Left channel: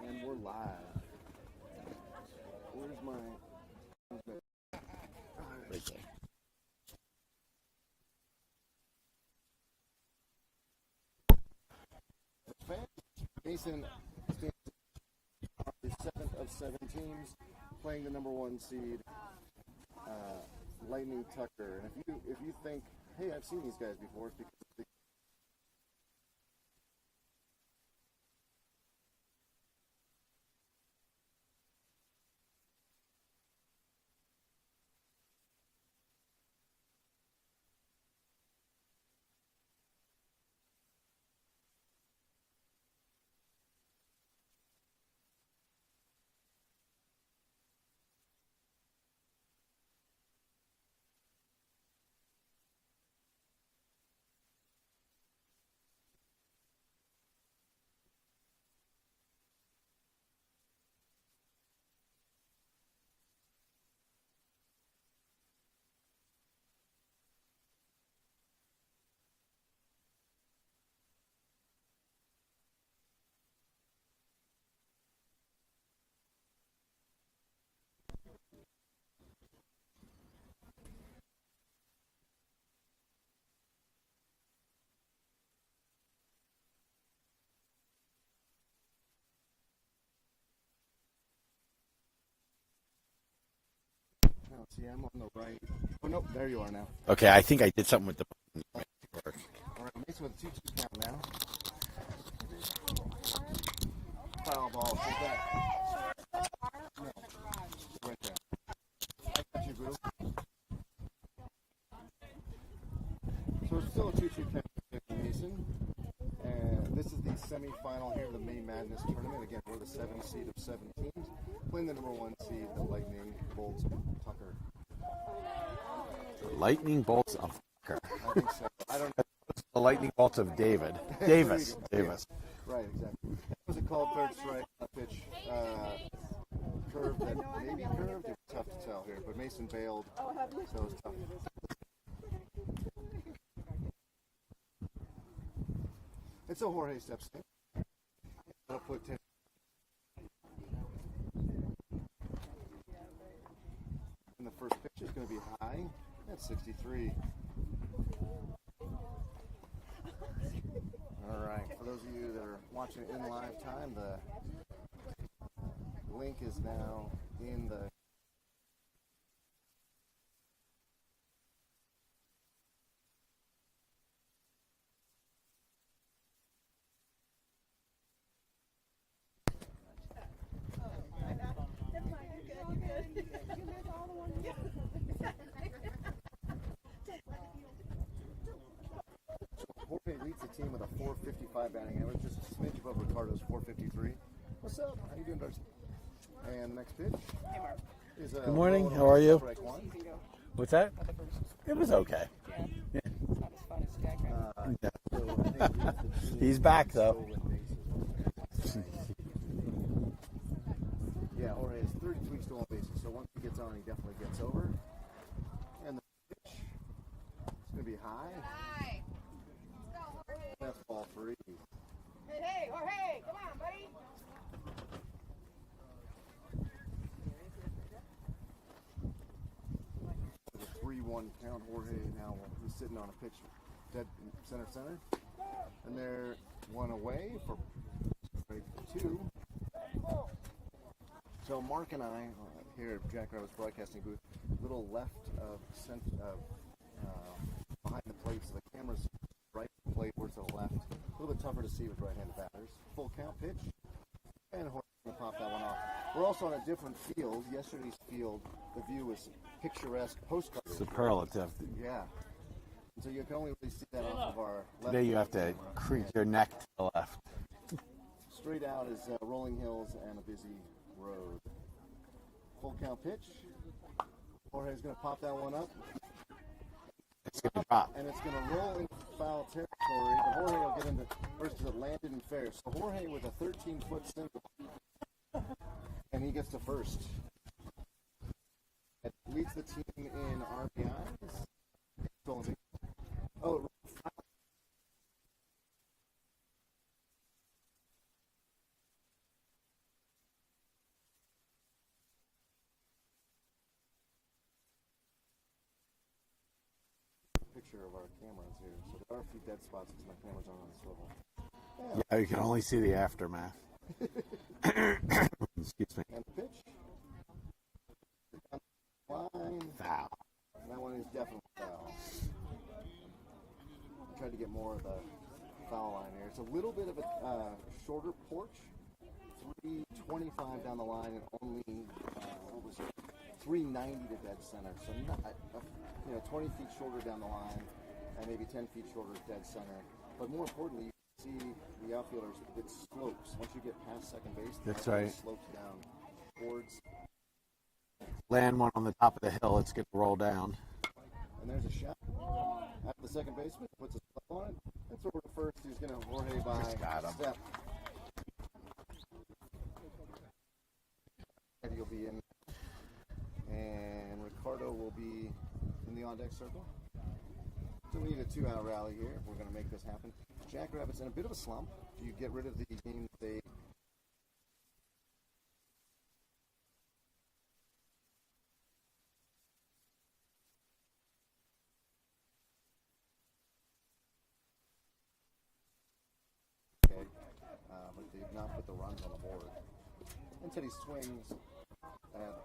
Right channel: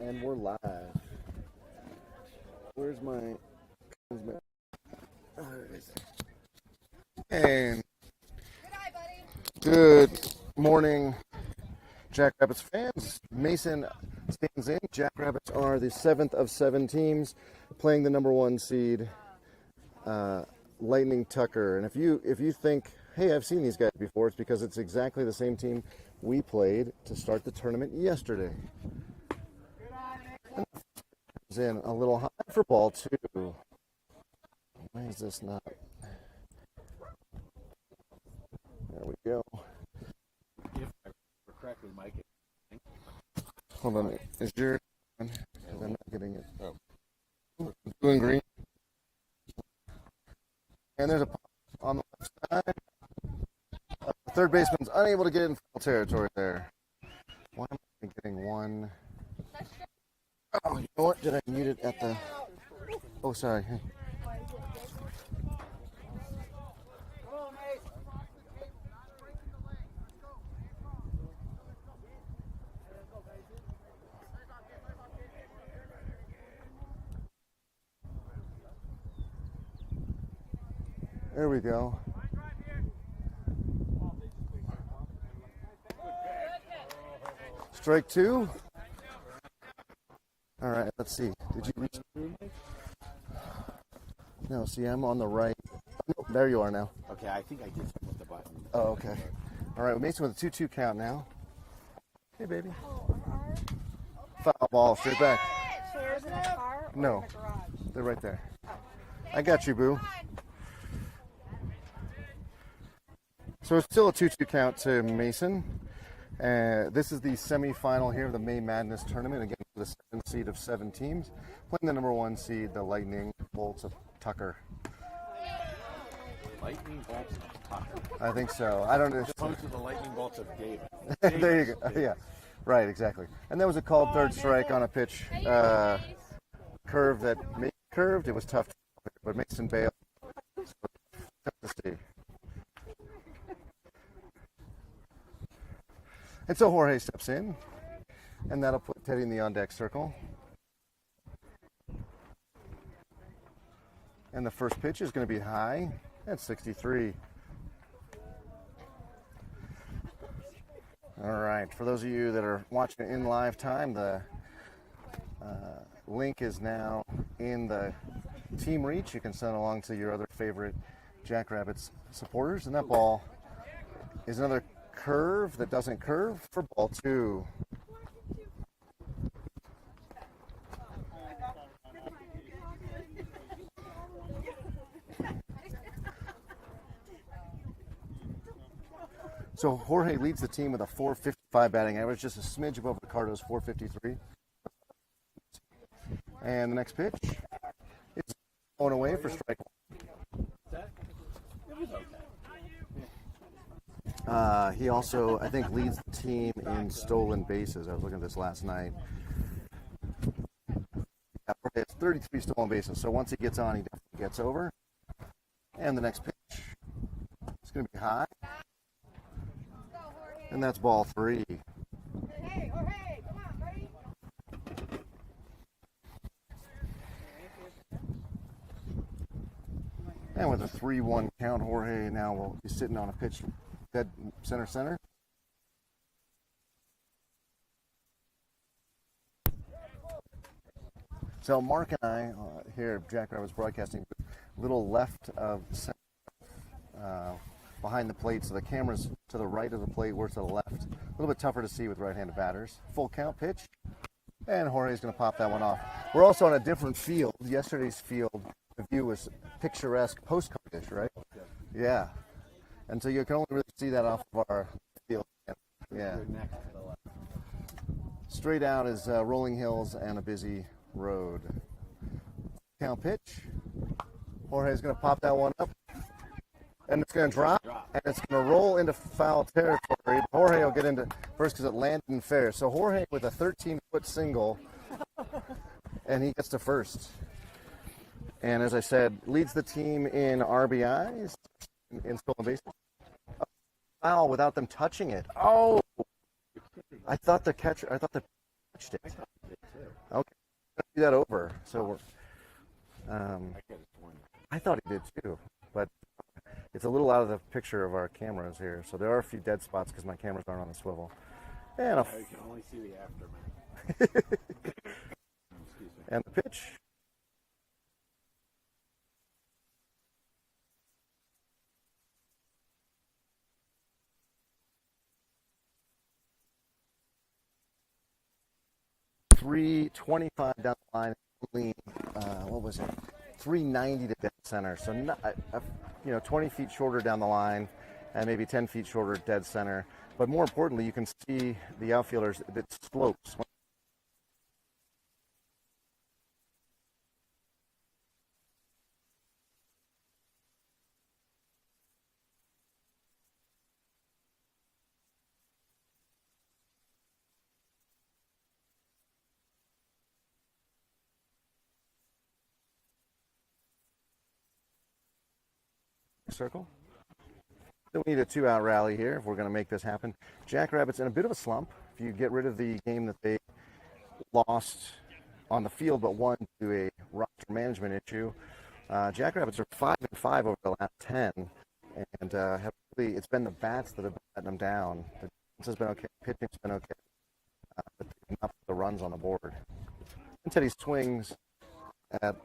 And we're live. Where's my and good morning, Jackrabbits fans. Mason stands in. Jackrabbits are the 7th of 7 teams playing the number 1 seed, Lightning Tucker. And if you think, hey, I've seen these guys before, it's because it's exactly the same team we played to start the tournament yesterday. In a little high for ball 2. Why is this not? There we go. If I remember correctly, Mike. Hold on. Is your? I'm not getting it. Oh. Blue and green. And there's a pop on the left side. Third baseman's unable to get in foul territory there. Why am I getting one? Oh, you know what? Did I mute it at the... Oh, sorry. Hey. There we go. Strike 2. All right, let's see. Did you reach through? No, see, I'm on the right. Oh, no, there you are now. Okay, I think I did something with the button. Oh, okay. All right, Mason with a 2-2 count now. Hey, baby. Foul ball, straight back. No, they're right there. I got you, boo. So it's still a 2-2 count to Mason. This is the semifinal here of the May Madness tournament. Again, we're the 7th seed of 7 teams, playing the number 1 seed, the Lightning Bolts of Tucker. Lightning Bolts of Tucker. I think so. I don't know. As opposed to the Lightning Bolts of David. There you go. Yes. Right, exactly. And there was a called third strike on a pitch curve that maybe curved. It was tough to tell here, but Mason bailed, so it was tough to see. And so Jorge steps in, and that'll put Teddy in the on-deck circle. And the first pitch is going to be high at 63. All right, for those of you that are watching it in live time, the link is now in the team reach. You can send along to your other favorite Jackrabbits supporters. And that ball is another curve that doesn't curve for ball 2. So Jorge leads the team with a 455 batting average, just a smidge above Ricardo's 453. What's up? How you doing, Darcy? And the next pitch is Good morning. How are you? Strike 1. What's that? It was okay. He also, I think, leads the team He's back, in though. stolen bases. I was looking at this last night. Yeah, Jorge has 33 stolen bases. So once he gets on, he definitely gets over. And the next pitch is going to be high. And that's ball 3. Hey, Jorge, come on, buddy. And with a 3-1 count, Jorge now will be sitting on a pitch dead center. And they're one away for strike 2. So Mark and I here at Jackrabbits Broadcasting, a little left of behind the plate, so the camera's to the right of the plate, we're to the left. A little bit tougher to see with right-handed batters. Full count pitch, and Jorge's going to pop that one off. We're also on a different field. Yesterday's field, the view was picturesque postcardish, right? Superlative. Yeah. And so you can only really see that off of our left Today you field have to camera. creep Yeah. your neck to the left. Straight out is rolling hills and a busy road. Full count pitch. Jorge's going to pop that one up. And it's going to drop, and it's going to roll into foul territory. Jorge will get into first because it landed in fair. So Jorge with a 13-foot single, and he gets to first. And as I said, leads the team in RBIs, in stolen bases. Oh, foul without them touching it. Oh, I thought the catcher touched it. see that over. So we're, I thought he did too, but it's a little out of the picture of our cameras here. So there are a few dead spots because my cameras aren't on the swivel. And You can only see the aftermath. Excuse me. and the pitch. Line. Foul. That one is definitely foul. I tried to get more of the foul line here. It's a little bit of a shorter porch. 325 down the line, and only what was it? 390 to dead center. So not, 20 feet shorter down the line, and maybe 10 feet shorter at dead center. But more importantly, you can see the outfielders. It slopes once you get past second base. That's right. It slopes down towards. Land one on the top of the hill. It's going to roll down. And there's a shot. After the second baseman puts his glove on it. That's over to first. He's going to Jorge by got him. step. Eddie will be in. And Ricardo will be in the on-deck circle. So we need a 2-out rally here if we're going to make this happen. Jackrabbits in a bit of a slump. If you get rid of the game that they lost on the field but won to a roster management issue, Jackrabbits are 5-5 over the last 10, and have really, it's been the bats that have let them down. The defense has been okay, pitching's been okay, but they've not put the runs on the board. And Teddy swings at,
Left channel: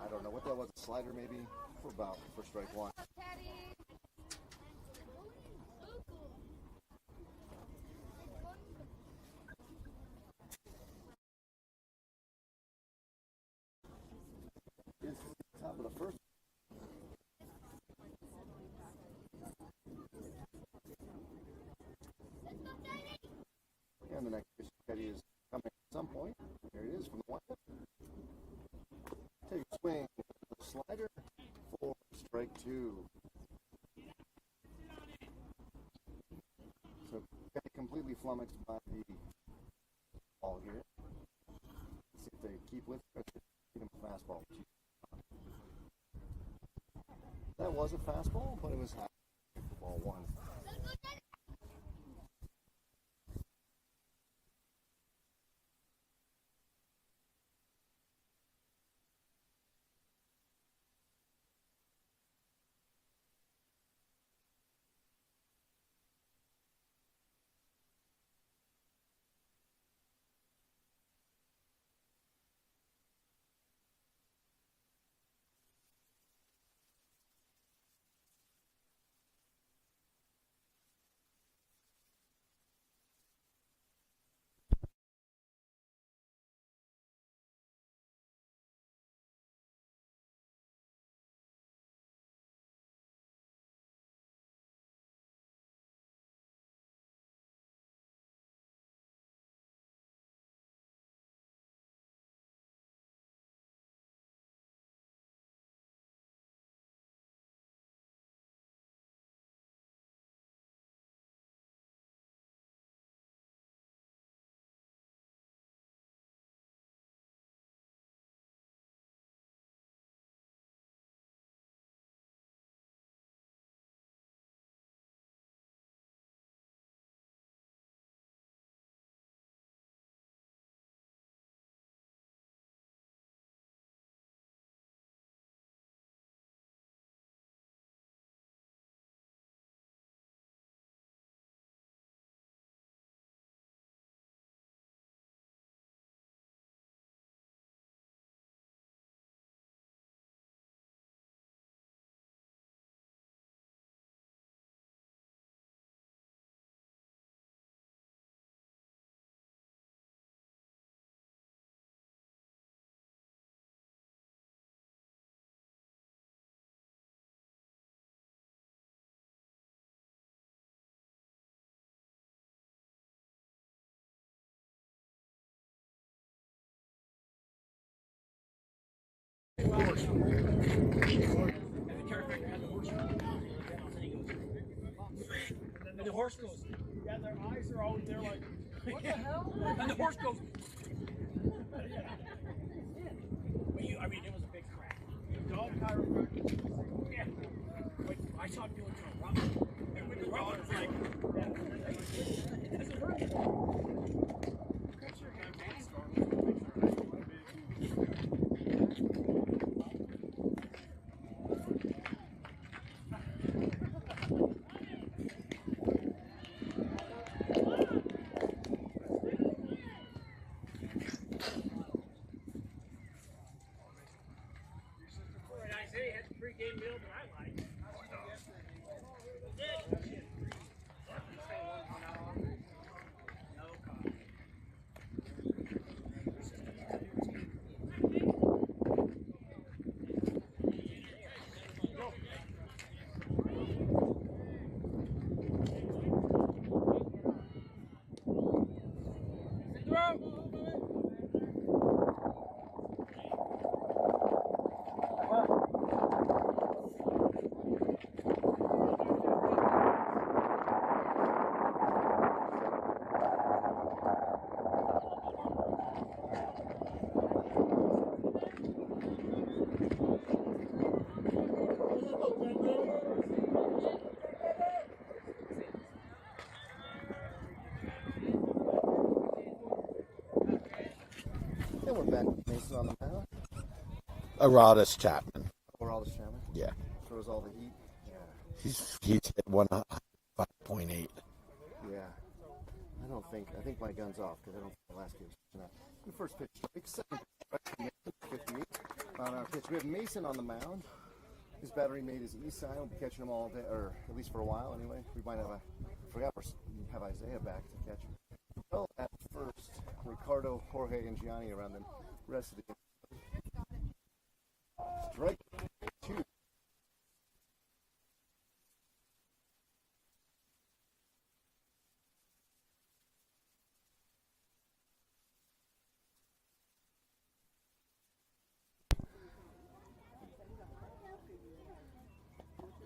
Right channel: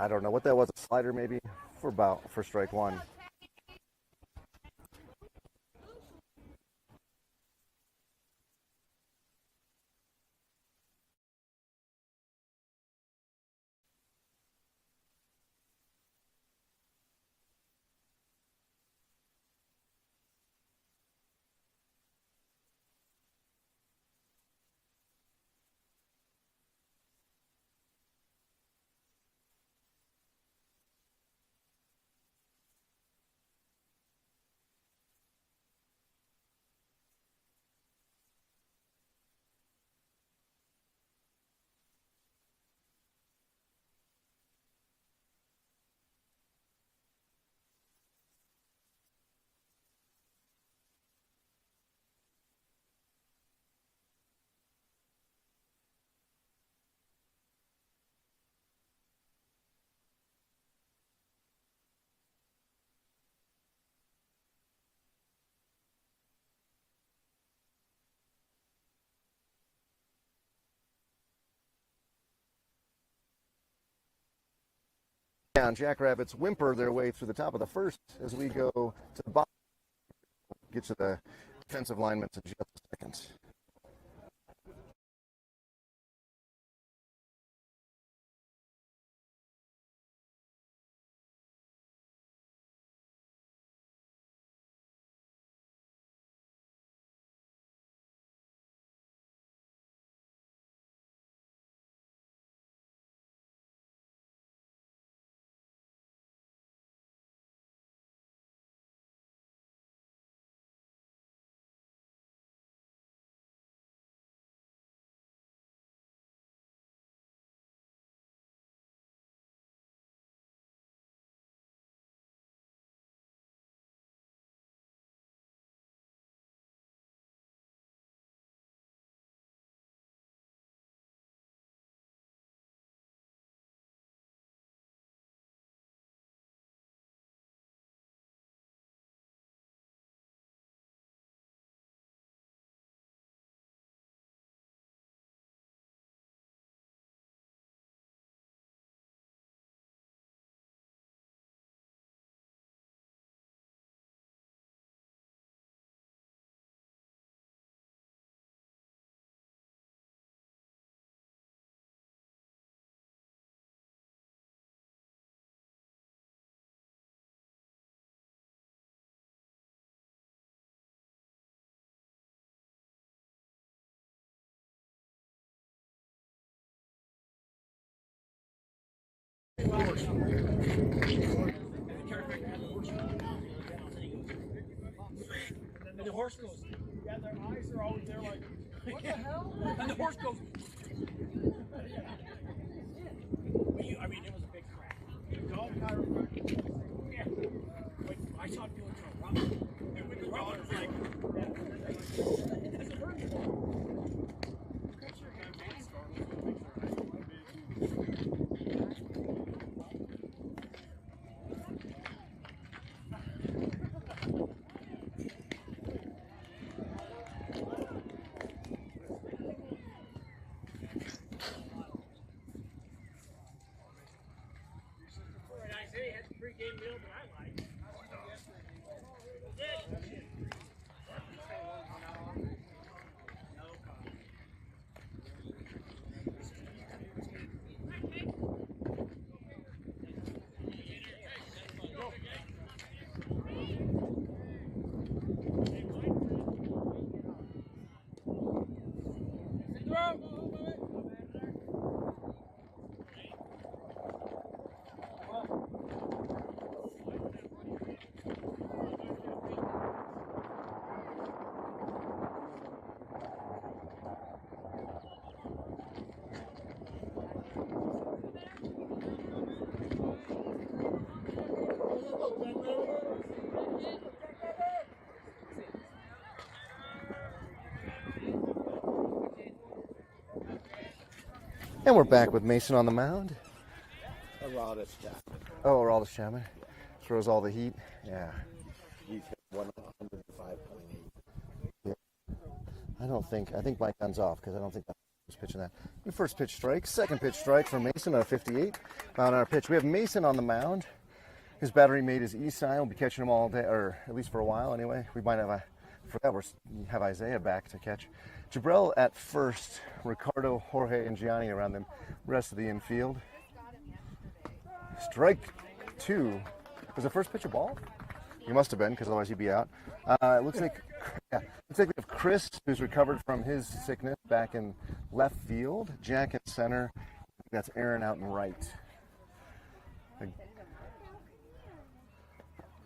I don't know what that was, a slider maybe, for strike one. Top of the first. And the next pitch, Teddy is coming at some point. There it is from the windup. Take a swing with the slider for strike two. So Teddy completely flummoxed by the ball here. Let's see if they keep with it. Get him a fastball. That was a fastball, but it was high. Ball one. Down, Jackrabbits whimper their way through the top of the first as we go to the bottom. Get to the defensive linemen in just a second. And the horse goes, yeah, their eyes are always there like, what the hell? And the horse goes, I mean, it was a big crack. Dog chiropractor. Yeah. Like, I saw him doing to a rubber. And when the rubber was like, that's a bird ball. Picture him. And we're back with Mason on the mound. Aradis Chapman. Oh, Aroldis Chapman. Yeah. Throws all the heat. Yeah. He's hit 105.8. Yeah. I think my gun's off because I don't think that last kid was pitching that. The first pitch strike, second pitch strike for Mason on a 58. On our pitch, we have Mason on the mound. His battery mate is Esai. We'll be catching him all day, or at least for a while anyway. We might have we have Isaiah back to catch. Jabril at first, Ricardo, Jorge, and Gianni around the rest of the infield. Strike two. Was the first pitch a ball? He must have been, because otherwise he'd be out. It looks like we have Chris, who's recovered from his sickness, back in left field. Jack at center. That's Aaron out in right.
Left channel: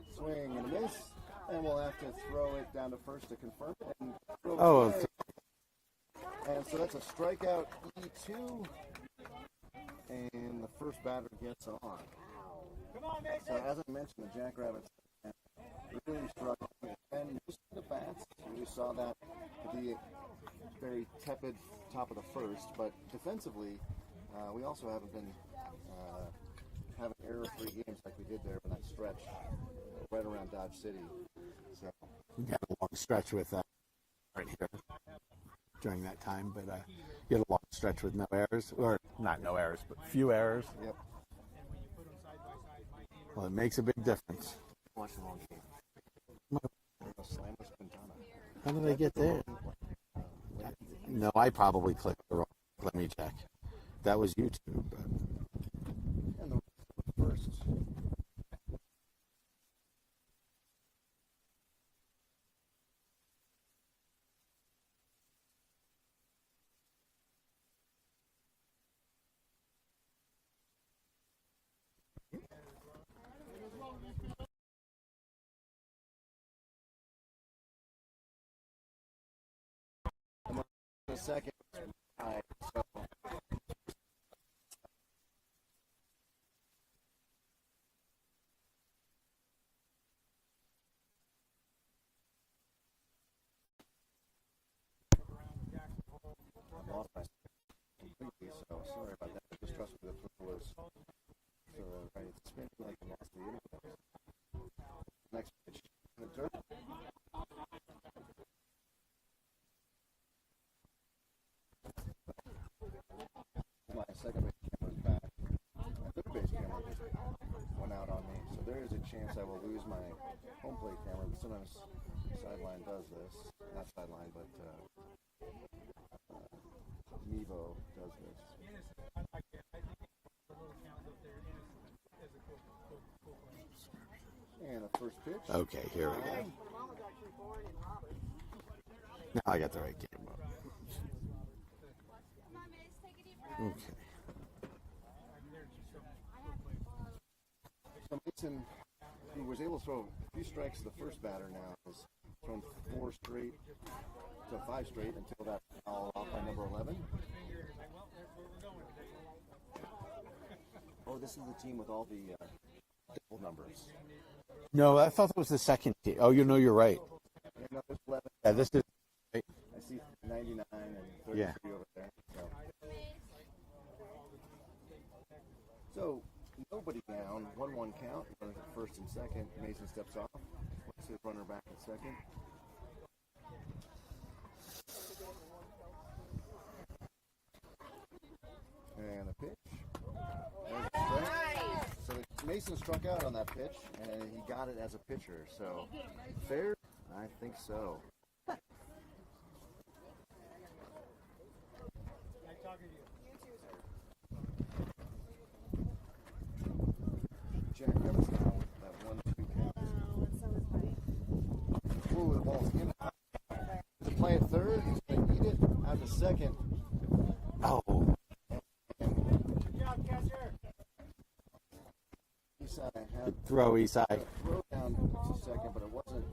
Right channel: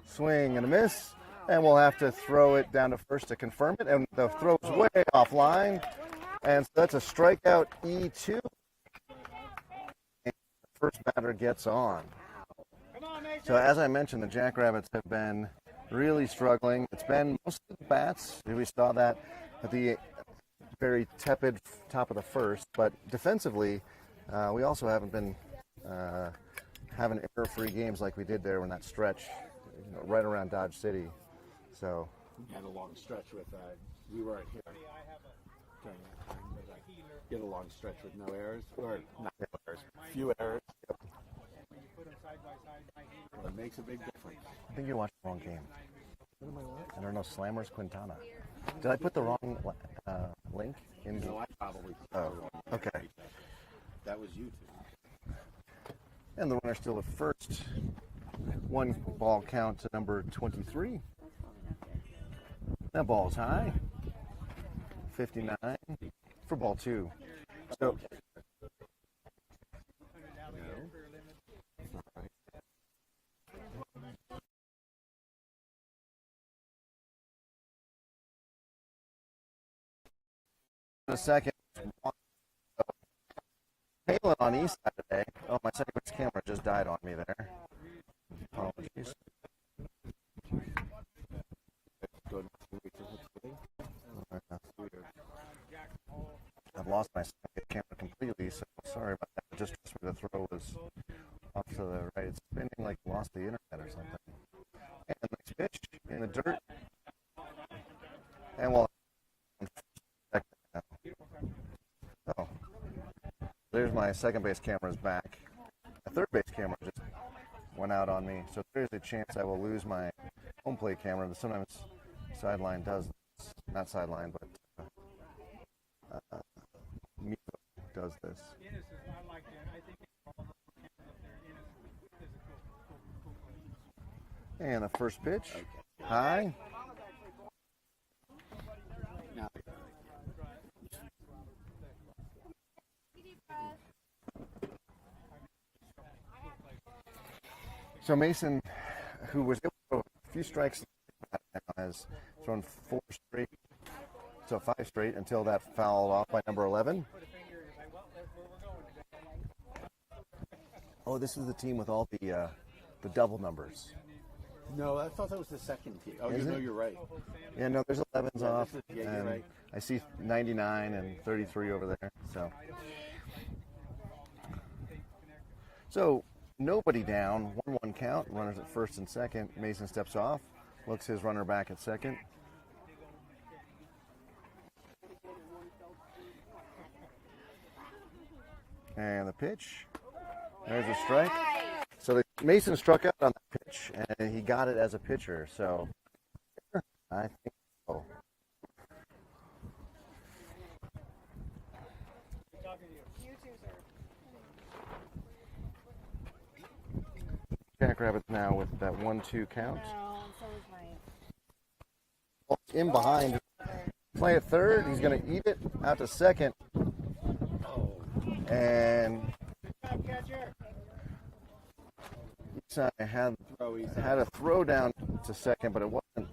Swing and a miss, and we'll have to throw it down to first to confirm it, and the throw way offline, and so that's a strikeout, E2, and the first batter gets on. So as I mentioned, the Jackrabbits have been really struggling. It's been mostly the bats. We saw that at the very tepid top of the first, but defensively, we also haven't been having error-free games like we did there in that stretch, right around Dodge City. So You had a long stretch with, we weren't here during that time, but you had a long stretch with no errors, or not no errors, but few errors. Yep. Well, it makes a big difference. I think you watched the wrong game. I don't know, Slammers Quintana. How did Did I I get put the there? wrong link? No, I probably clicked the wrong. Okay. Let me check. That was YouTube. And the runner still at first. One ball count to number 23. That ball's high. 59 for ball two. So in a second, wide. So Palin on east side today. Oh, my second base camera just died on me there. Apologies. I've lost my second base camera completely, so sorry about that. Just trust me, the throw was off to the right. It's spinning like it lost the internet or something. And the next pitch in the dirt. And we'll oh. There's my second base camera's back. The third base camera just went out on me. So there is a chance I will lose my home plate camera. But sometimes Sideline does this. Not Sideline, but Mevo does this. And the first pitch. Okay, here. High. Now I got the right game. Okay. So Mason, who was able to throw a few strikes to the first batter, now has thrown 4 straight, so 5 straight until that fouled off by number 11. Oh, this is the team with all the double numbers. No, I thought that was the second team. Oh, you know, you're right. Yeah, no, there's 11s Yeah, off, this is, and you're right. I see 99 and 33 over there. So nobody down, 1-1 count, runners at first and second. Mason steps off, looks his runner back at second. And the pitch, there's a strike. So Mason struck out on that pitch, and he got it as a pitcher. So fair? I think so. Jackrabbits now with that 1-2 count. Ooh, the ball's in behind. To play at third, he's going to eat it out to second. Oh. And Esai had a throw down to second, but it wasn't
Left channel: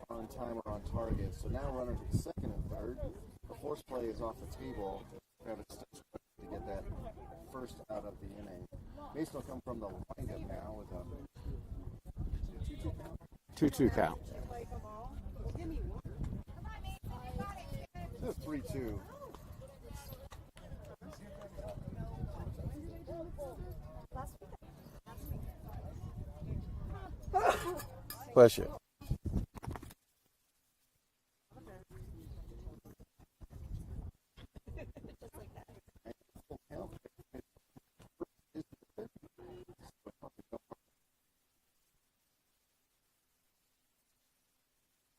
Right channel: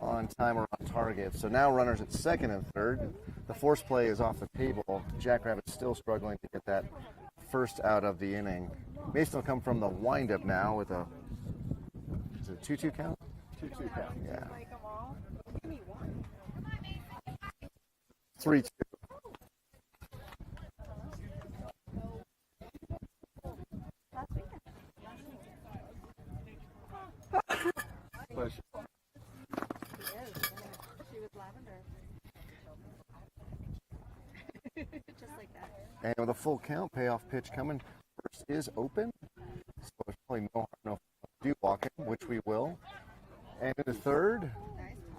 on time or on target. So now runners at second and third. The force play is off the table. Jackrabbits still struggling to get that first out of the inning. Mason will come from the windup now with a 2-2 count? 2-2 count. Yeah. 3-2. Push it. And with a full count, payoff pitch coming. First is open, so there's probably no harm, no do walking, which we will. And in the third,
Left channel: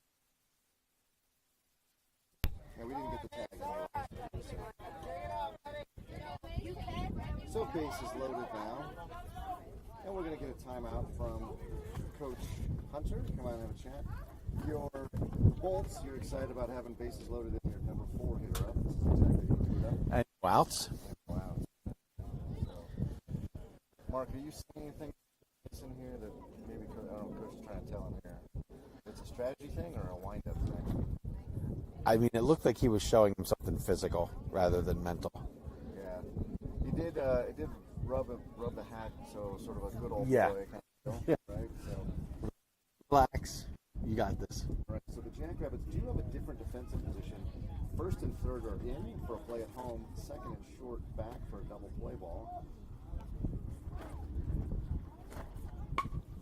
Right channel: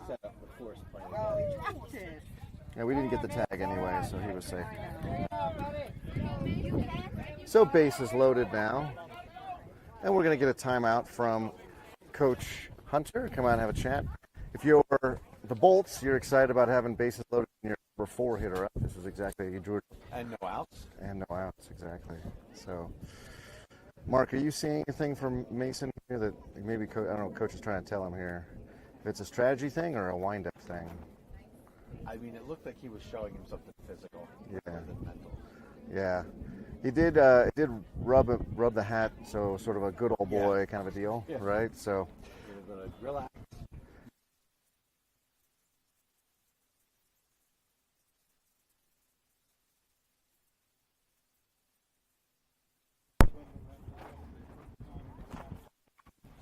Set up the force play. and we didn't get the tag anyway, so he was safe. So base is loaded now, and we're going to get a timeout from Coach Hunter. Come out and have a chat. If you're the Bolts, you're excited about having bases loaded in your number 4 hitter up. This is exactly what he drew it up. And no outs. And no outs, exactly. So, Mark, are you seeing anything from Mason here that maybe, I don't know, Coach is trying to tell him here? If it's a strategy thing or a wind-up thing? I mean, it looked like he was showing him something physical rather than mental. Yeah. He did it did rub the hat, so sort of a good old boy kind of a deal, right? So, relax. You got this. Right, so the Jackrabbits do have a different defensive position. First and third are in for a play at home. Second and short back for a double play ball.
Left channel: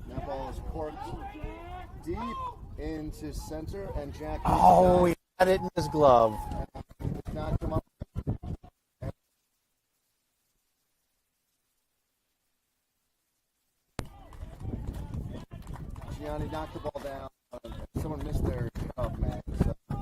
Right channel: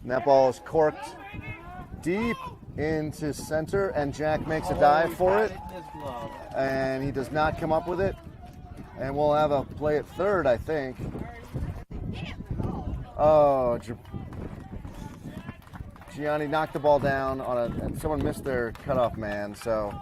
And that ball is corked deep into center, and Jack makes a dive for it in his glove. And he does not come up with it. And we'll have a play at third, I think. Oh, Gianni knocked the ball down and someone missed their cutoff man. So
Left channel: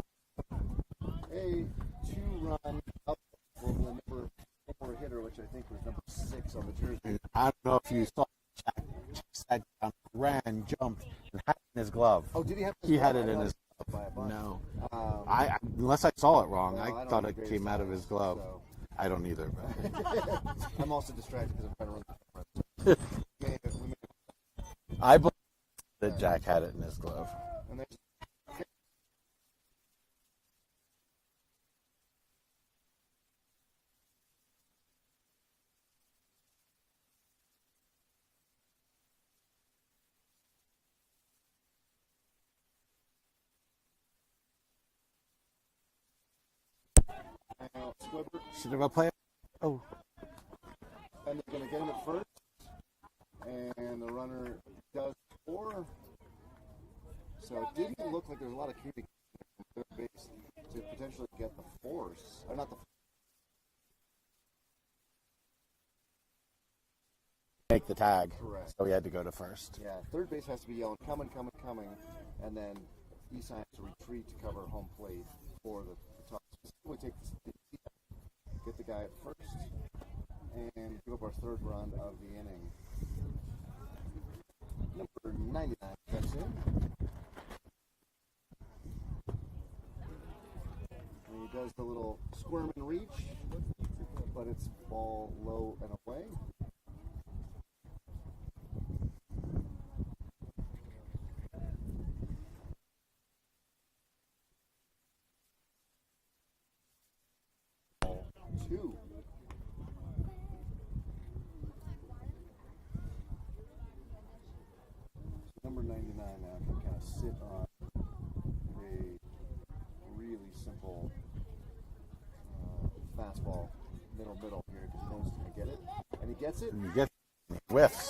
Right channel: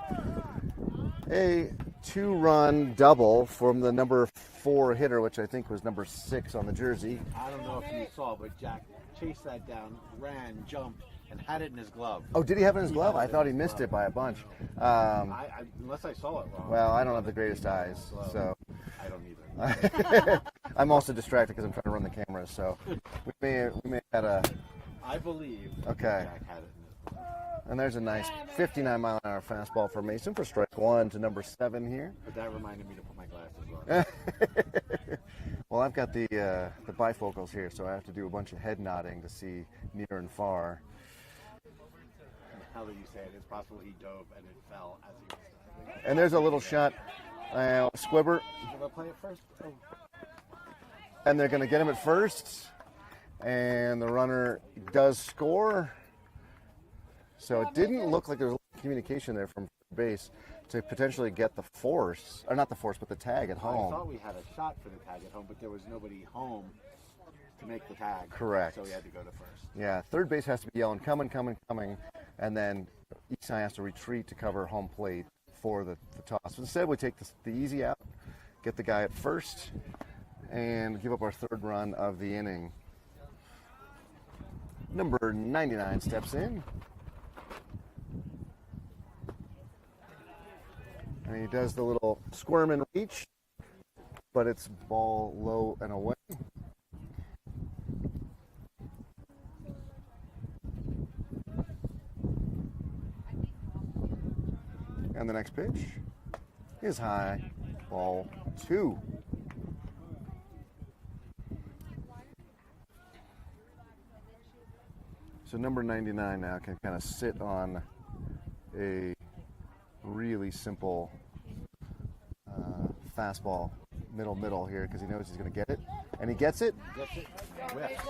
a 2-run double from the number 4 hitter, which I think was number 6 on the jersey. I don't know if you saw, but Jack chased that down, ran, jumped, and had it in his glove. Oh, did he have it in his glove? I thought he his missed glove. it by a bunch. No. Unless I saw it wrong. Well, I don't thought have the it greatest came out of eyes, his glove. so. I don't either. I'm also distracted because I'm trying to run the camera, so we may have had a. I believe Okay. that Jack had it in his glove. And there's a nice 59-mile-an-hour fastball for Mason for strike 1 to number 7 here. But that reminded me to put my glasses on. Well, I've got the bifocals here, so I have to do a bunch of head nodding to see near and far. How do you say it? It's possible he dove and it fell as he was diving. And there's a little shot. Squibber. Should I play it first? Oh. And they're going to get him at first. And the runner does score. So it didn't look like there was a lot of communication there from third base to potentially get the force, or not the force, but the tag at home. I thought we had a shot for the tag at home, but there was nobody home to make the tag. Correct. So we had to go to first. Yeah, third base has to be yelling, coming, coming, coming. And then Esai has to retreat to cover home plate for the toss. So instead, we take the easy out, get the guy at first, and give up our third run of the inning. Number 99 steps in. And he does the little squirm and reach, but it's ball low and away. And the next pitch is high, ball 2. So number 99 now can kind of sit on a really simple fastball, middle here, because he knows he's going to get it. And he gets it. And he gets it. Whiffs.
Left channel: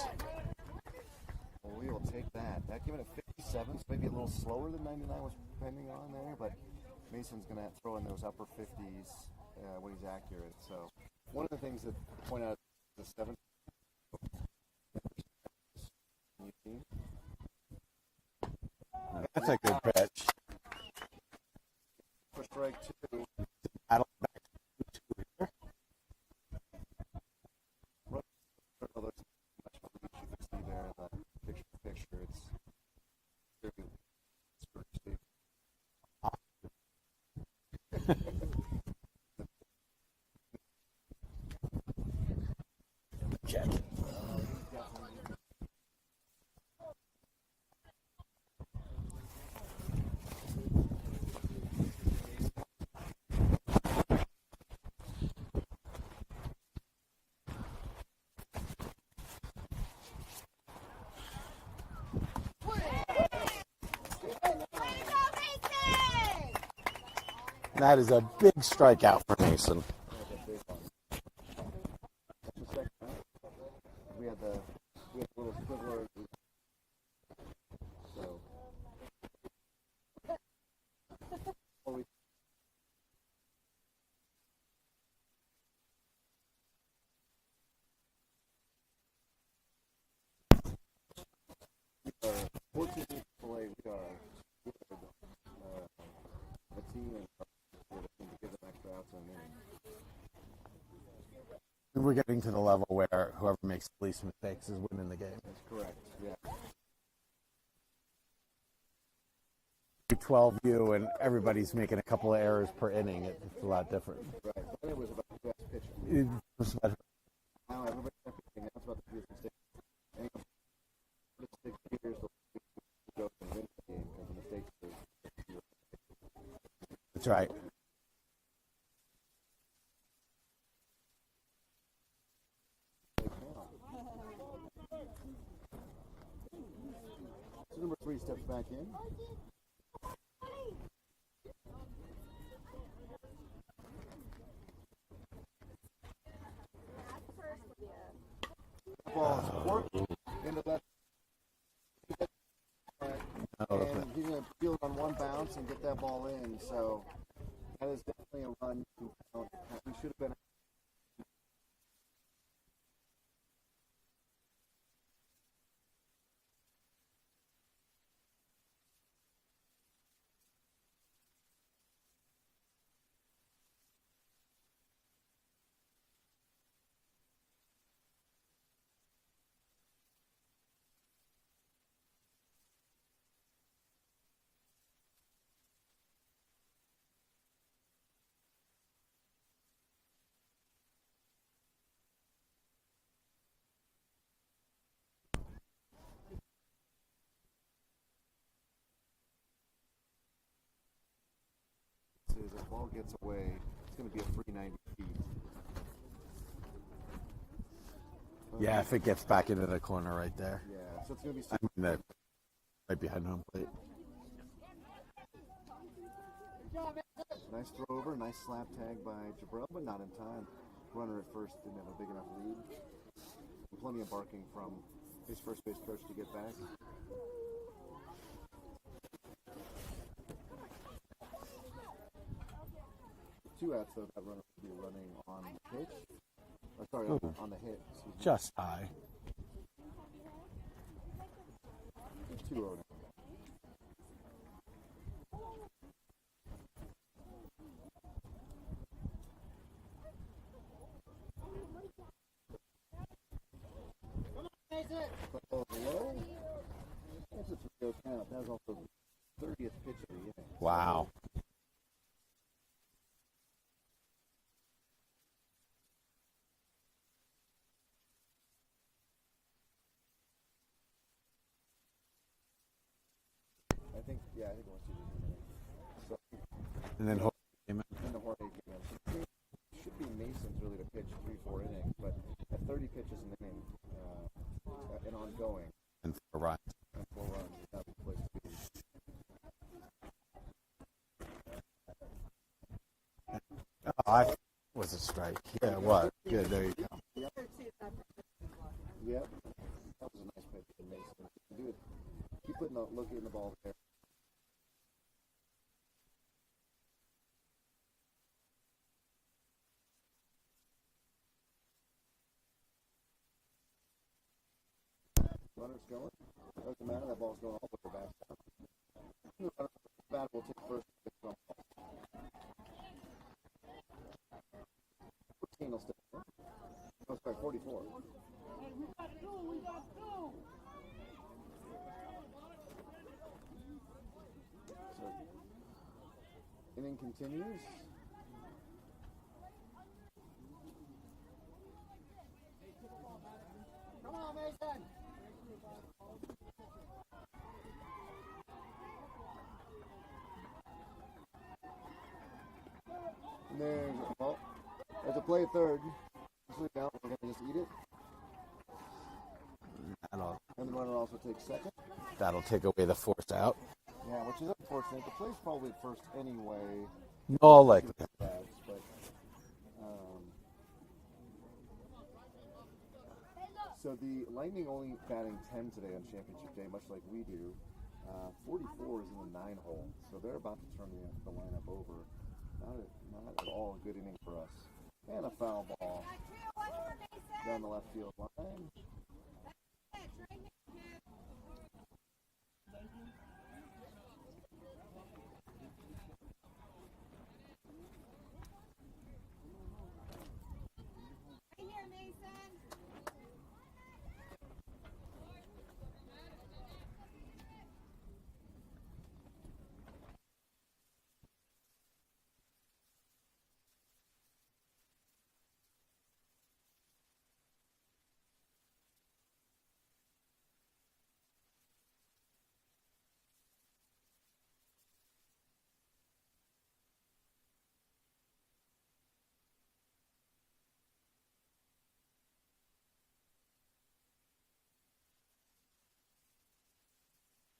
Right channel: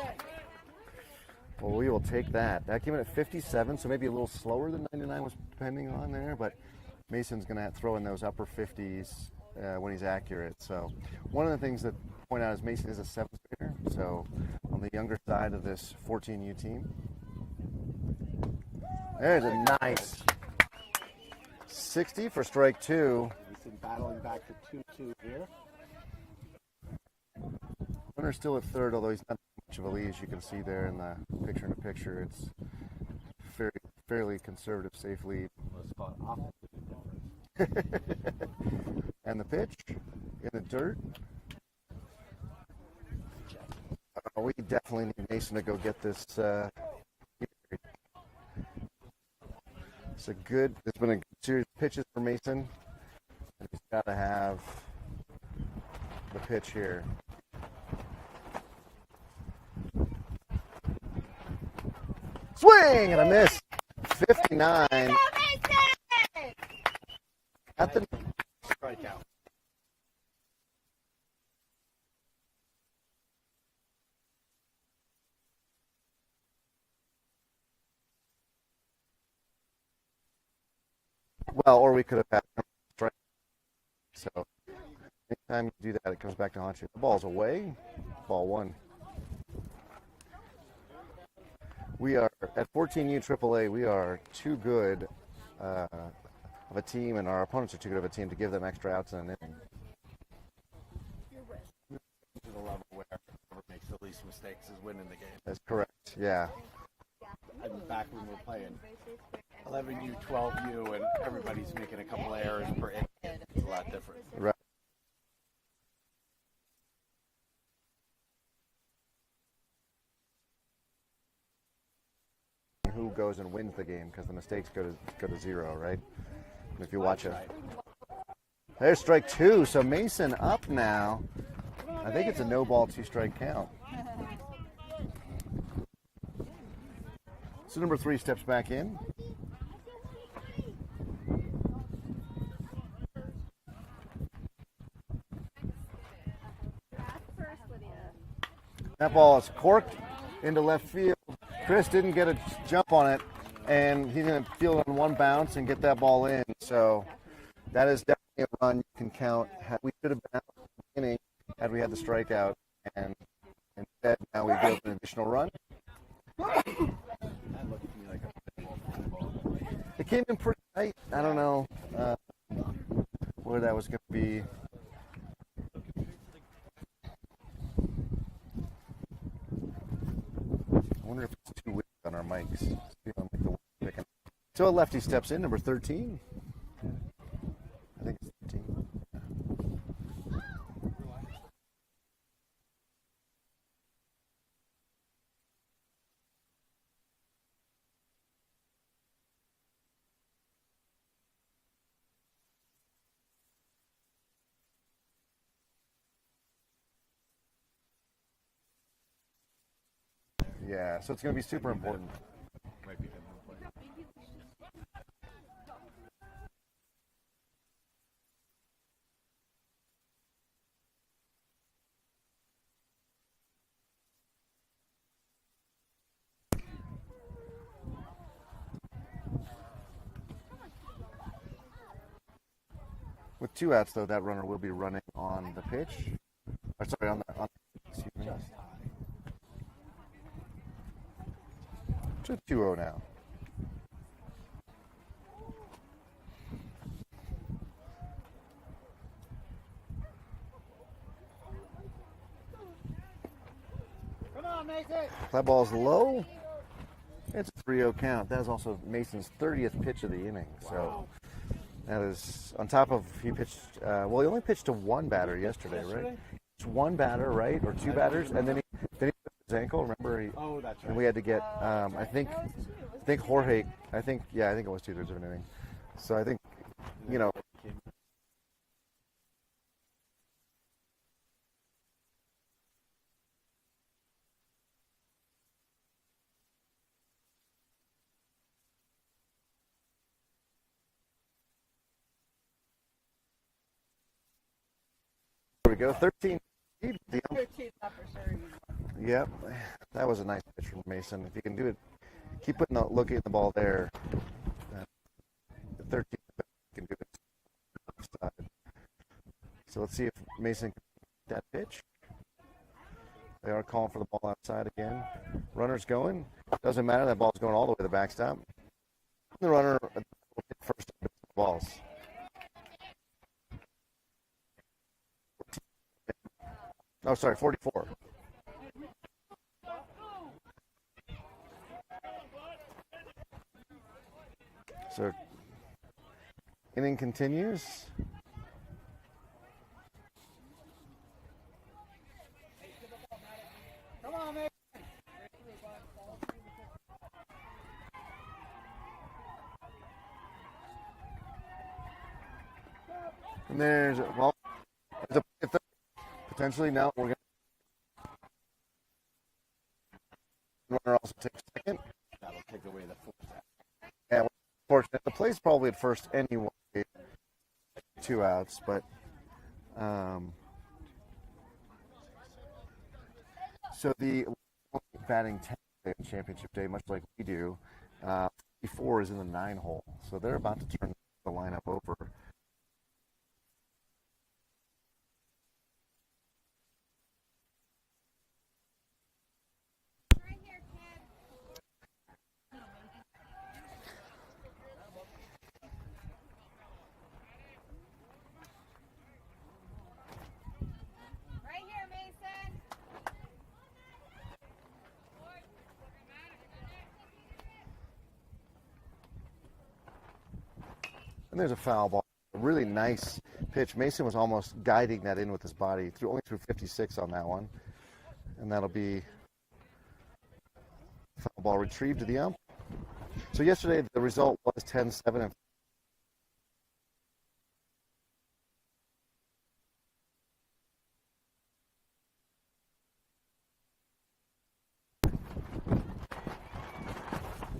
Well, we will take that. That came in at 57, so maybe a little slower than 99 was depending on there, but Mason's going to throw in those upper 50s when he's accurate. So one of the things that point out is Mason is a 7th grader, so on the younger side of this 14U team. There's a nice 60 for strike 2. He's battling back to 2-2 here. Runner still at third, although he's not much of a lead, as you can see there in the picture-in-picture. It's fairly conservative, safe lead. And the pitch in the dirt. Check. We definitely need Mason to go get this. It's been a series of pitches for Mason. He's got to have the pitch here. Swing and a miss. 59. That is a big strikeout for Mason. We had the little squiggler. So or we could have had a strike. So anytime you do that, it comes back to haunt you. The ball's away. Ball 1. We are at 14U AAA. We are too good of a team, and our opponents are too good of a team to give them extra outs in an inning. We're getting to the level where whoever makes the least mistakes is winning the game. That's correct. Yeah. I mean, back when we were playing 11U, 12U, and everybody's making a couple of errors per inning, it's a lot different. Right. It was about the best pitcher. It was about Now everybody's pitching. That's about the biggest mistake. Who goes and wins the game because the mistakes go to 0, right? If you watch it. right. There's strike 2. So Mason up now. I think it's a no ball, 2 strike count. So number 3 steps back in. That ball is corked into left field. Chris didn't get a jump on it, and he's going to field it on 1 bounce and get that ball in. So that is definitely a run you can count. We should have been out in the beginning had we had the strikeout, and instead now we built an additional run. It came in pretty tight. I don't know where that was going to be. I wonder if it's too weak on our mics. See if I'll make the picking. So a lefty steps in, number 13. I think it's 13. As the ball gets away, it's going to be a free 90 feet. Yeah, if it gets back into the corner right there. Yeah, so it's going to be super that- important. Right behind home plate. Nice throw over, nice slap tag by Jabril, but not in time. Runner at first didn't have a big enough lead. And plenty of barking from his first base coach to get back. With 2 outs, though, that runner will be running on the pitch. Or sorry, on the hit. Excuse me. Just high. So it's 2-0 now. Come on, Mason. That ball's low. It's a 3-0 count. That is also Mason's 30th pitch of the inning. Wow. So that is on top of he pitched. Well, he only pitched to 1 batter yesterday, right? It's 1 batter, right, or 2 batters, and then he hurt his ankle. Remember, Oh, that's right. and we had to get. I think Jorge. I think it was 2/3 of an inning. So I think And then you know. came in. And the Jorge came in. It should be Mason's really to pitch 3-4 innings, but at 30 pitches an inning and ongoing. And for Ryan. And 4 runs is not the place to be. I was a strike. There we go. What? 13. Yeah, there you Yep, that was a nice pitch from Mason. If you can do it, keep looking at the ball there. The 13 can do it. So let's see if Mason can get that pitch. They are calling for the ball outside again. Runner's going. Doesn't matter. That ball's going all the way to the backstop. The runner at the bat will take first balls. 14 will step in. Oh, sorry, 44. So, inning continues. Come on, Mason. And there's a play a third. Potentially, no, we're going to just eat it. And the runner also takes second. That'll take away the forced out. Yeah, which is unfortunate. The play's probably at first anyway, No, like with 2 outs, but so the Lightning only batting 10 today on championship day, much like we do, 44 is in the 9 hole, so they're about to turn the lineup over. Not at all a good inning for us. And a foul ball down the left field line. Right here, Mason. And there's a foul ball. A really nice pitch. Mason was almost guiding that in with his body. Only threw 56 on that one. And that'll be foul ball retrieved to the ump. So yesterday the result was 10-7.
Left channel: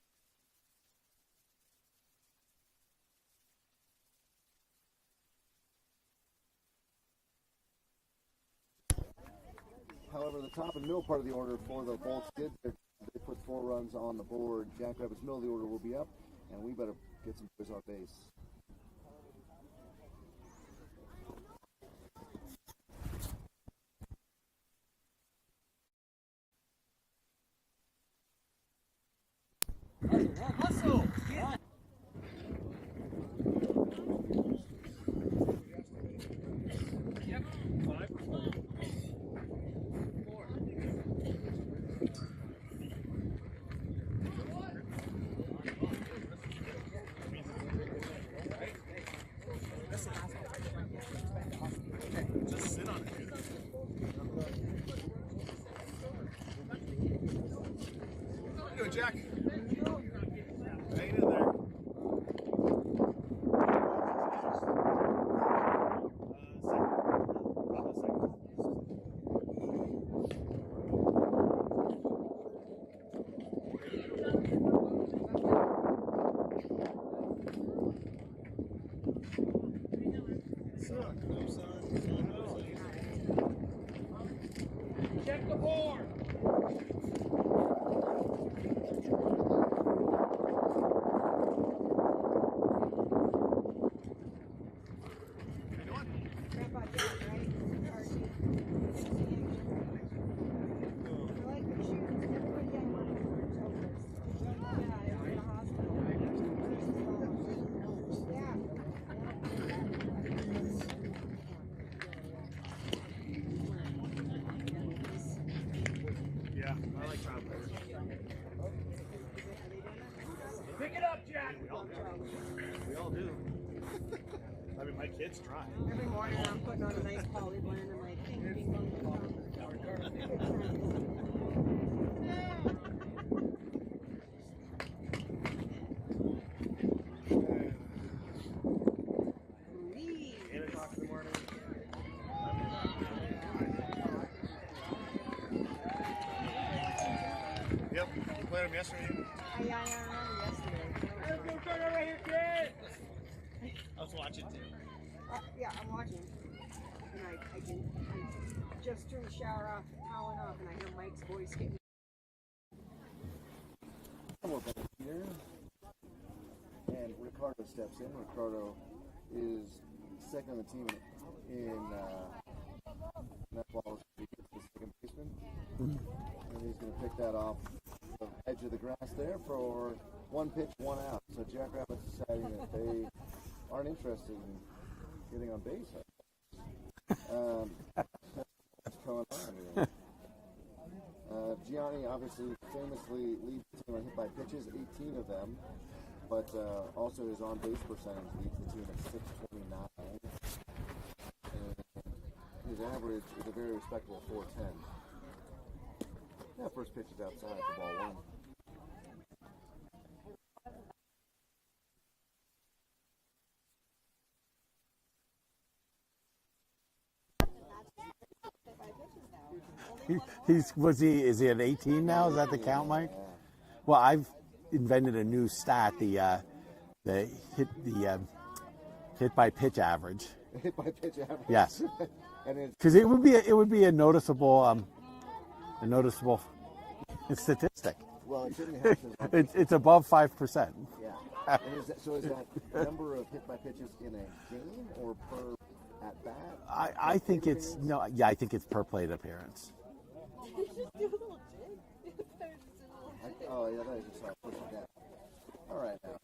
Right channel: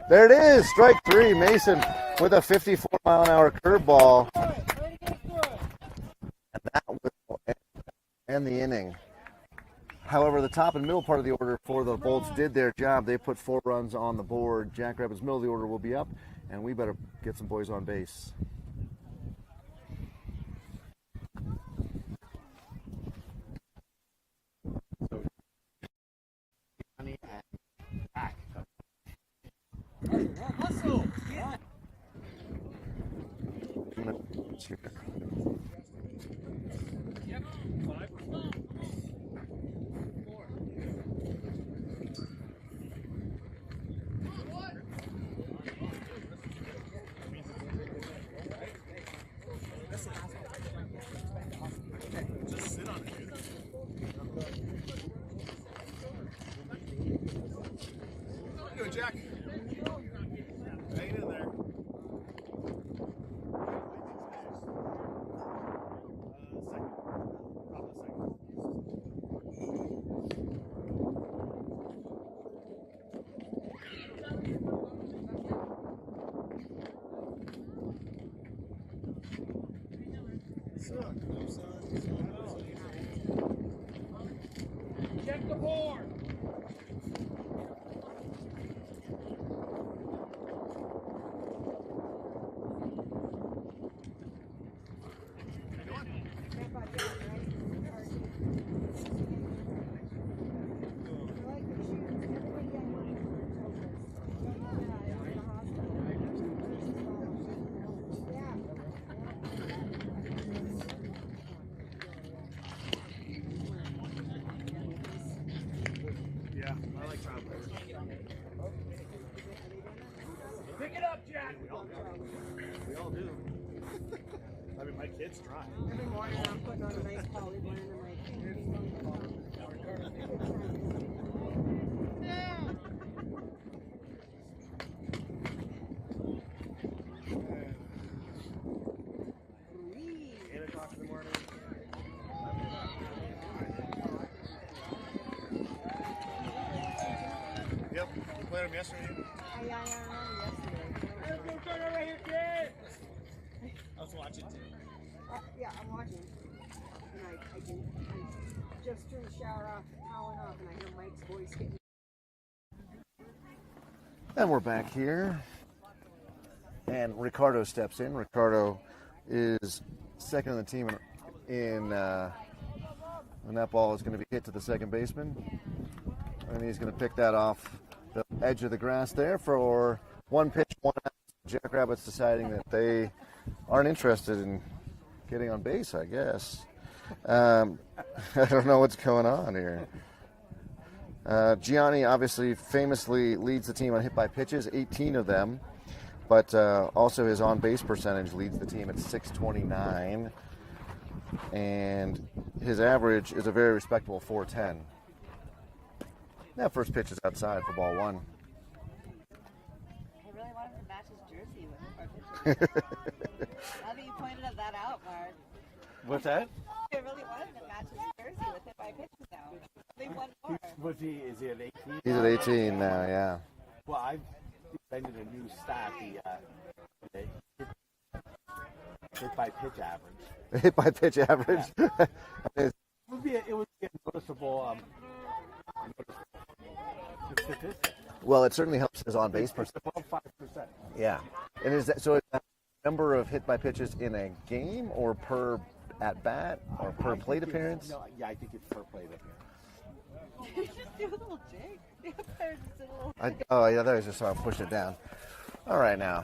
There it is, strike 3. Mason with a 54-mile-an-hour curveball. And that will end the inning. However, the top and middle part of the order for the Bolts did their job. They put 4 runs on the board. Jackrabbits' middle of the order will be up, and we better get some boys on base. Hustle! Yep. 5 or 4. 4. Just sit on it, dude. How you doing, Jack? Hanging in there. Check the board. Yeah, I like trout better. Pick it up, Jack! We all do. I mean, my kids try. Every morning I'm putting on a nice poly blend and like ping pong. Yep, we played them yesterday. I remember yesterday. Let's go right here, kid! I was watching too. Yeah, I'm watching. And I just turned the shower off, towering off, and I hear Mike's voice getting. And we're back here. And Ricardo steps in. Ricardo is second on the team and that ball is going to be hit to the second baseman. And he's going to pick that off the edge of the grass there for 1 pitch, 1 out. So Jackrabbits deciding that they aren't interested in getting on base, I guess. I don't know what's going on here. Gianni obviously famously leads the team on hit by pitches, 18 of them, but also his on-base percentage leads the team at .629, and his average is a very respectable .410. That first pitch is outside for ball 1. I really wanted to match his jersey with our picture. Now that you pointed that out, Mark. What's that? I really wanted to match his jersey with it by pitches now. Is he at 18 He's now? at Is that the 18 count now, mark? yeah. Well, I've invented a new stat, the hit by pitch average. Hit by pitch average. Yes. Because it would be a noticeable statistic. Well, it certainly helps his on-base. It's above 5%. Yeah. And is that so? Is that number of hit by pitches in a game or per at bat? I plate think appearance? I think it's per plate appearance. Just do a little jig. Just a little Oh, yeah, that was just how I pushed it down. All right, now.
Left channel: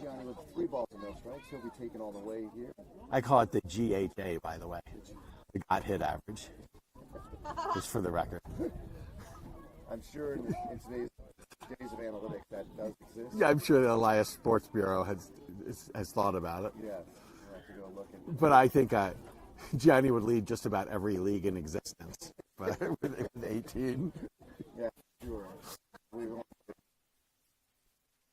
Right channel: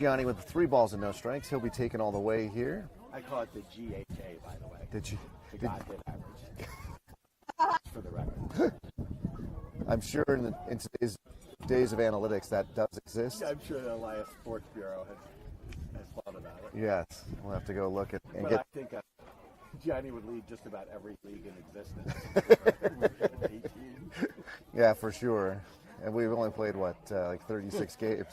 Gianni with 3 balls and no strikes. He'll be taken all the way here. I call it the GHA, by the way. Did you? The got hit average. Just for the record. I'm sure in today's days of analytics that does exist. Yeah, I'm sure the Elias Sports Bureau has thought about it. Yes, we'll have to go look at. But I think Gianni would lead just about every league in existence. Within 18. Yeah, for sure. And we've only played like 36 games.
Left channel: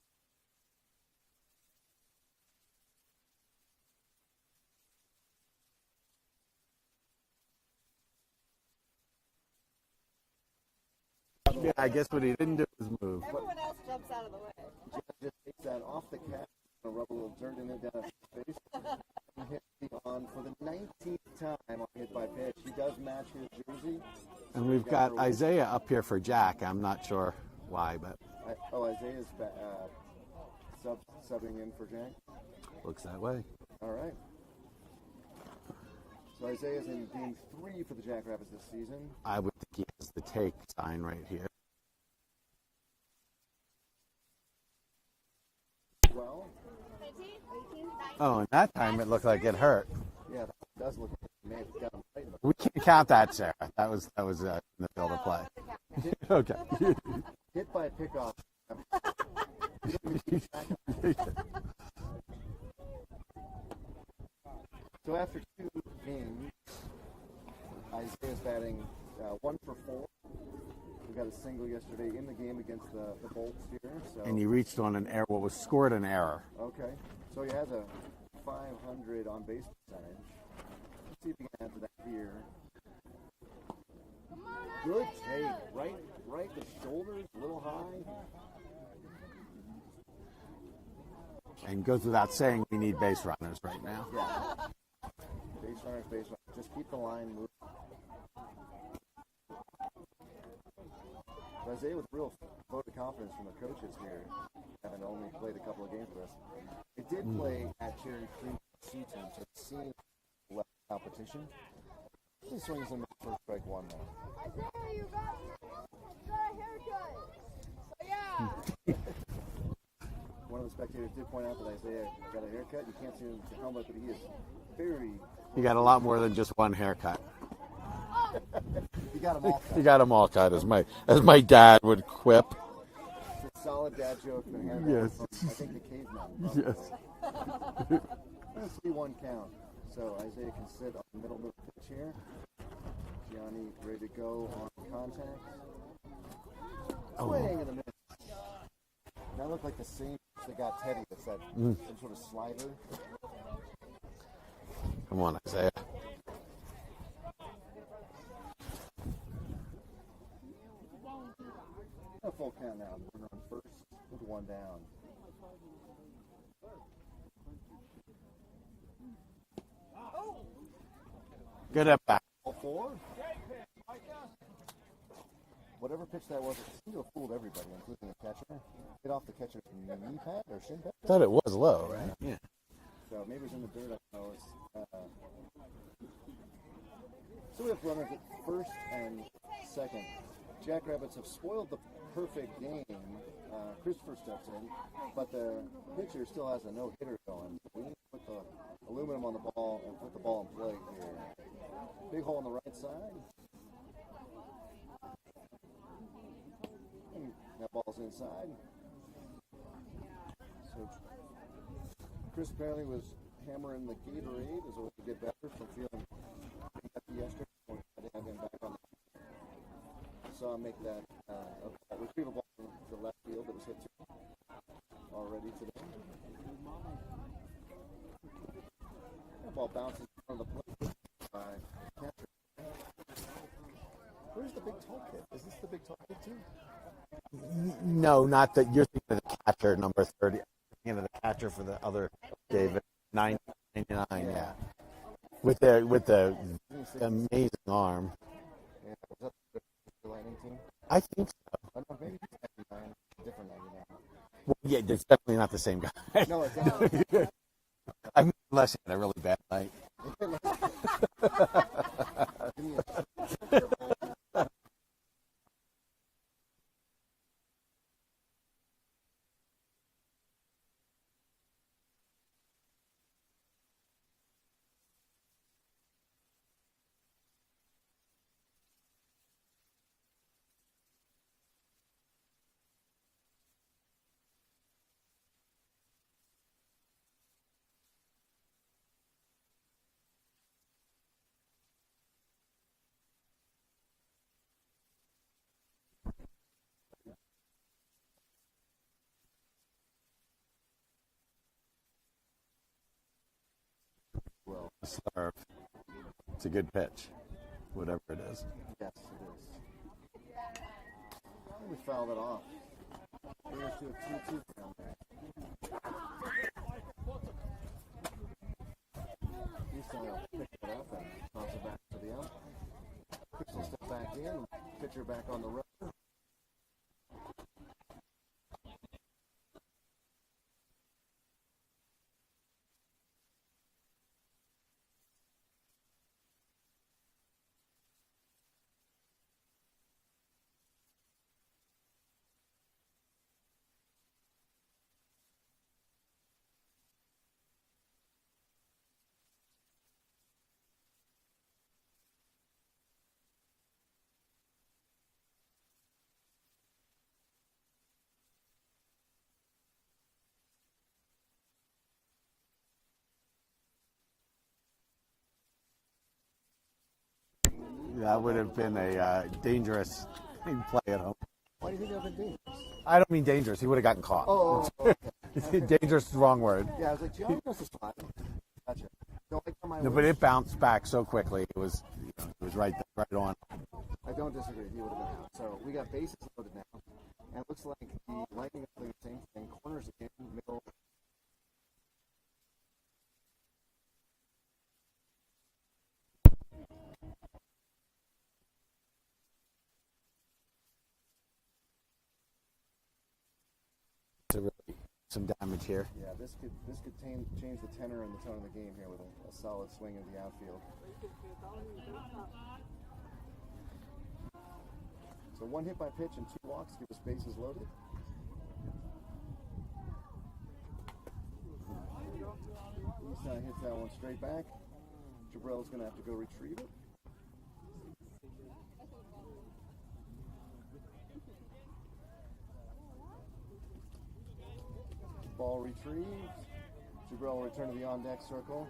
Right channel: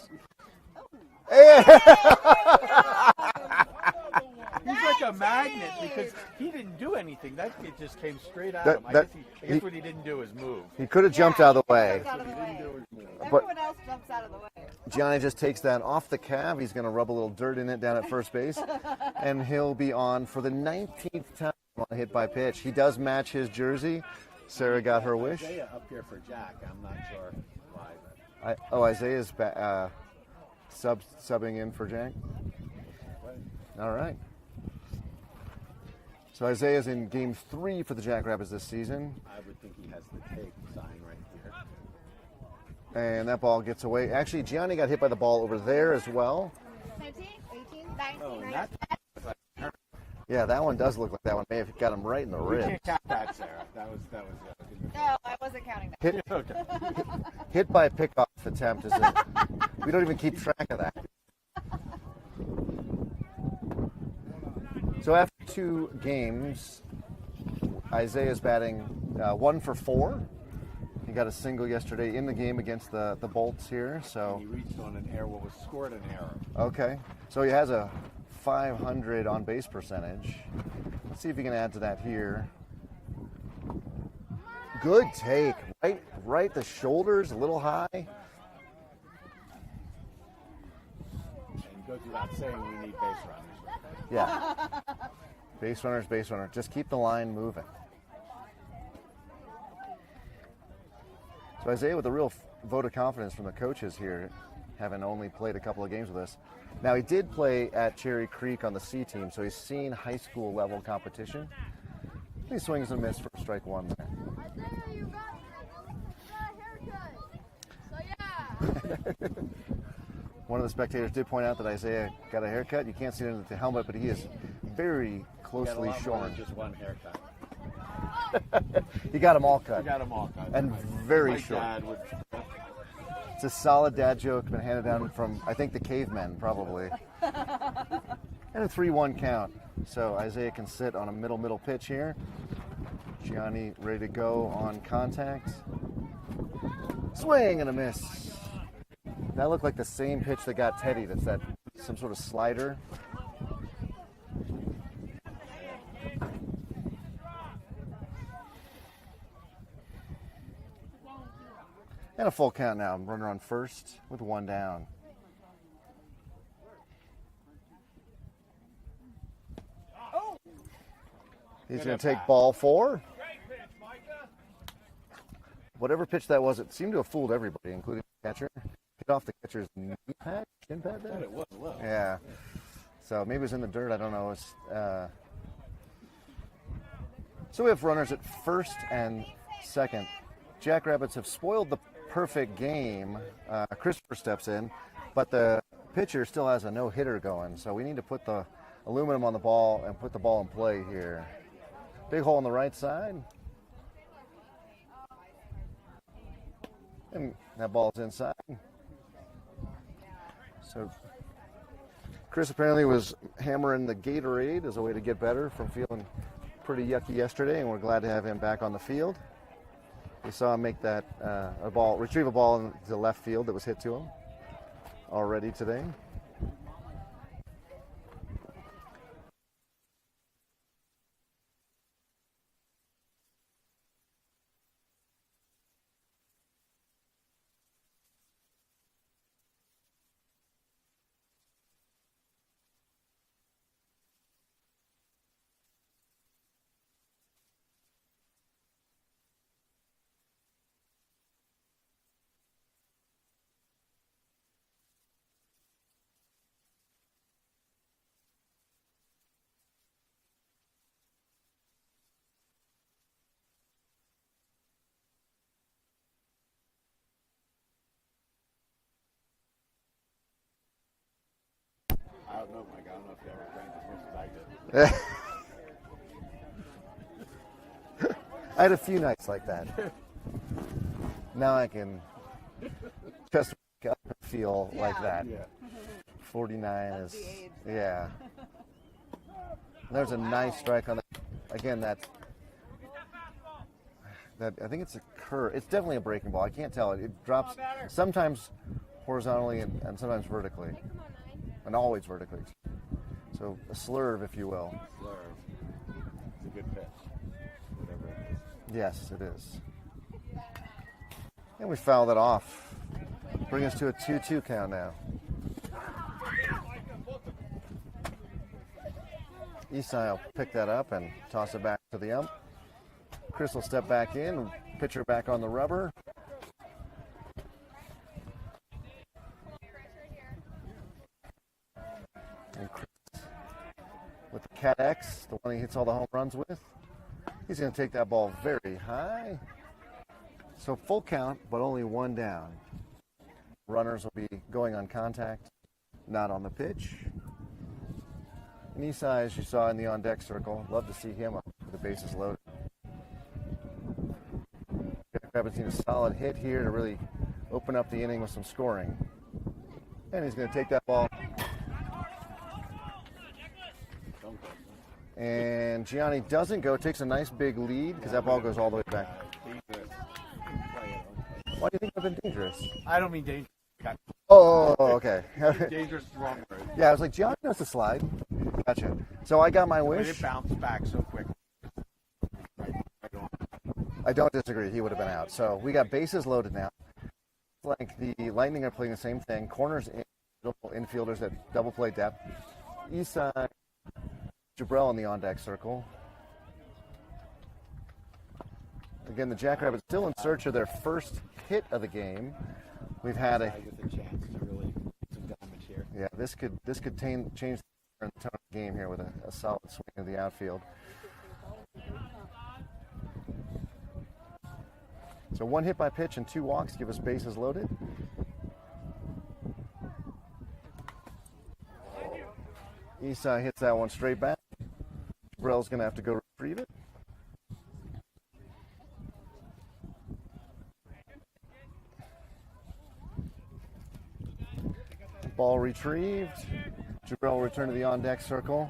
He's like a magnet because he didn't do anything. That kid just came straight at That- him. I that- guess what he didn't do is move. He could have jumped out of the I way. guess what he didn't do was move. Everyone else jumps out of the way. Gianni just takes that off the cab. He's going to rub a little dirt in it down at first base. And he'll be on for the 19th time on a hit by pitch. He does match his jersey. Sarah We've got her wish. Isaiah up here for Jack. I'm not sure why, but Isaiah's subbing in for Jack. looks that way. All right. So Isaiah's in game 3 for the Jackrabbits this season. I would think he has the take sign right here. And that ball gets away. Actually, Gianni got hit by the ball over there as well. 17, 18, 19. Oh, and that time it looked like it hurt. Yeah, that one does look like that one may have got him right in the We rib. can't count that, Sarah. That was in the field No, of play. I wasn't counting that. Hit, Okay. hit by a pickoff attempt is a, we don't even keep track of that. So after 2 games, Isaiah's batting 1 for 4. He got a single yesterday in the game against the Bolts here. So And he reached on an error. Well, was scored an error. okay, so he has a 500 on base percentage. Let's see if he can add to that here. Good take, right the shoulders, a little high. And goes without saying, we need base runners right now. Yeah. Base runner. Just keep the line moving. So Isaiah with a real vote of confidence from the coaches here, having only played a couple of games with us. Now he did play at Cherry Creek on the C team, so he's seen high school level competition. He swings and misses for strike 1 there. One of the spectators did point out that Isaiah got a haircut. You can't see it in the helmet, but he is very close. He got a lot more than just one haircut. He got them all cut. He got them all cut, as And my dad would quip. It's a solid dad joke, been handed down from, I think, the cavemen, probably. And a 3-1 count. So Isaiah can sit on a middle pitch here. Gianni ready to go on contact. Swing and a miss. That looked like the same pitch that got Teddy. That's that some sort of slider. Come on, Isaiah. And a full count now. Runner on first with 1 down. He's Good going at to take bat. ball 4. Whatever pitch that was, it seemed to have fooled everybody, including the catcher. Hit off the catcher's knee pad or shin pad? I thought it was low. Yeah. So maybe it was in the dirt. I don't know. So we have runners at first and second. Jackrabbits have spoiled the perfect game. Christopher steps in, but the pitcher still has a no-hitter going. So we need to put the aluminum on the ball and put the ball in play here. Big hole on the right side. And that ball's inside. So Chris apparently was hammering the Gatorade as a way to get better from feeling pretty yucky yesterday, and we're glad to have him back on the field. We saw him make that retrieve a ball into the left field that was hit to him already today. That ball bounces in front of the plate. Where's the big tall kid? Is this the big tall kid too? No, not that. You're thinking of the catcher, number 30. Thinking of the catcher for the other David, 999. Yeah, with the amazing arm. Yeah, was that the Lightning team? I think so. I don't know, maybe he's 99. Yeah, it's definitely not the same guy. No, it's not. I mean, unless he had a really bad night. I don't know, Mike. I don't know if you ever drank as much as I did. I had a few nights like that. Now I can just wake up and feel like that. Yeah. 49 That's is, the age. yeah. There's a nice strike on that. Again, that I think it's a curve. It's definitely a breaking ball. I can't tell. It drops sometimes horizontally and sometimes vertically, and always vertically. So a slurve, if you will. Slurve. It's a good pitch, whatever it is. Yes, it is. And we fouled it off. Bring us to a 2-2 count now. Isai will pick that up and toss it back to the ump. Chris will step back in, pitcher back on the rubber. And Chris with the Cat X, the one he hits all the home runs with. He's going to take that ball very high. So full count, but only one down. Runners will be going on contact, not on the pitch. And Isai, as you saw in the on-deck circle, love to see him up with the bases loaded. Rabbits need a solid hit here to really open up the inning with some scoring. And he's going to take that ball. And Gianni doesn't go, takes a nice big lead. Yeah, that ball goes all the way back. Dangerous play at him. Why do you think I've been dangerous? I don't mean dangerous. He would have gotten caught. Oh, okay. Dangerous is the wrong word. Yeah, I was like, Gianni knows to slide. Gotcha. So I got my No, wish. but it bounced back so quickly. It was right on. I don't disagree. He would have been out. So we got bases loaded now. And it looks like the Lightning are playing the same thing. Corners in, middle infielders at double play depth. Isai, Jabrell in the on-deck circle. Again, the Jackrabbits still in search of their first hit of the game. We've had a With a chance to really do some damage here. yeah. This could change the tenor and the tone of the game here with a solid swing of the outfield. So one hit by pitch and 2 walks give us bases loaded. Isai hits that one straight back. Jabrell's going to have to go retrieve it. Ball retrieved. Jabrell will return to the on-deck circle.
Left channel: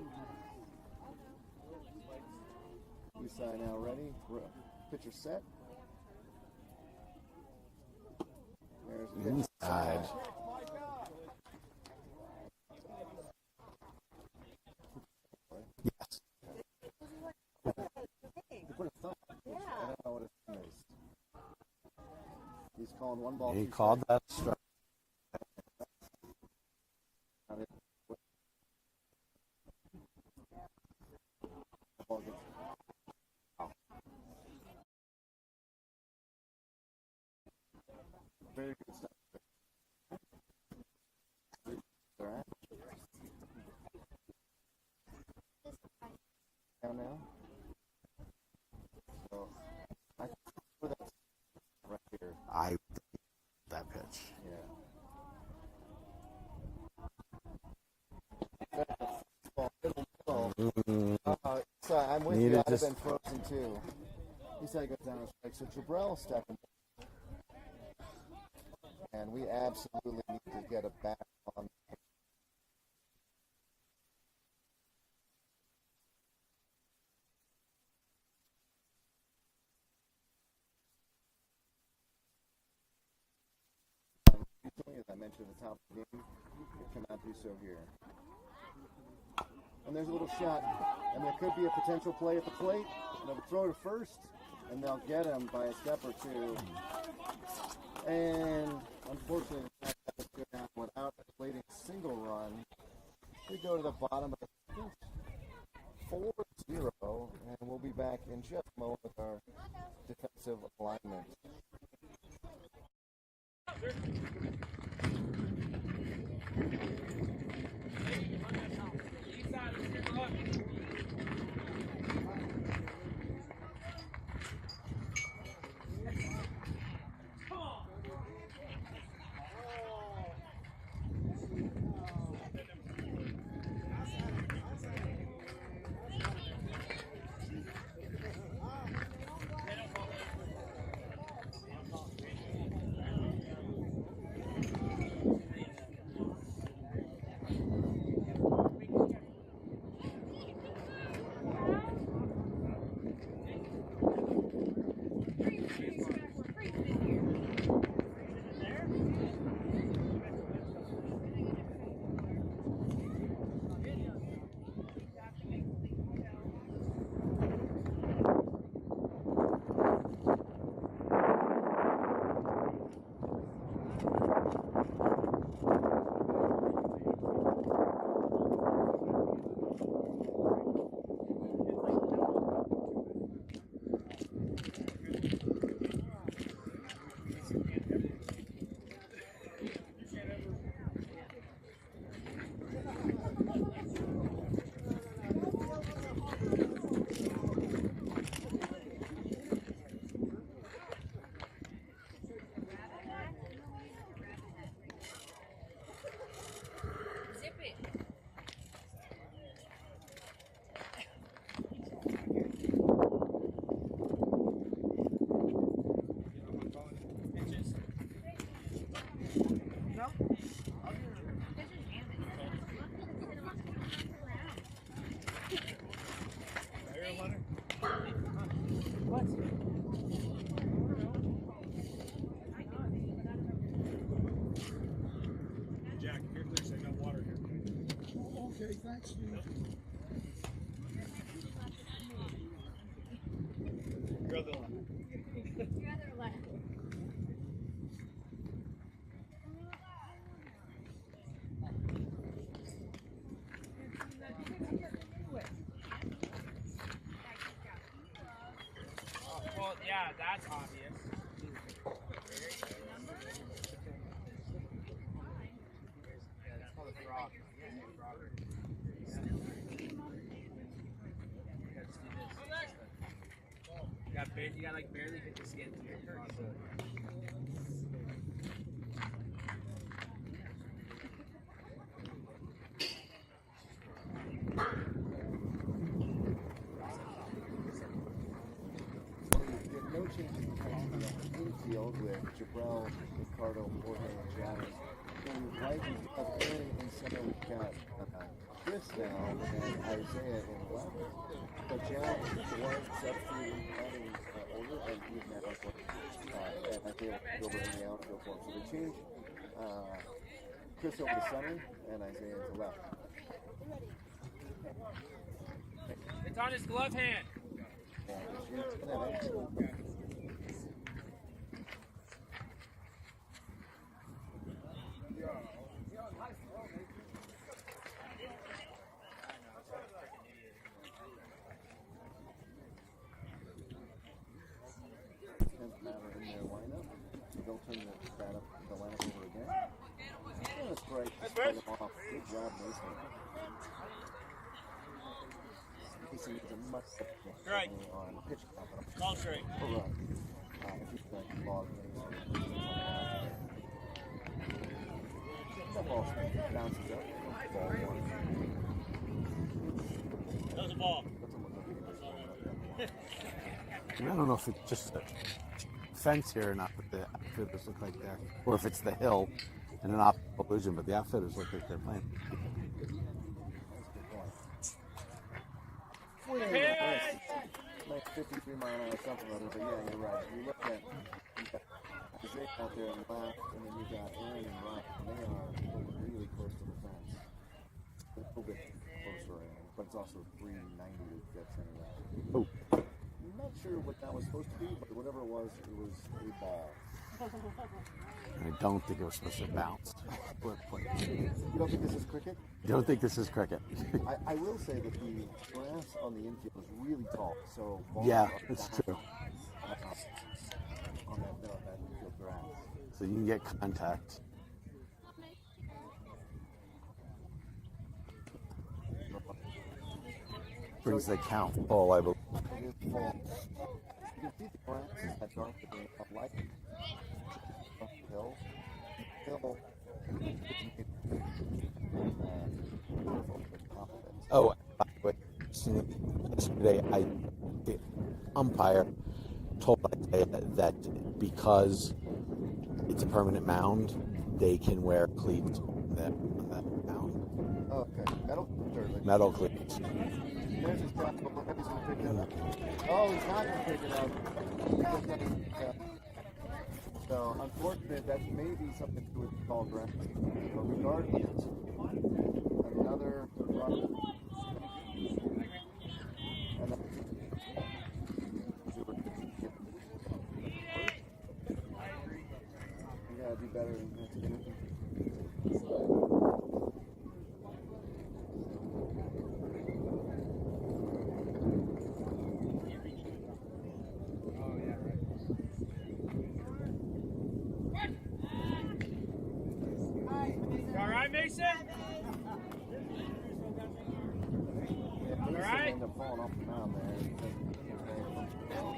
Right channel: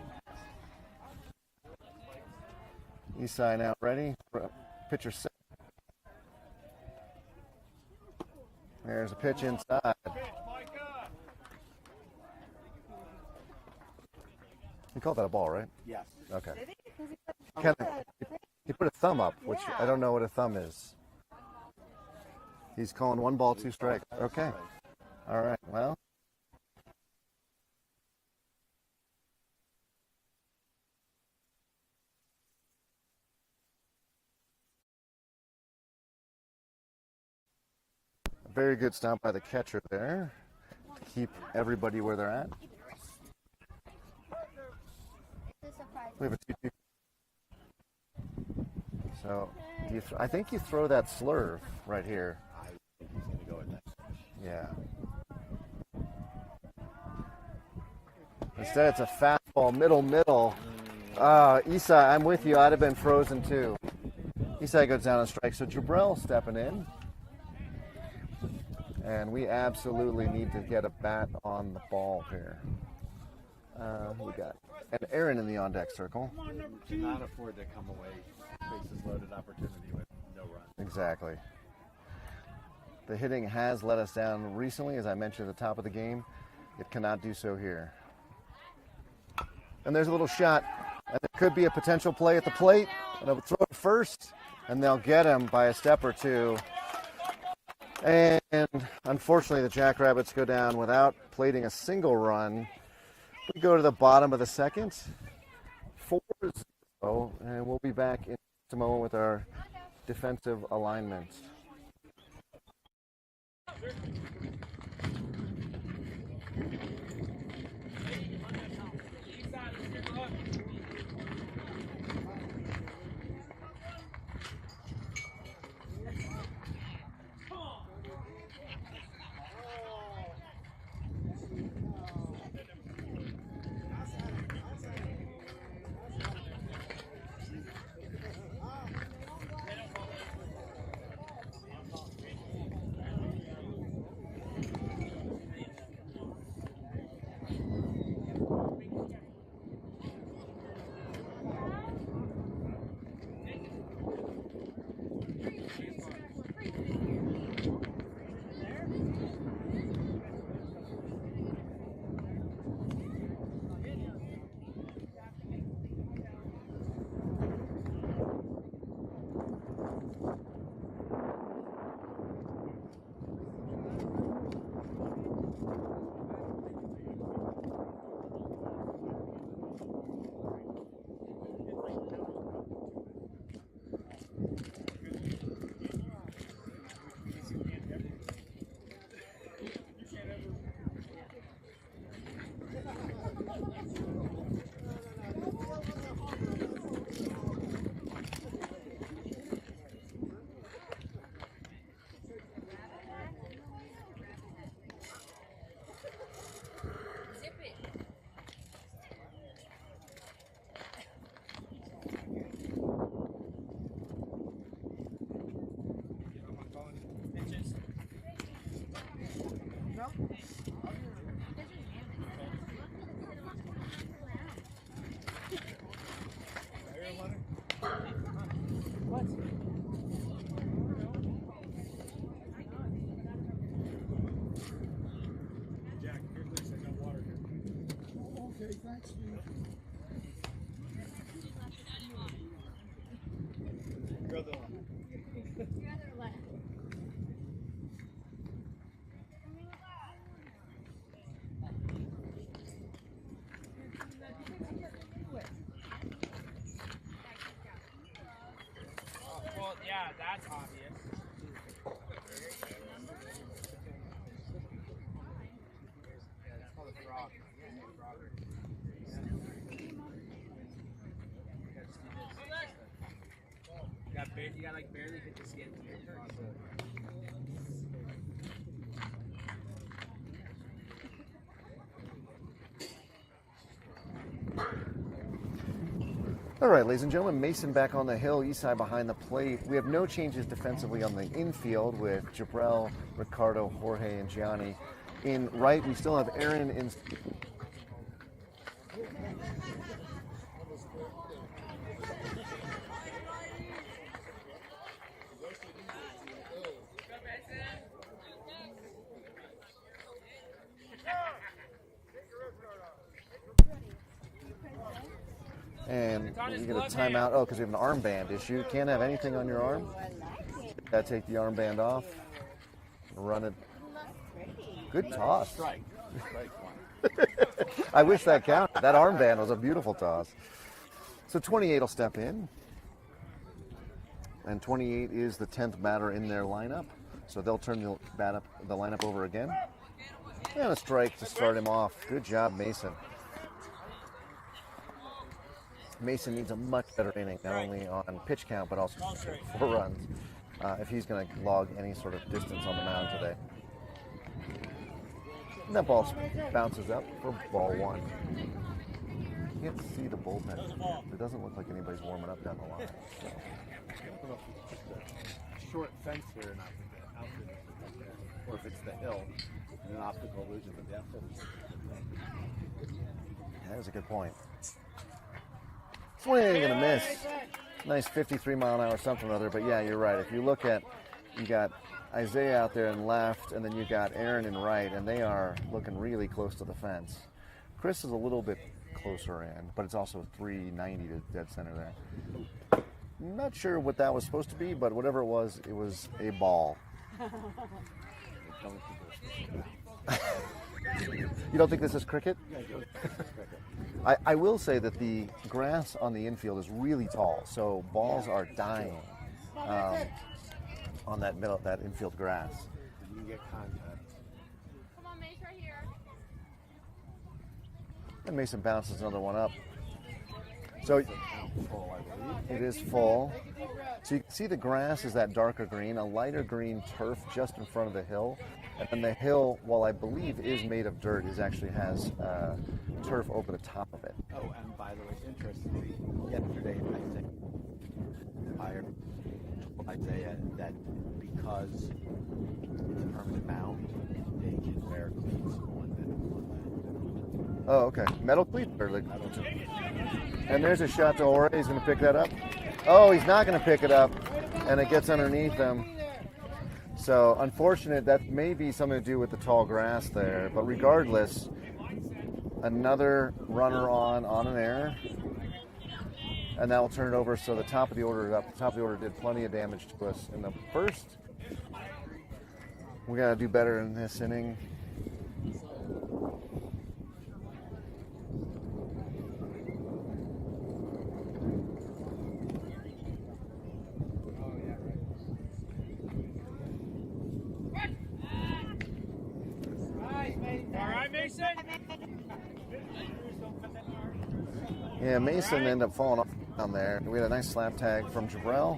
Isai now ready. Pitcher set. There's a pitch inside. You called that a ball, right? Yes. Okay. He put a thumb up, which I don't know what a thumb is. He's calling 1 ball, He 2 called strikes. that a Okay. strike. All right. Well. Very good stop by the catcher there to keep everybody where they're at. We have a 2-2 count now. So I think you throw that slurve right here. I think he's going to go with that pitch. Yeah. Instead, it's a fastball, middle. Isai, I'm with you. I'd have been frozen too. Isai goes down and strikes. So Jabrell stepping in. And we absolutely need to get a bat on the ball here. We got and Aaron in the on-deck circle. Cannot afford to come away bases loaded opportunity with no run. Exactly. The hitting has let us down recently, as I mentioned at the top of the game. It cannot do so here. And there's a little shot, and there could be a potential play at the plate. And I would throw it first, and they'll get him by a step or two. And unfortunately, the Jackrabbits go down without plating a single run. We go to the bottom of the second, 4-0, and we'll be back in just a moment with our defensive alignment. Jack, here, please. I got water here. Okay, thanks, Steve. Your other one. Well, yeah, that's obvious. Yeah, that's called a frog. You got like barely hit the skin to get across it. All right, ladies and gentlemen, Mason back on the hill, east side behind the plate. We have no changes defensively on the infield with Jabrell, Ricardo, Jorge, and Gianni. In right, we still have Aaron in second. And you get a timeout. Oh, because we have an armband issue. Can't have anything on your arm. Gotta take the armband off. Run it. Good toss. I wish that counted. That armband was a beautiful toss. So 28 will step in. And 28 is the 10th batter in their lineup. So they'll turn the lineup over again. And a strike to start him off. Good job, Mason. Mason needs a much better inning, not only on pitch count, but also for runs, if he's going to log any sort of distance on the mound today. And that ball bounces up for ball one. You can't see the bullpen. It doesn't look like anybody's warming up down the line. I don't know if it's just a short fence here or not, but the outfielders look like they're, or if it's the hill and an optical illusion, but the outfielders look like they're playing. That is a good point. Swing and a miss. Nice 53-mile-an-hour something or other, but yeah, you're right. If you look at, you got Isaiah out there in left, and then you got Aaron in right, and they are looking really close to the fence. Chris is a little bit closer in, but it's also 390 to dead center there. Oh. Not sure what that was supposed to be, but whatever it was a ball. I don't think it was supposed to bounce. You don't think this is cricket? I don't think this is cricket. I will say that the grass on the infield is really tall, so balls are dying on that infield grass. So you can get contact. And Mason bounces another one up. So they count full, I believe. It is full. So you can see the grass is that darker green, a lighter green turf just in front of the hill. And then the hill, while I believe is made of dirt, actually has turf over the top of it. Oh, and by the way, interestingly, yesterday the umpire told Isaiah that because it's a permanent mound, they can wear cleats on that mound. Oh, okay. Metal cleats or like Metal cleats. And there's a shot to Jorge. He's going to pick that up. Oh, he's not going to pick it up, and it gets underneath him. So, unfortunate, that may be something to do with the tall grass there. But regardless, another runner on an error. And that will turn it over, so the top of the order is up. The top of the order did plenty of damage to us in the first. We got to do better in this inning. Yeah, Mason ended up falling off down there. We had a nice slap tag from Jabrell.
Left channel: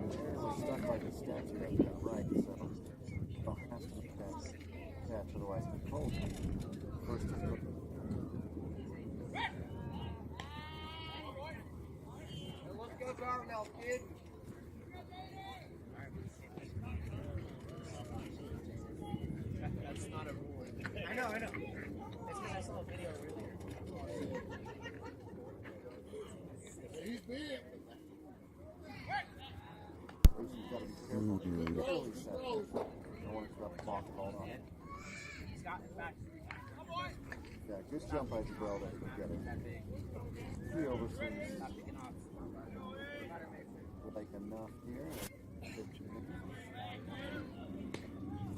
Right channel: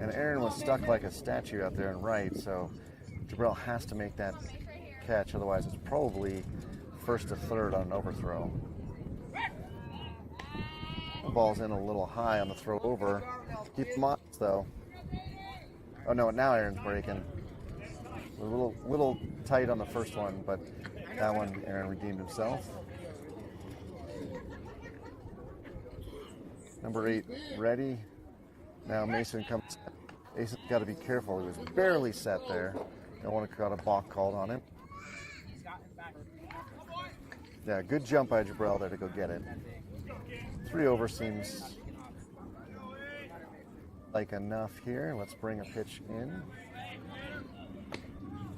And Aaron was stuck like a statue out there and right, so Jabrell has to make that catch, otherwise it's probably first to third on an overthrow. The ball's in a little high on the throw over. Keep him up though. Oh no, now Aaron's breaking. A little tight on the first one, but that one Aaron redeemed himself. Number 8 ready. Now Mason comes. Mason's got to be careful. He's barely set there. Don't want to got a balk called on him. Yeah, good jump by Jabrell there to go get it. 3 over seems like enough here. Let's bring a pitch in.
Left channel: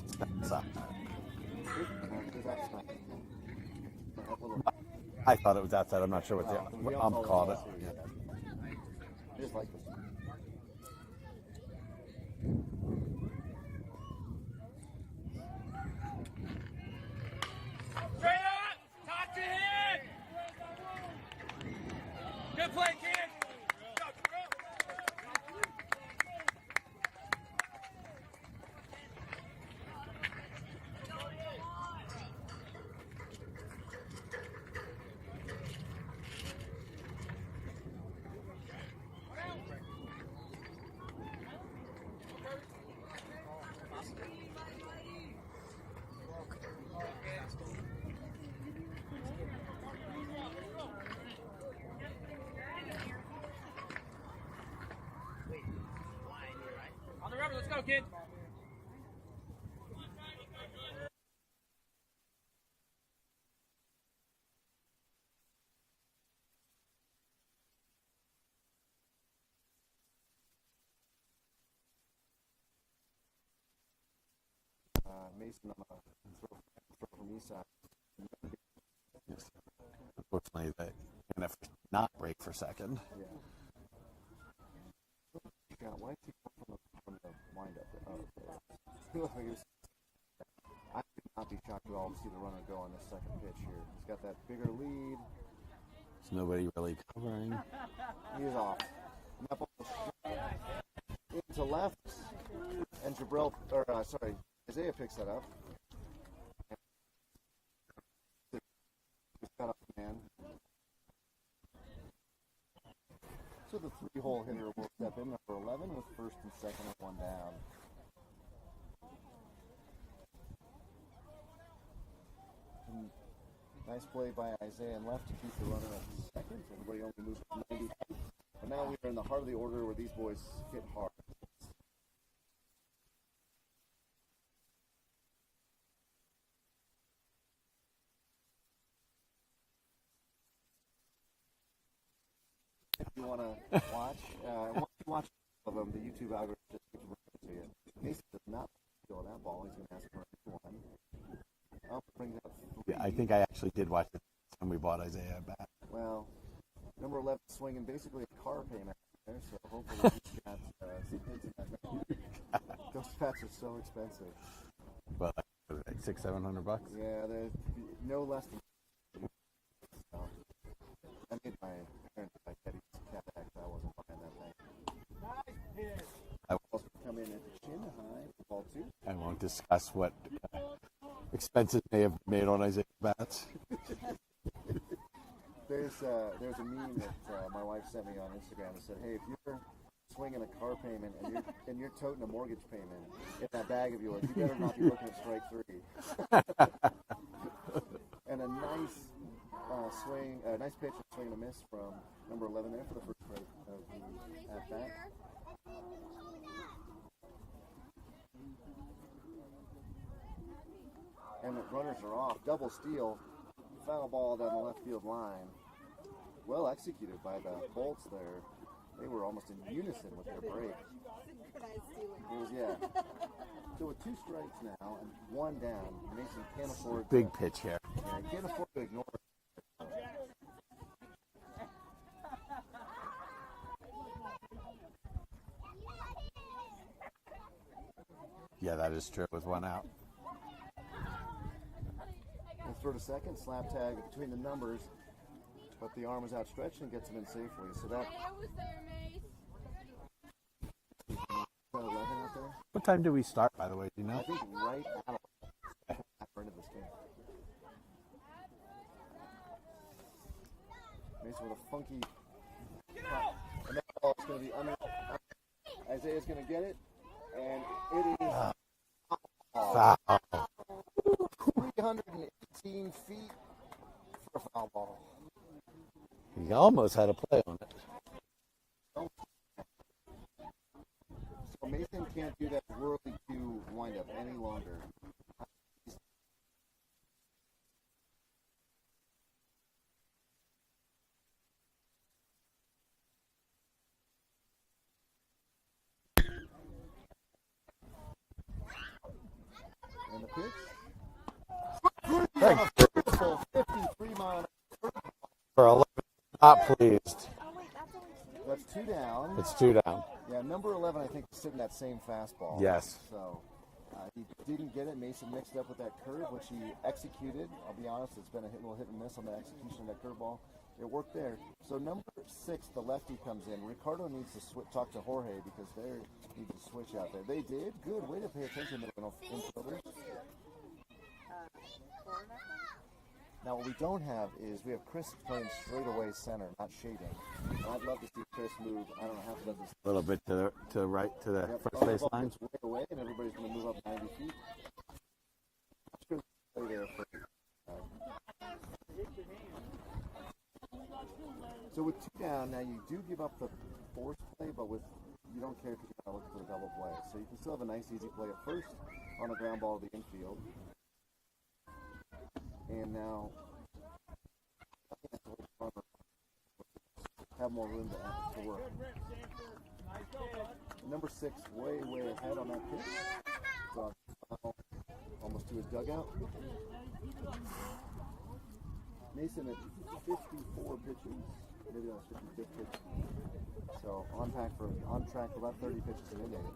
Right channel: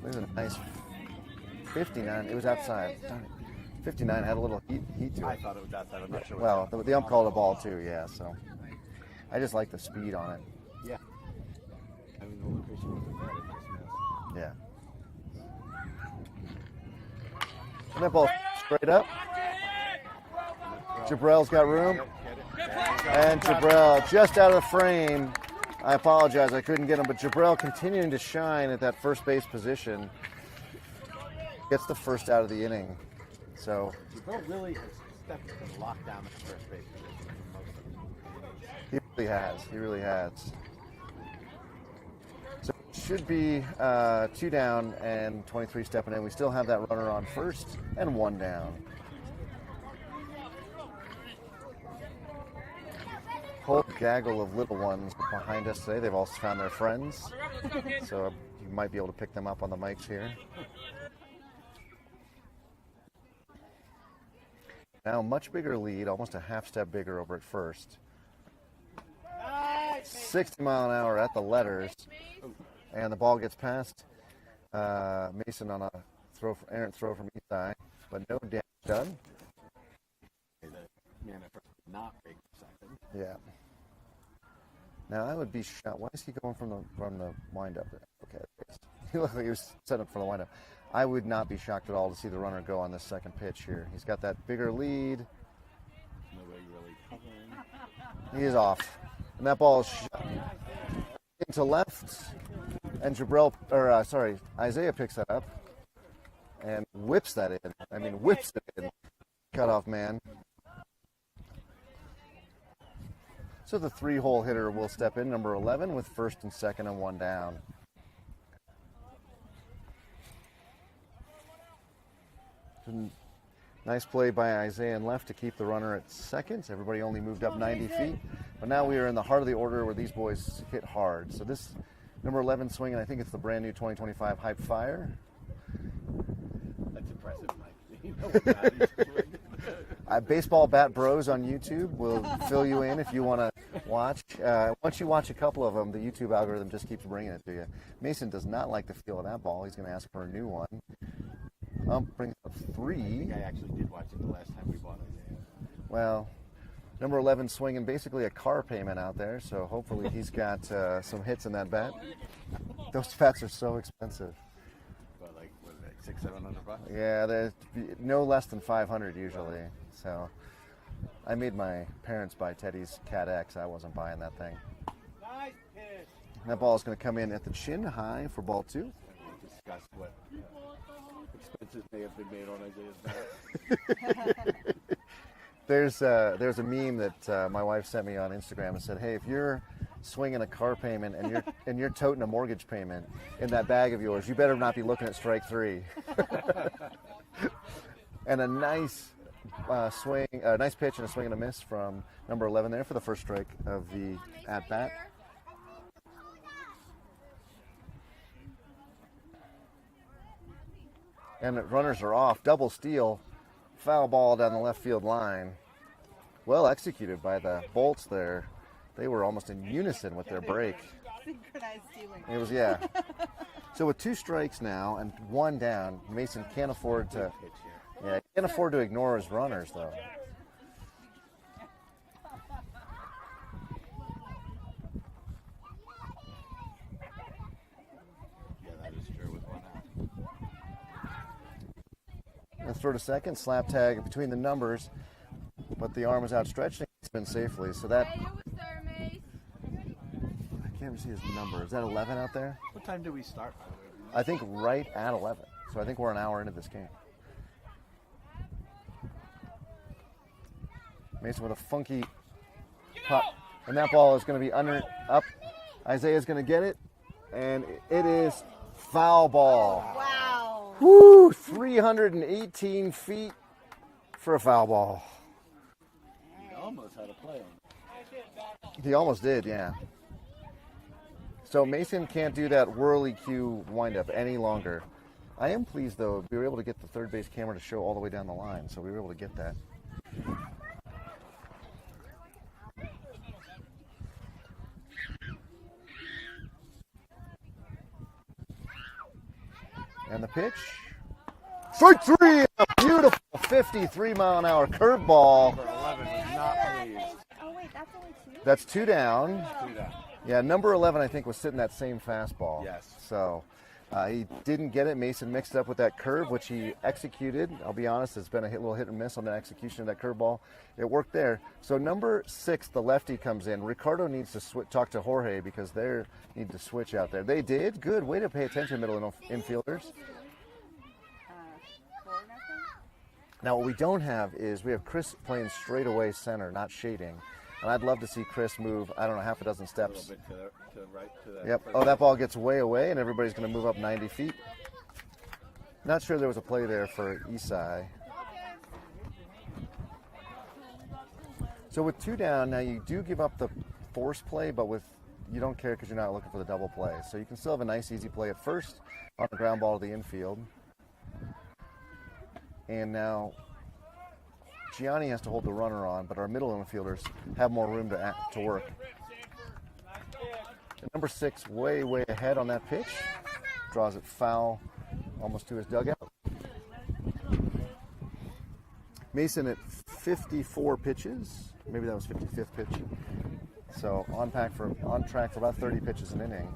This is a nice 59. It was outside. 59 had a little heat to it. I thought it was outside. I'm not sure what Well, the ump called the ball too, yeah, so. I just like the speed on it. Yeah. Yeah. And that ball straight up. Jabrell's got room. And Jabrell just out of the frame. I apologize, I couldn't get him, but Jabrell continuing to shine at that first base position. Gets the first out of the inning. So really locked down the first base. he really has. So it should be 2 down and 23 stepping in. We still have that runner on first and 1 down. Whole gaggle of little ones behind us today. They've also found their friends. So you might be able to pick them up on the mics here. Now much bigger lead, almost a half step bigger over at first. 60 mile an hour at the letters. And the ball gets past Mason on a errant throw from east side, but no damage done. Unfortunately, you're going to not break for second. Yeah. Now I would be shocked. Why is he going from the windup? Oh, okay. He looked like he was set up for the windup. I would not be shocked at all to see the runner go on this second pitch here. He's got that bigger lead. There's nobody really covering. He is off. And that ball is into left. And Isaiah picks that up and whips that in. I mean, whips it in. Cutoff man. So the 3-hole hitter will step in, number 11, with first and second and 1 down. Nice play by Isaiah in left to keep the runner at second. Everybody only moved up 90 feet. But now we are in the heart of the order where these boys hit hard. So this number 11 swinging, I think it's the brand new 2025 Hype Fire. That's impressive, Mike. Baseball Bat Bros on YouTube will fill you in if you want to watch. Once you watch a couple of them, the YouTube algorithm just keeps bringing it to you. Mason does not like the feel of that ball. He's going to ask for a new one. Brings up 3. I think I actually did watch it the last time we bought Isaiah a bat. Well, number 11 swinging basically a car payment out there, so hopefully he's got some hits in that bat. Those bats are so expensive. But like, what are they, like $600-700. Yeah, there's no less than 500 usually. So I made my parents buy Teddy's Cat X. I wasn't buying that thing. Nice pitch. That ball is going to come in at the chin high for ball 2. And we'll discuss what expenses may have been made on Isaiah's bats. There's a meme that my wife sent me on Instagram and said, "Hey, if you're swinging a car payment and you're toting a mortgage payment in that bag of yours, you better not be looking at strike 3." And a nice swing, a nice pitch and a swing and a miss from number 11 there for the first strike of the at bat. And the runners are off. Double steal, foul ball down the left field line. Well executed by the Bolts there. They were almost in unison with their break. Synchronized stealing. It was, yeah. So with 2 strikes now and 1 down, Mason can't afford to. Big pitch here. Yeah, can't afford to ignore his runners though. Yeah, that is true with 1 out. And throw to second, slap tag between the numbers, but the arm is outstretched and gets in safely. So that, I can't even see his number. Is that 11 out there? What time do we start, by the way? Do you know? I think right at 11. So I think we're an hour into this game. Mason with a funky pop. And that ball is going to be up. Isaiah's going to get it. And it is foul ball. Wow. Woo! 318 feet for a foul ball. He almost had a play on it. He almost did, yeah. So Mason can't do that whirly cue windup any longer. I am pleased, though, we were able to get the third base camera to show all the way down the line, so we were able to get that. And the pitch. Strike 3! A beautiful 53-mile-an-hour curveball. For 11, not pleased. Oh wait, that's only 2? That's 2 down. It's 2 down. Yeah, number 11, I think, was sitting that same fastball. Yes. So he didn't get it. Mason mixed it up with that curve, which he executed. I'll be honest, it's been a little hit and miss on the execution of that curveball. It worked there. So number 6, the lefty, comes in. Ricardo needs to talk to Jorge because they need to switch out there. They did. Good. Way to pay attention, middle infielders. 4-0? Now, what we don't have is we have Chris playing straight away center, not shading. And I'd love to see Chris move, I don't know, half a dozen steps. A little bit to the right, to the. Yep. first Oh, that base ball line. gets way away, and everybody's going to move up 90 feet. Not sure there was a play there for Isai. So with 2 down, now you do give up the force play, but you don't care because you're not looking for the double play. So you can still have a nice, easy play at first on the ground ball to the infield. And now Gianni has to hold the runner on, but our middle infielders have more room to work. And number 6, way ahead on that pitch. Draws it foul almost to his dugout. Mason at 54 pitches. Maybe that was 55th pitch. So on track for about 30 pitches an inning.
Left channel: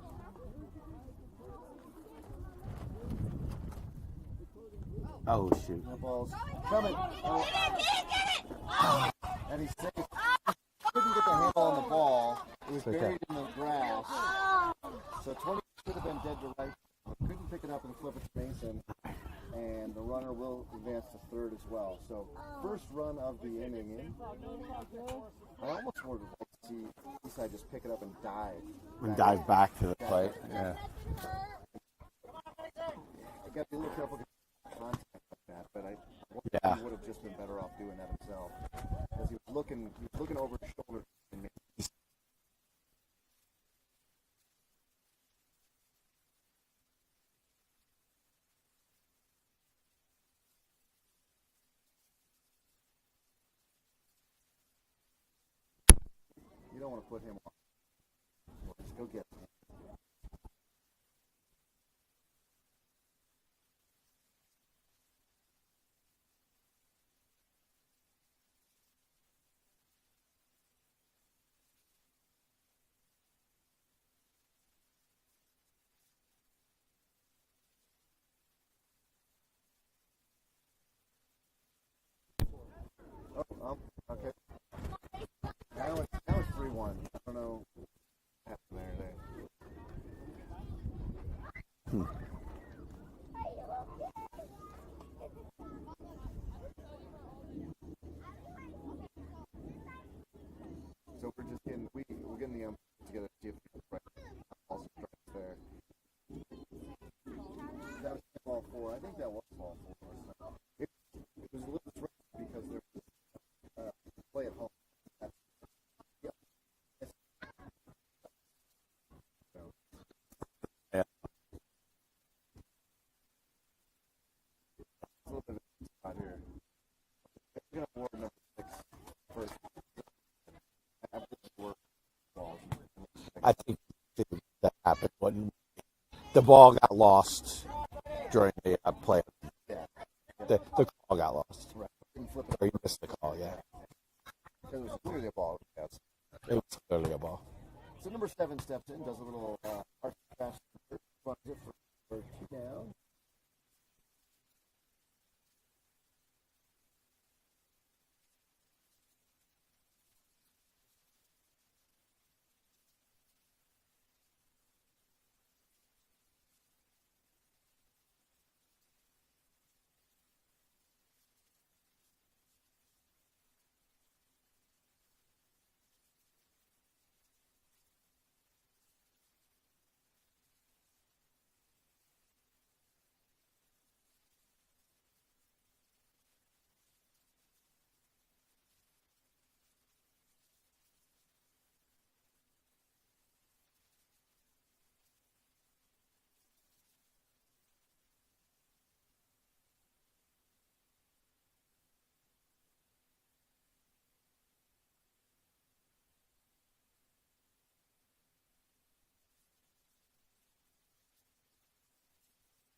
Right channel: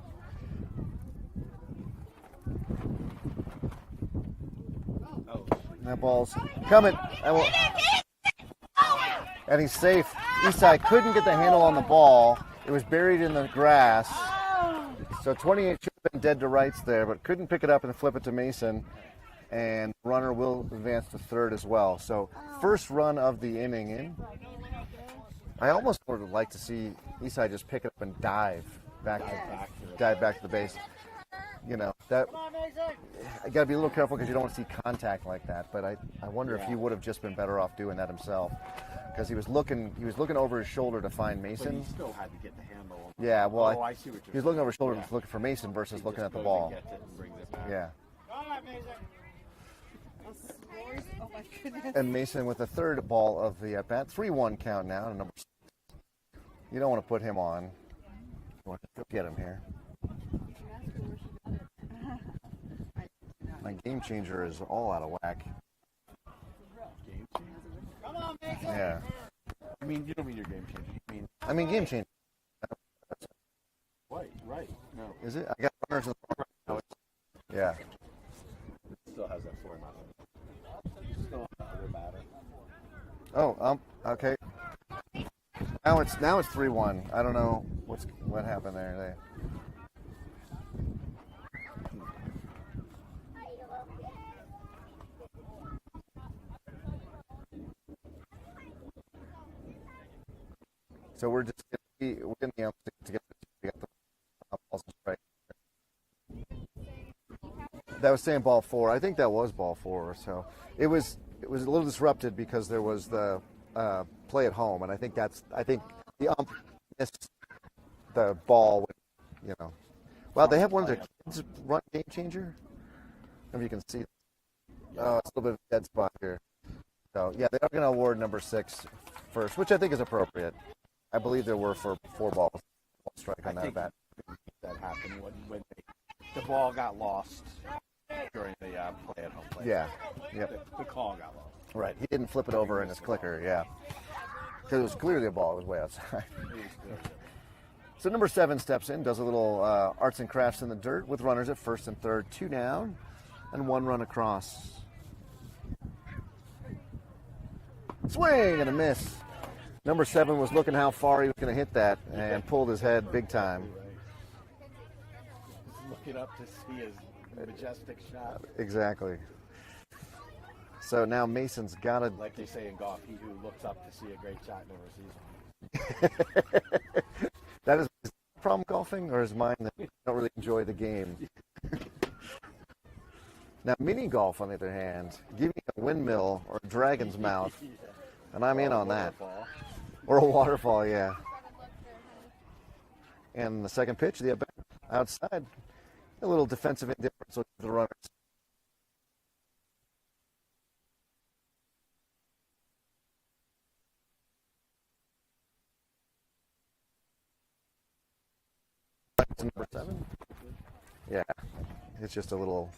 Oh, shoot. That ball's coming. And he's safe. Isai couldn't get the handle on the ball. It was buried in the grass. So 28 should have been dead to rights there, but couldn't pick it up and flip it to Mason. And the runner will advance to third as well. So first run of the inning in. I almost would have liked to see Isai just pick it up and dive back to the base. Yeah. You know, that I got to be a little careful because you don't want to see contact like that. But I wonder if he would have just been better off doing that himself, because he was looking over his shoulder to find Mason. But he still had to get the handle. Yeah, well, I see what you're he was looking over his shoulder and looking for Mason versus looking at the ball. Yeah. Oh my goodness. And Mason with the third ball of the at bat, 3-1 count now. And number 6. You don't want to put him on. You want to go get him here. My game changer is all out of whack. Come on, Mason. Yeah. I mean, you don't mean your game changer. I mean game changer. Right. No. Is it? I got runners in the front. Yeah. Still has Oh, okay. Now it's 3-1. I don't know what happened there. So we're just getting we're getting the umpires together to see if we got the right balls and strikes there. That was saying ball 4. I think that was ball 4. So it was a little disrupted because there was the play at home, and I think the ump missed the ball. Wow, they have one of their kids run game changer. I don't know if you can see. Oh, it's a little bit of a dead spot here. So yeah, they are going to award number 6 first, which I think is appropriate. I believe there were for 4 balls. I think that happened when the ball got lost during the play at home play. Yeah. The call got lost. Right. He didn't flip it over in his clicker. Yeah. Because it was clearly a ball. It was way outside. It was clearly a ball. So number 7 steps in, does a little arts and crafts in the dirt with runners at first and third, 2 down, and 1 run across. Swing and a miss. Number 7 was looking how far he was going to hit that and pulled his head big time. Looking up to see his majestic shot. Exactly. So now Mason's got to... Like they say in golf, he who looks up to see a great shot never sees one. That is his problem golfing, or is mine that I don't really enjoy the game? Now mini golf, on the other hand, give me a windmill or a dragon's mouth, and I'm in on that. Or a waterfall, yeah. And the second pitch, the outside, a little defensive indifference with the runners. Number 7? Yeah, it's just a little.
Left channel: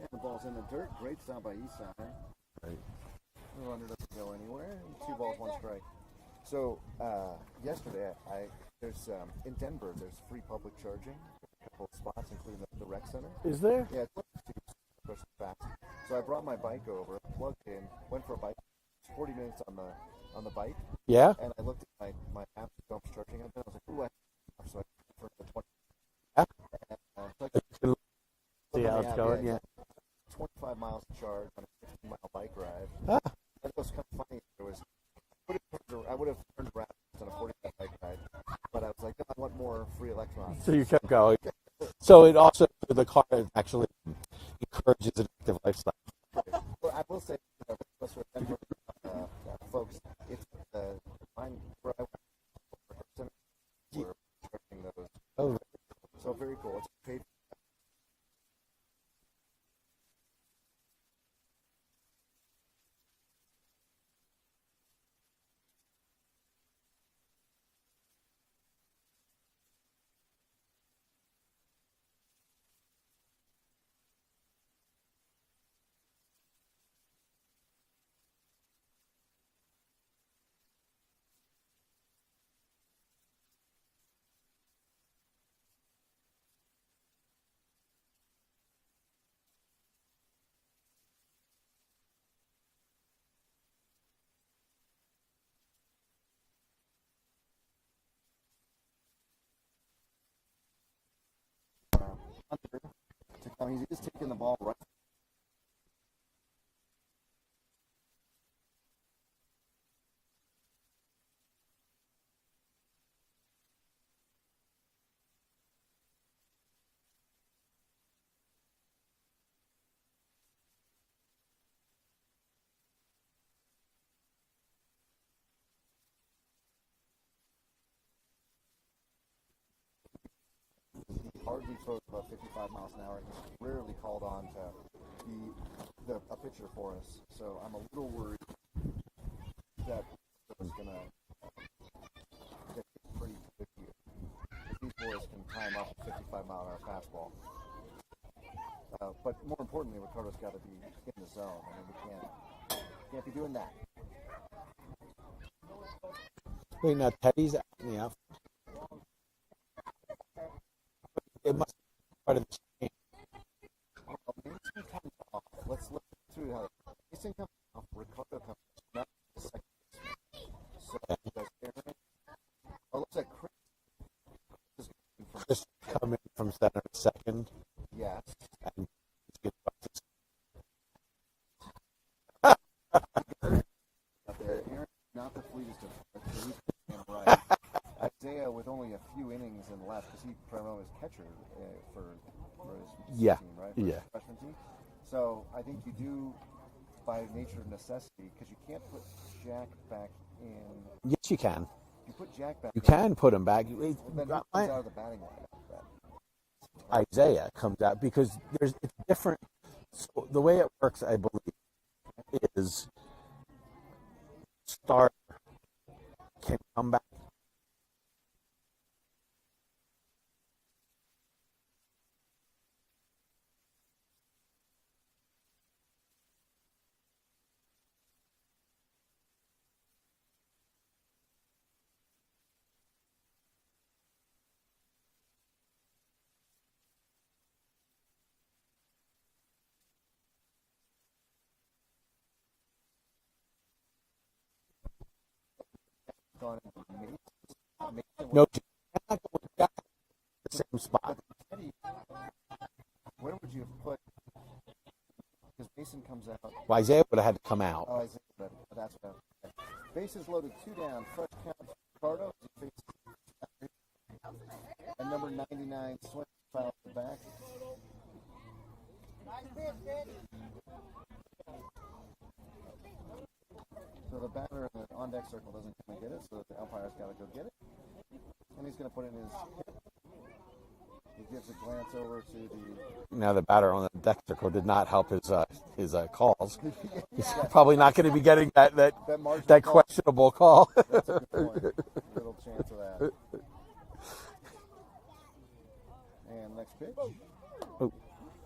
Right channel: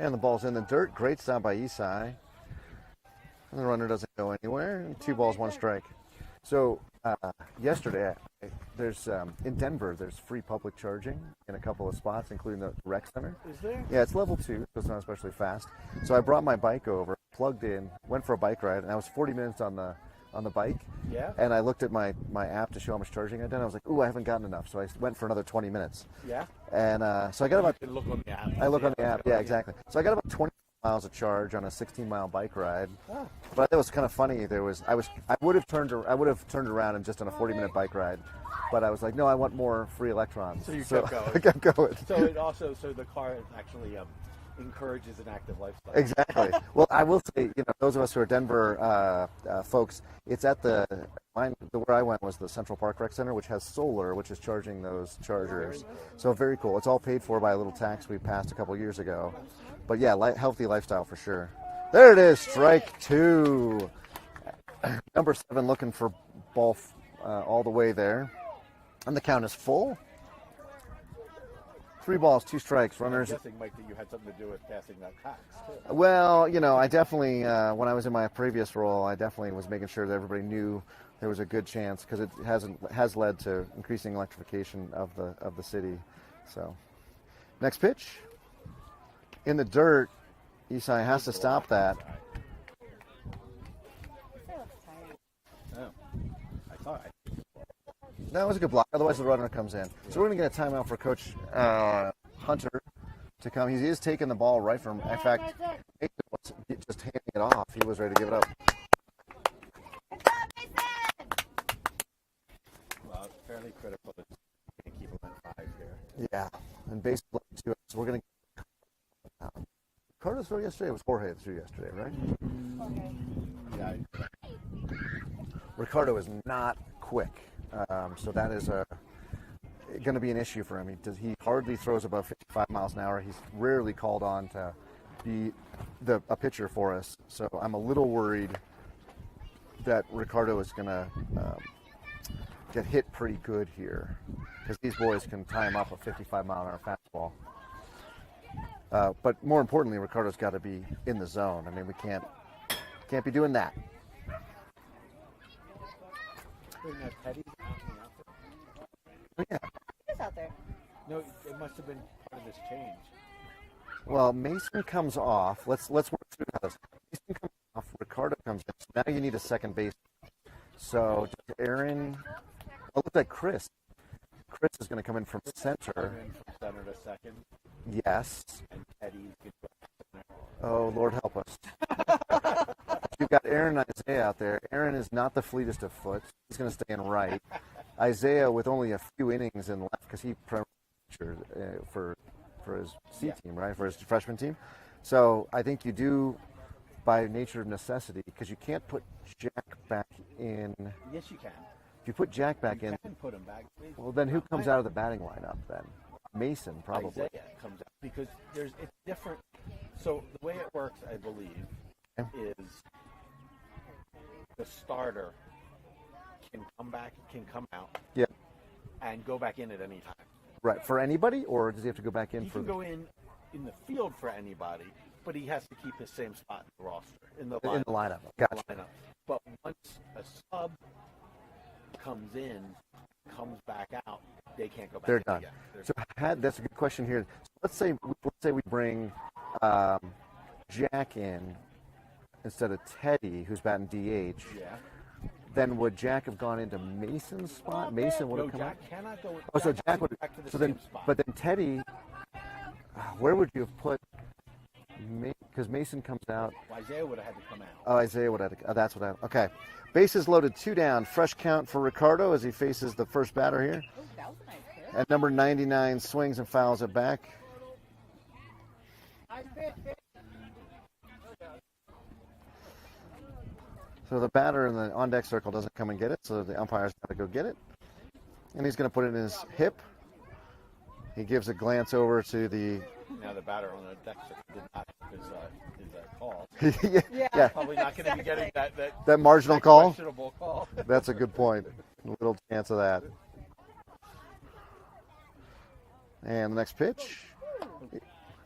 And the ball's in the dirt. Great stop by Isai. And the runner doesn't go anywhere. And 2 balls, 1 strike. So yesterday, there's in Denver, there's free public charging in a couple of spots, including the rec center. Is there? Yeah, it's level 2, so it's not especially fast. So I brought my bike over, plugged in, went for a bike ride, and I was 40 minutes on the bike. Yeah. And I looked at my app to show how much charging I'd done. I was like, ooh, I haven't gotten enough. So I went for another 20 minutes. Yeah. And so I got about... You look on the app. I look on the app, yeah, exactly. So I got about 25 miles of charge on a 16-mile bike ride. Ah. But I thought it was kind of funny. I would have turned around and just on a 40-minute bike ride, but I was like, no, I want more free electrons. So you kept going. I kept going. So the car actually encourages an active lifestyle. Exactly. Well, I will say, those of us who are Denver folks, it's at where I went was the Central Park Rec Center, which has solar, which is charging those chargers. So very cool. It's all paid for by a little tax we passed a couple years ago. But yeah, healthy lifestyle for sure. There it is, strike 2. Number 7 looking for ball all the way there. And the count is full. 3 balls, 2 strikes. Runners. I'm guessing, Mike, that you had something to do with passing that tax, too. Well, I definitely, when I was in my previous role, I definitely was making sure that everybody knew there was a good chance, because it has led to increasing electrification of the city. So, next pitch. In the dirt, Isai has to stop that. That was a good block. Otherwise, the runner comes in. So we're going to get a timeout for Coach Hunter to come. He is taking the ball right from. In fact, just handing it off. He was ready to give it up. Well, it's fairly critical that you can't keep him at 5 here. Yeah, and baseball too. So we're going to. Carter threw yesterday. It was Jorge that threw yesterday, right? Yeah. Ricardo is not quick. So that is going to be an issue for him. He hardly throws above 55 miles an hour. He's rarely called on to be a pitcher for us. So I'm a little worried that Ricardo is going to get hit pretty good here, because these boys can tie him up a 55-mile-an-hour fastball. But more importantly, Ricardo's got to be in the zone. I mean, we can't be doing that. Wait, now Teddy's in the outfit. Yeah. He's out there. No, it must have been part of this change. Well, Mason comes off. Let's work through how this. Mason comes off. Ricardo comes in. So now you need a second baseman. So does Aaron? Oh, it looks like Chris. Chris is going to come in from center. Come in from center to second. Yes. And Teddy's get back to center. Oh, Lord help us. You've got Aaron and Isaiah out there. Aaron is not the fleetest of foot. He's going to stay in right. Isaiah with only a few innings in left because he primarily was catcher for his team, right? For his freshman team. So I think you do, by nature of necessity, because you can't put Jack back in. Yes, you can. If you put Jack back You in. can put him back. Well, then who comes out of the batting lineup then? Mason, probably. Isaiah comes out because it's different. So the way it works, I believe, is the starter can come back, can come out, and go back in at any time. Right, for anybody, or does he have to go back in He for? can go in the field for anybody, but he has to keep his same spot in the roster, in the lineup. In the lineup. Gotcha. But once a sub comes in, comes back out, they can't go back. They're in done. again. So that's a good question here. So let's say we bring Jack in instead of Teddy, who's batting DH. Yeah. Then would Jack have gone into Mason's spot? Mason would No, Jack cannot go. so Jack would back to the so same then, spot. But then Teddy, where would you have put? Because Mason comes out. Well, Isaiah would have had to come out. Oh, Isaiah would have. That's what I. Okay, bases loaded, 2 down. Fresh count for Ricardo as he faces the first batter here. That was a nice pitch. At number 99, swings and fouls it back. Nice pitch, pitch. So the batter in the on-deck circle doesn't come and get it, so the umpire's got to go get it. And he's going to put it in his hip. He gives a glance over to the... Now the batter on the deck circle did not help his calls. yeah. Probably not going to be getting that marginal call? questionable call. That's a good point. Little chance of that. And the next pitch.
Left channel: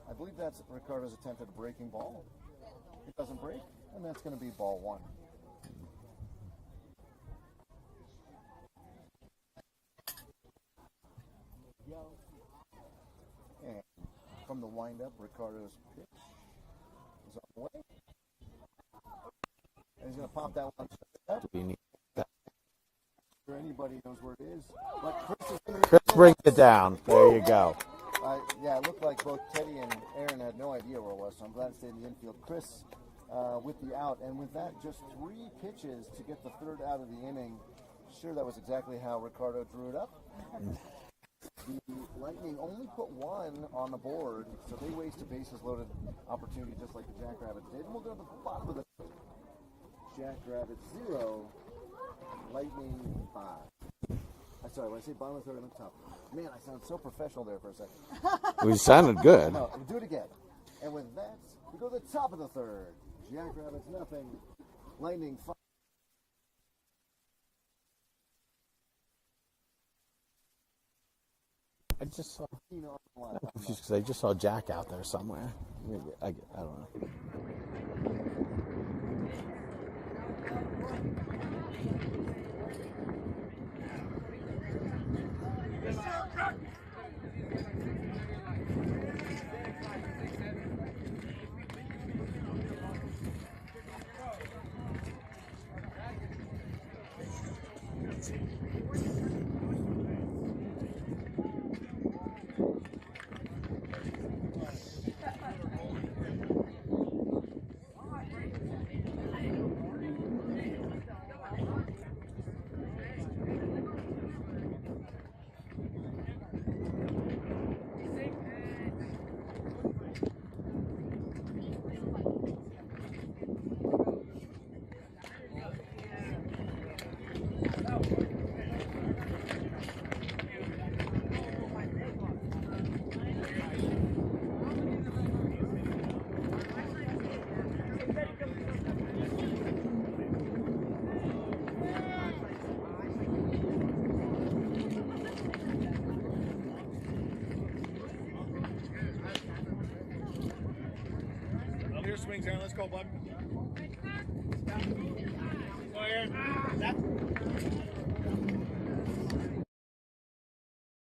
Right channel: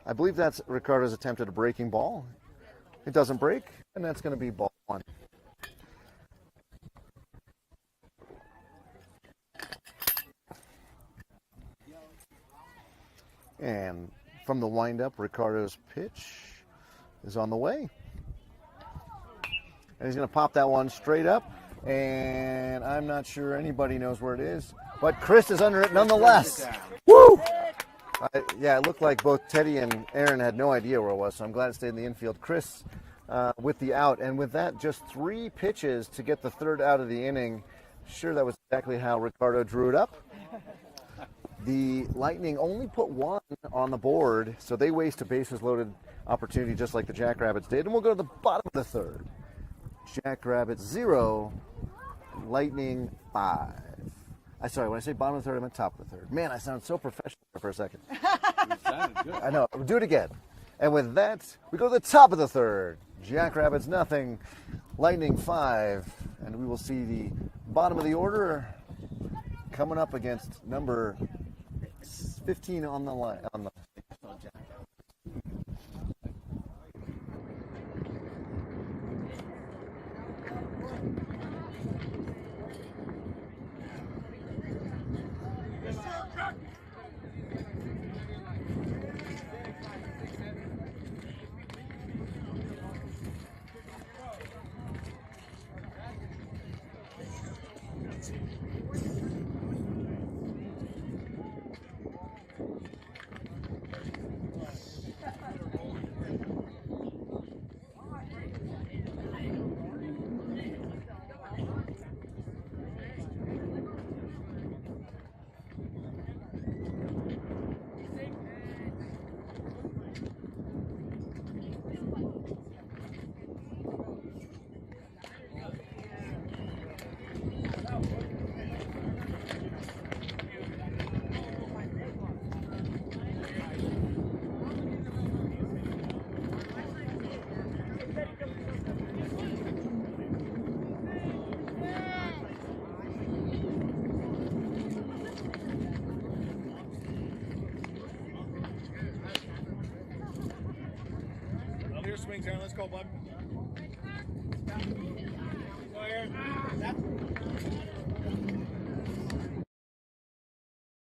I believe that's Ricardo's attempt at a breaking ball. It doesn't break, and that's going to be ball 1. And from the windup, Ricardo's pitch is on the way. And he's going to pop that one straight up. And I'm not sure anybody knows where it is. But Chris is under it nonetheless. Break it down. Woo! There you go. Yeah, it looked like both Teddy and Aaron had no idea where it was, so I'm glad it stayed in the infield. Chris with the out. And with that, just 3 pitches to get the third out of the inning. Sure, that was exactly how Ricardo drew it up. The Lightning only put 1 on the board, so they waste a bases-loaded opportunity just like the Jackrabbits did. And we'll go to the bottom of the third. Jackrabbits 0, Lightning 5. Sorry, when I say bottom of the third, I meant top of the third. Man, I sounded so professional there for a second. We sounded good. I know. We'll do it again. And with that, we go to the top of the third. Jackrabbits 0, Lightning 5. And we will see the bottom of the order coming up against number 15 on the line. I just saw Jack out there somewhere. I don't know. Clear swings, Aaron. Let's go, bud. Go, Aaron.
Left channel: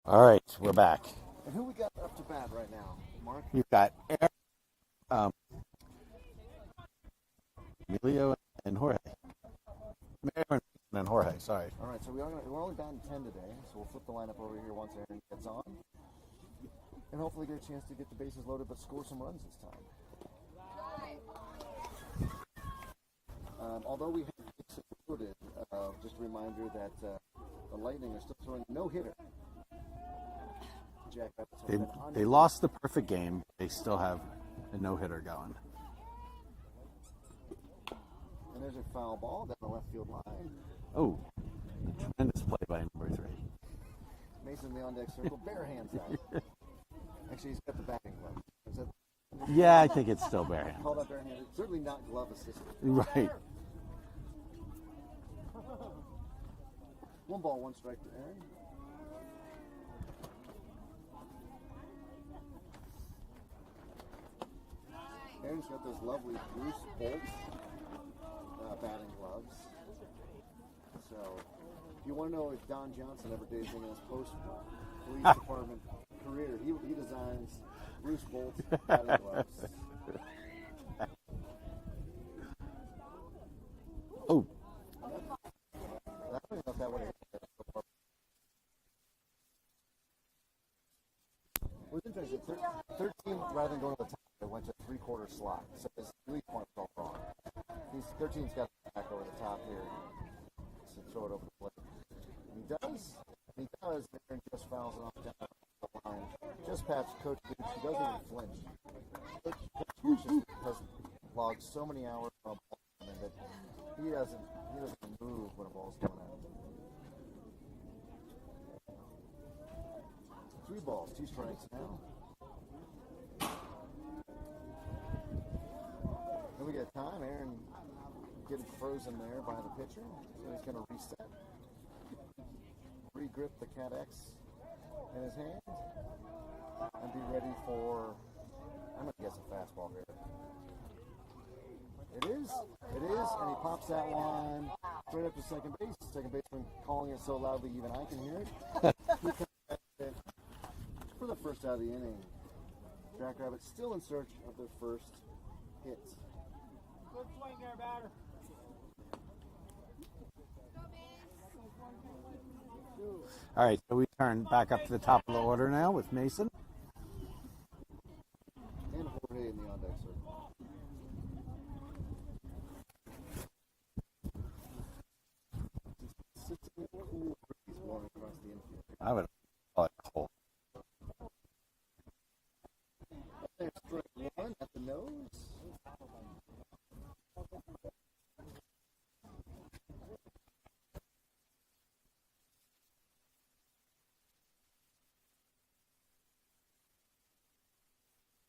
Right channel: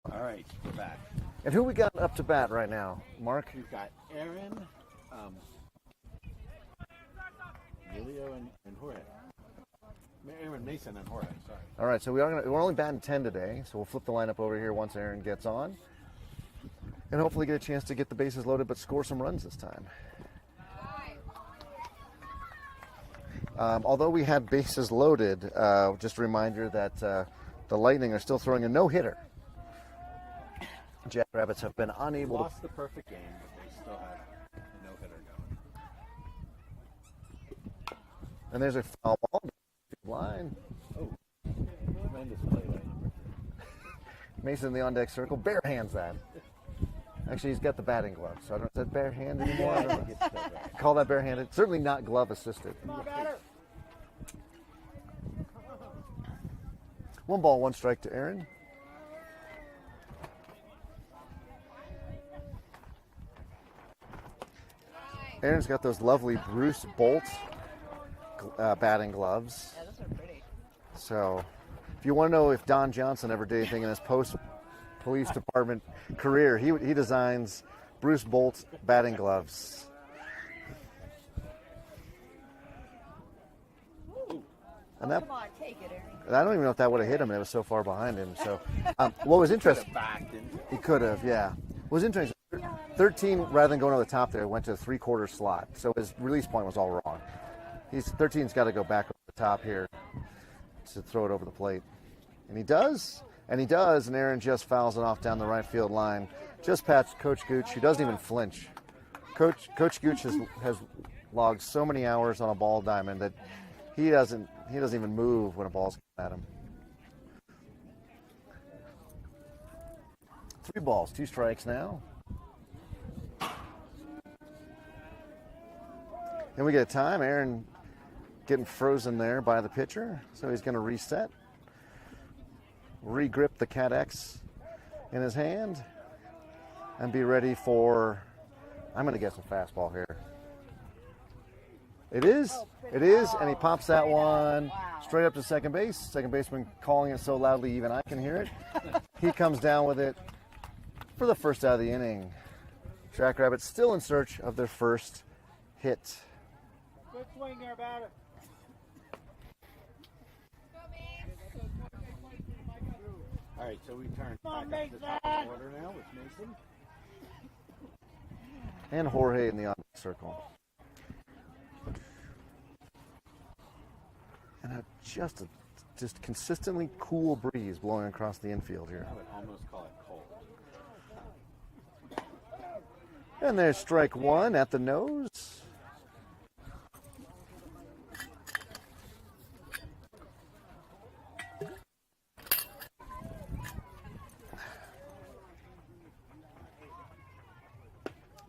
All right, we're back. And who we got up to bat right now, Mark? We've got Aaron, Emilio, and Jorge. Aaron, Mason, and Jorge. Sorry. All right, so we're only batting 10 today, so we'll flip the lineup over here once Aaron gets on, and hopefully get a chance to get the bases loaded, but score some runs this time. Although we had bases loaded, just a reminder that the Lightning are still throwing a no-hitter. Jackrabbits have been unable. They lost the perfect game. They still have a no-hitter going. And there's a foul ball down the left field line. Oh, tremendous play by number 3. Mason in the on-deck circle, bare hands that. Actually, he's got the batting glove, so I don't. Is that barehanded? Yeah, I think it's still bare. Call that barehanded. Certainly not glove assisted. Right. 1 ball, 1 strike to Aaron. Aaron's got those lovely Bruce Bolt batting gloves. Yeah, those are pretty. So, if you want to know if Don Johnson ever did anything in his post-police department career, he designs Bruce Bolt batting gloves. Oh, And that, Come on, take it, Aaron. I don't even know if that would have hit him. It was so far behind him. So, what was interesting? Backed into it. He could have, yeah. What was interesting? 13, rather than going to the top there, went to the 3/4 slot. So his release point was all wrong. 13's got to go back over the top here to throw it over the plate. And he does. And Aaron just fouls it off down the right field line. Just past Coach Gooch, who doesn't even flinch. Coach Gooch has logged so many hours on a ball diamond that he doesn't even move when a ball's coming at him. 3 balls, 2 strikes now. And we get a time. Aaron getting frozen there by the pitcher, so he's going to reset. Regrip the Cat X in his hand and be ready for, I'm going to guess a fastball here. It is, and he pops that one straight up to second base. Second baseman calling it so loudly even I can hear it. He comes down with it for the first out of the inning. Jackrabbits still in search of their first hit. Good swing there, batter. all right. So we turn back up to the top of the order now with Mason. And Jorge in the on-deck circle. And just consistently cool breeze blowing across the infield here. I would almost call it cold. And there's strike 1 at the nose.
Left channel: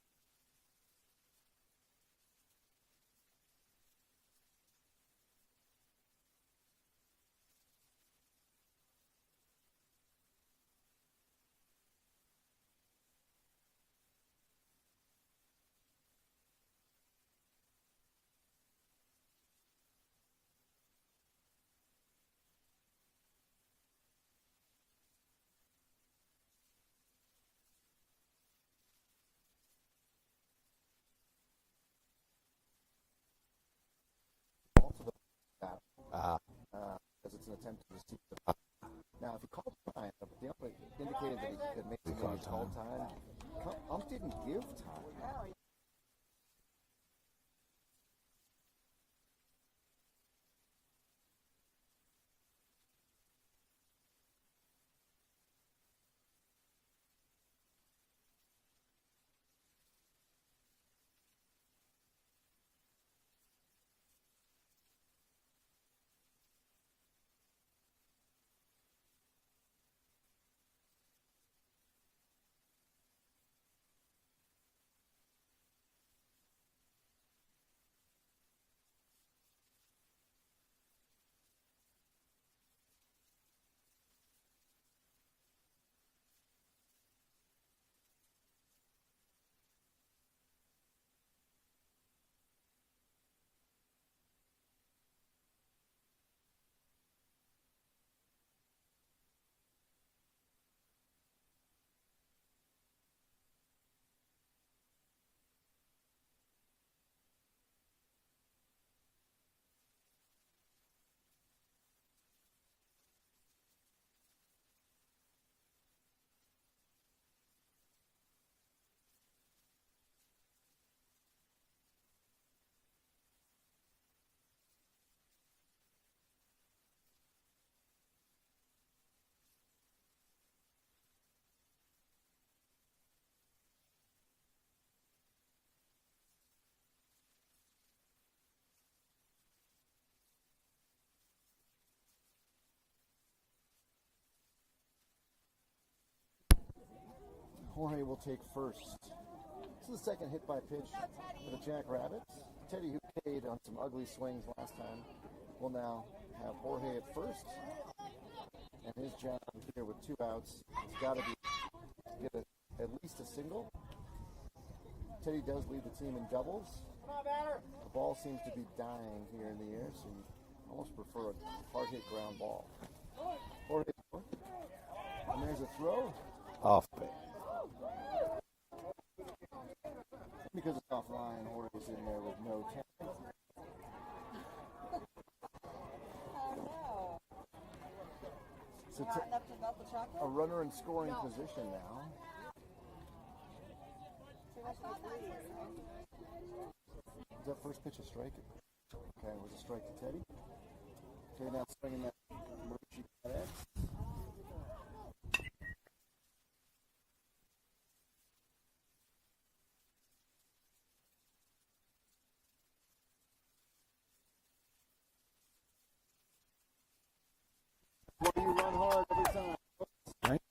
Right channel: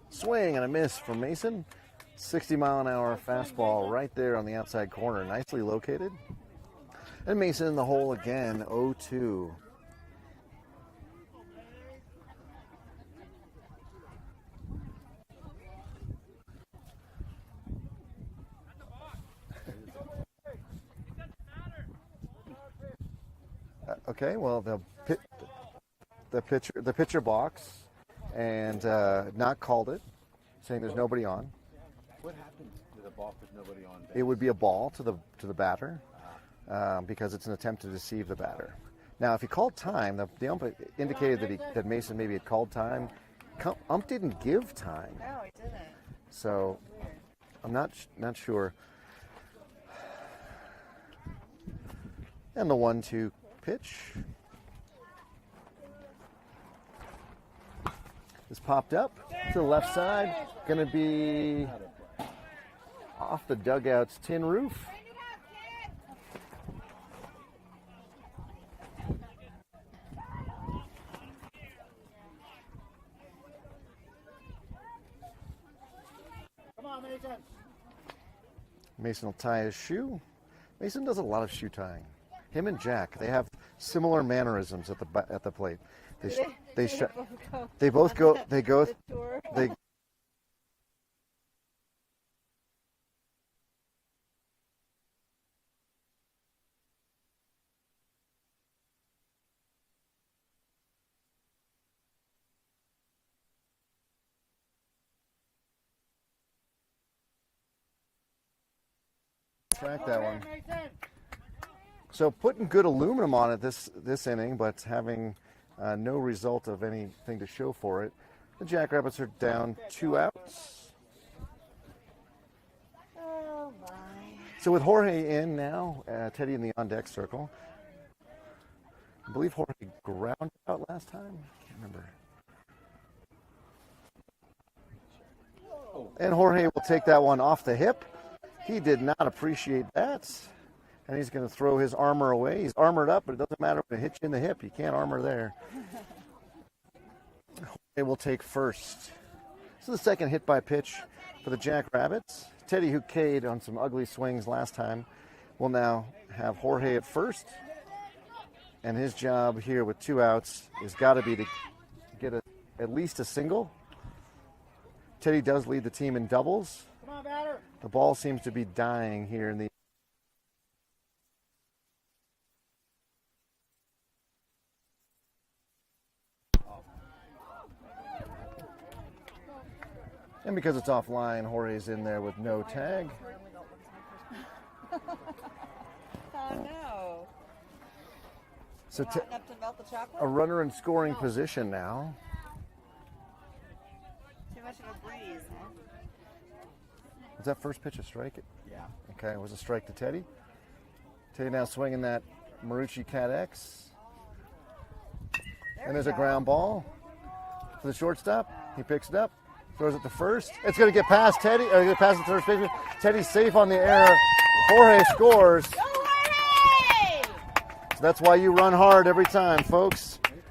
Swing and a miss from Mason. 60-mile-an-hour fastball right there on the outside corner, nicely located. And Mason in the hole again, 0-2. Okay, well the pitcher box and not called it, saying there's nobody on. What happened to the ball with nobody on base? It would be a ball to the batter because it's an attempt to deceive the batter. Now, if he called time, the ump indicated that Mason maybe had called time. Ump didn't give time, No, he didn't. so I'm not sure. And the 1-2 pitch is popped up to the left side. Going to be off the dugout's tin roof. Come on, Mason. Mason will tie his shoe. Mason does a lot of shoe tying. Him and Jack, they have similar mannerisms at the plate. They both go. They track that one. So putting good aluminum on it this inning, but having no result of anything to show for it. The Jackrabbits are down 2 outs. Oh my. So with Jorge in now, Teddy in the on-deck circle. I believe Jorge grounded out last time. I can't remember. And Jorge will take that one off the hip. He did not appreciate that. And he's going to throw his armor away. He's armored up, but it doesn't matter if it hits you in the hip. You can't armor there. Jorge will take first. This is the second hit by pitch for the Jackrabbits. Teddy, who K'd on some ugly swings last time, will now have Jorge at first. And his job here with 2 outs has got to be to get at least a single. Teddy does lead the team in doubles. The ball seems to be dying here in the air, so you almost prefer a hard hit ground ball. Jorge, and there's a throw. Off pitch. And because it's offline, Jorge's in there with no tag. Oh no. So Not enough to melt the chocolate? a runner in scoring position now. Too much of a breeze. Was that first pitch a strike? Yeah. Okay, it was a strike to Teddy. Teddy now swinging that Marucci Cat X. And there's a ground ball for the shortstop. He picks it up, throws it to first. It's going to get past Teddy, or get past the third baseman. Teddy's safe on the error. Jorge scores. Go Jorge! So that's why you run hard every time, folks. Right.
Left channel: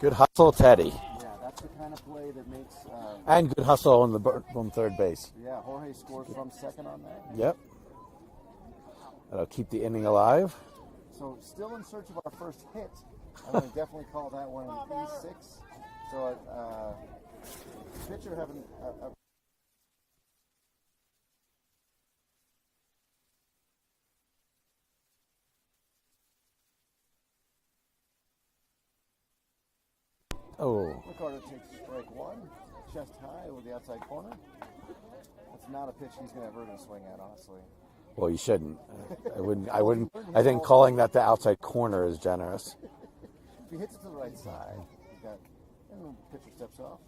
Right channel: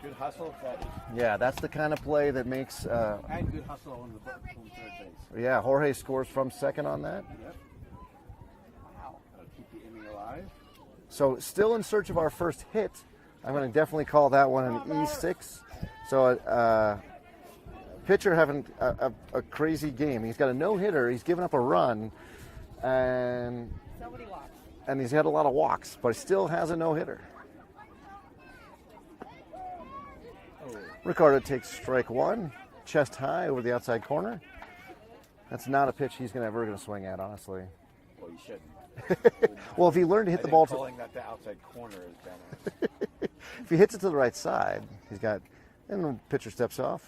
Good hustle, Teddy. Yeah, that's the kind of play that makes. And good hustle on third base. Yeah, Jorge scores from second on that. Yep. That'll keep the inning alive. So still in search of our first hit. I'm going to definitely call that one an E6. So pitcher having a crazy game. He's got a no-hitter. He's given up a run, and Nobody walks. and he's had a lot of walks, but he still has a no-hitter. Oh. Ricardo takes strike one, chest high over the outside corner. That's not a pitch he's ever going to swing at, honestly. Well, you shouldn't. Well, if he learned to hit I the think ball- calling that the outside corner is generous. If he hits it to the right side, he's got, and the pitcher steps off.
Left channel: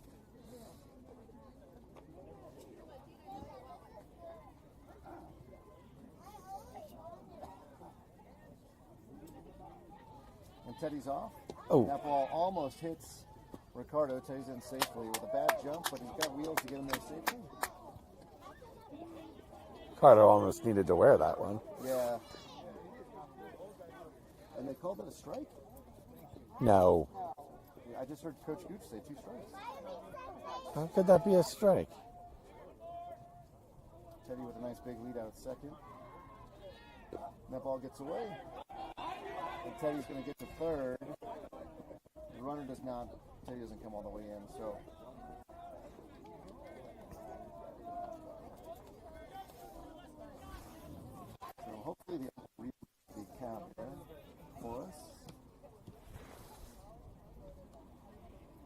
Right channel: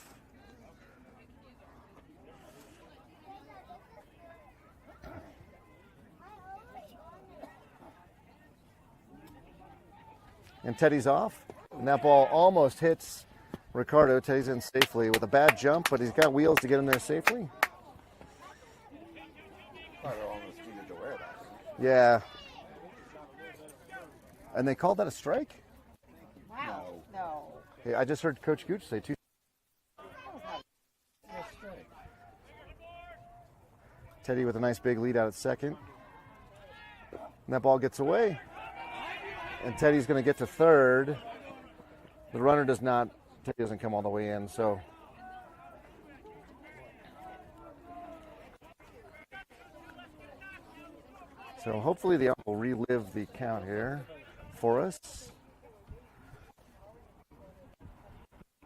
And Teddy's off. Oh. And that ball almost hits Ricardo. Teddy's in safely with a bad jump, but he's got wheels to get him there safely. Carter almost needed to wear that one. Yeah. And they called that a strike? No. No. Yeah, I just heard Coach Gooch say 2 strikes. How could that be a strike? Teddy with a nice big lead out at second. And that ball gets away. And Teddy's going to get to third. The runner does not. Teddy doesn't come all the way in, so. So hopefully the ump will relive the count here for us.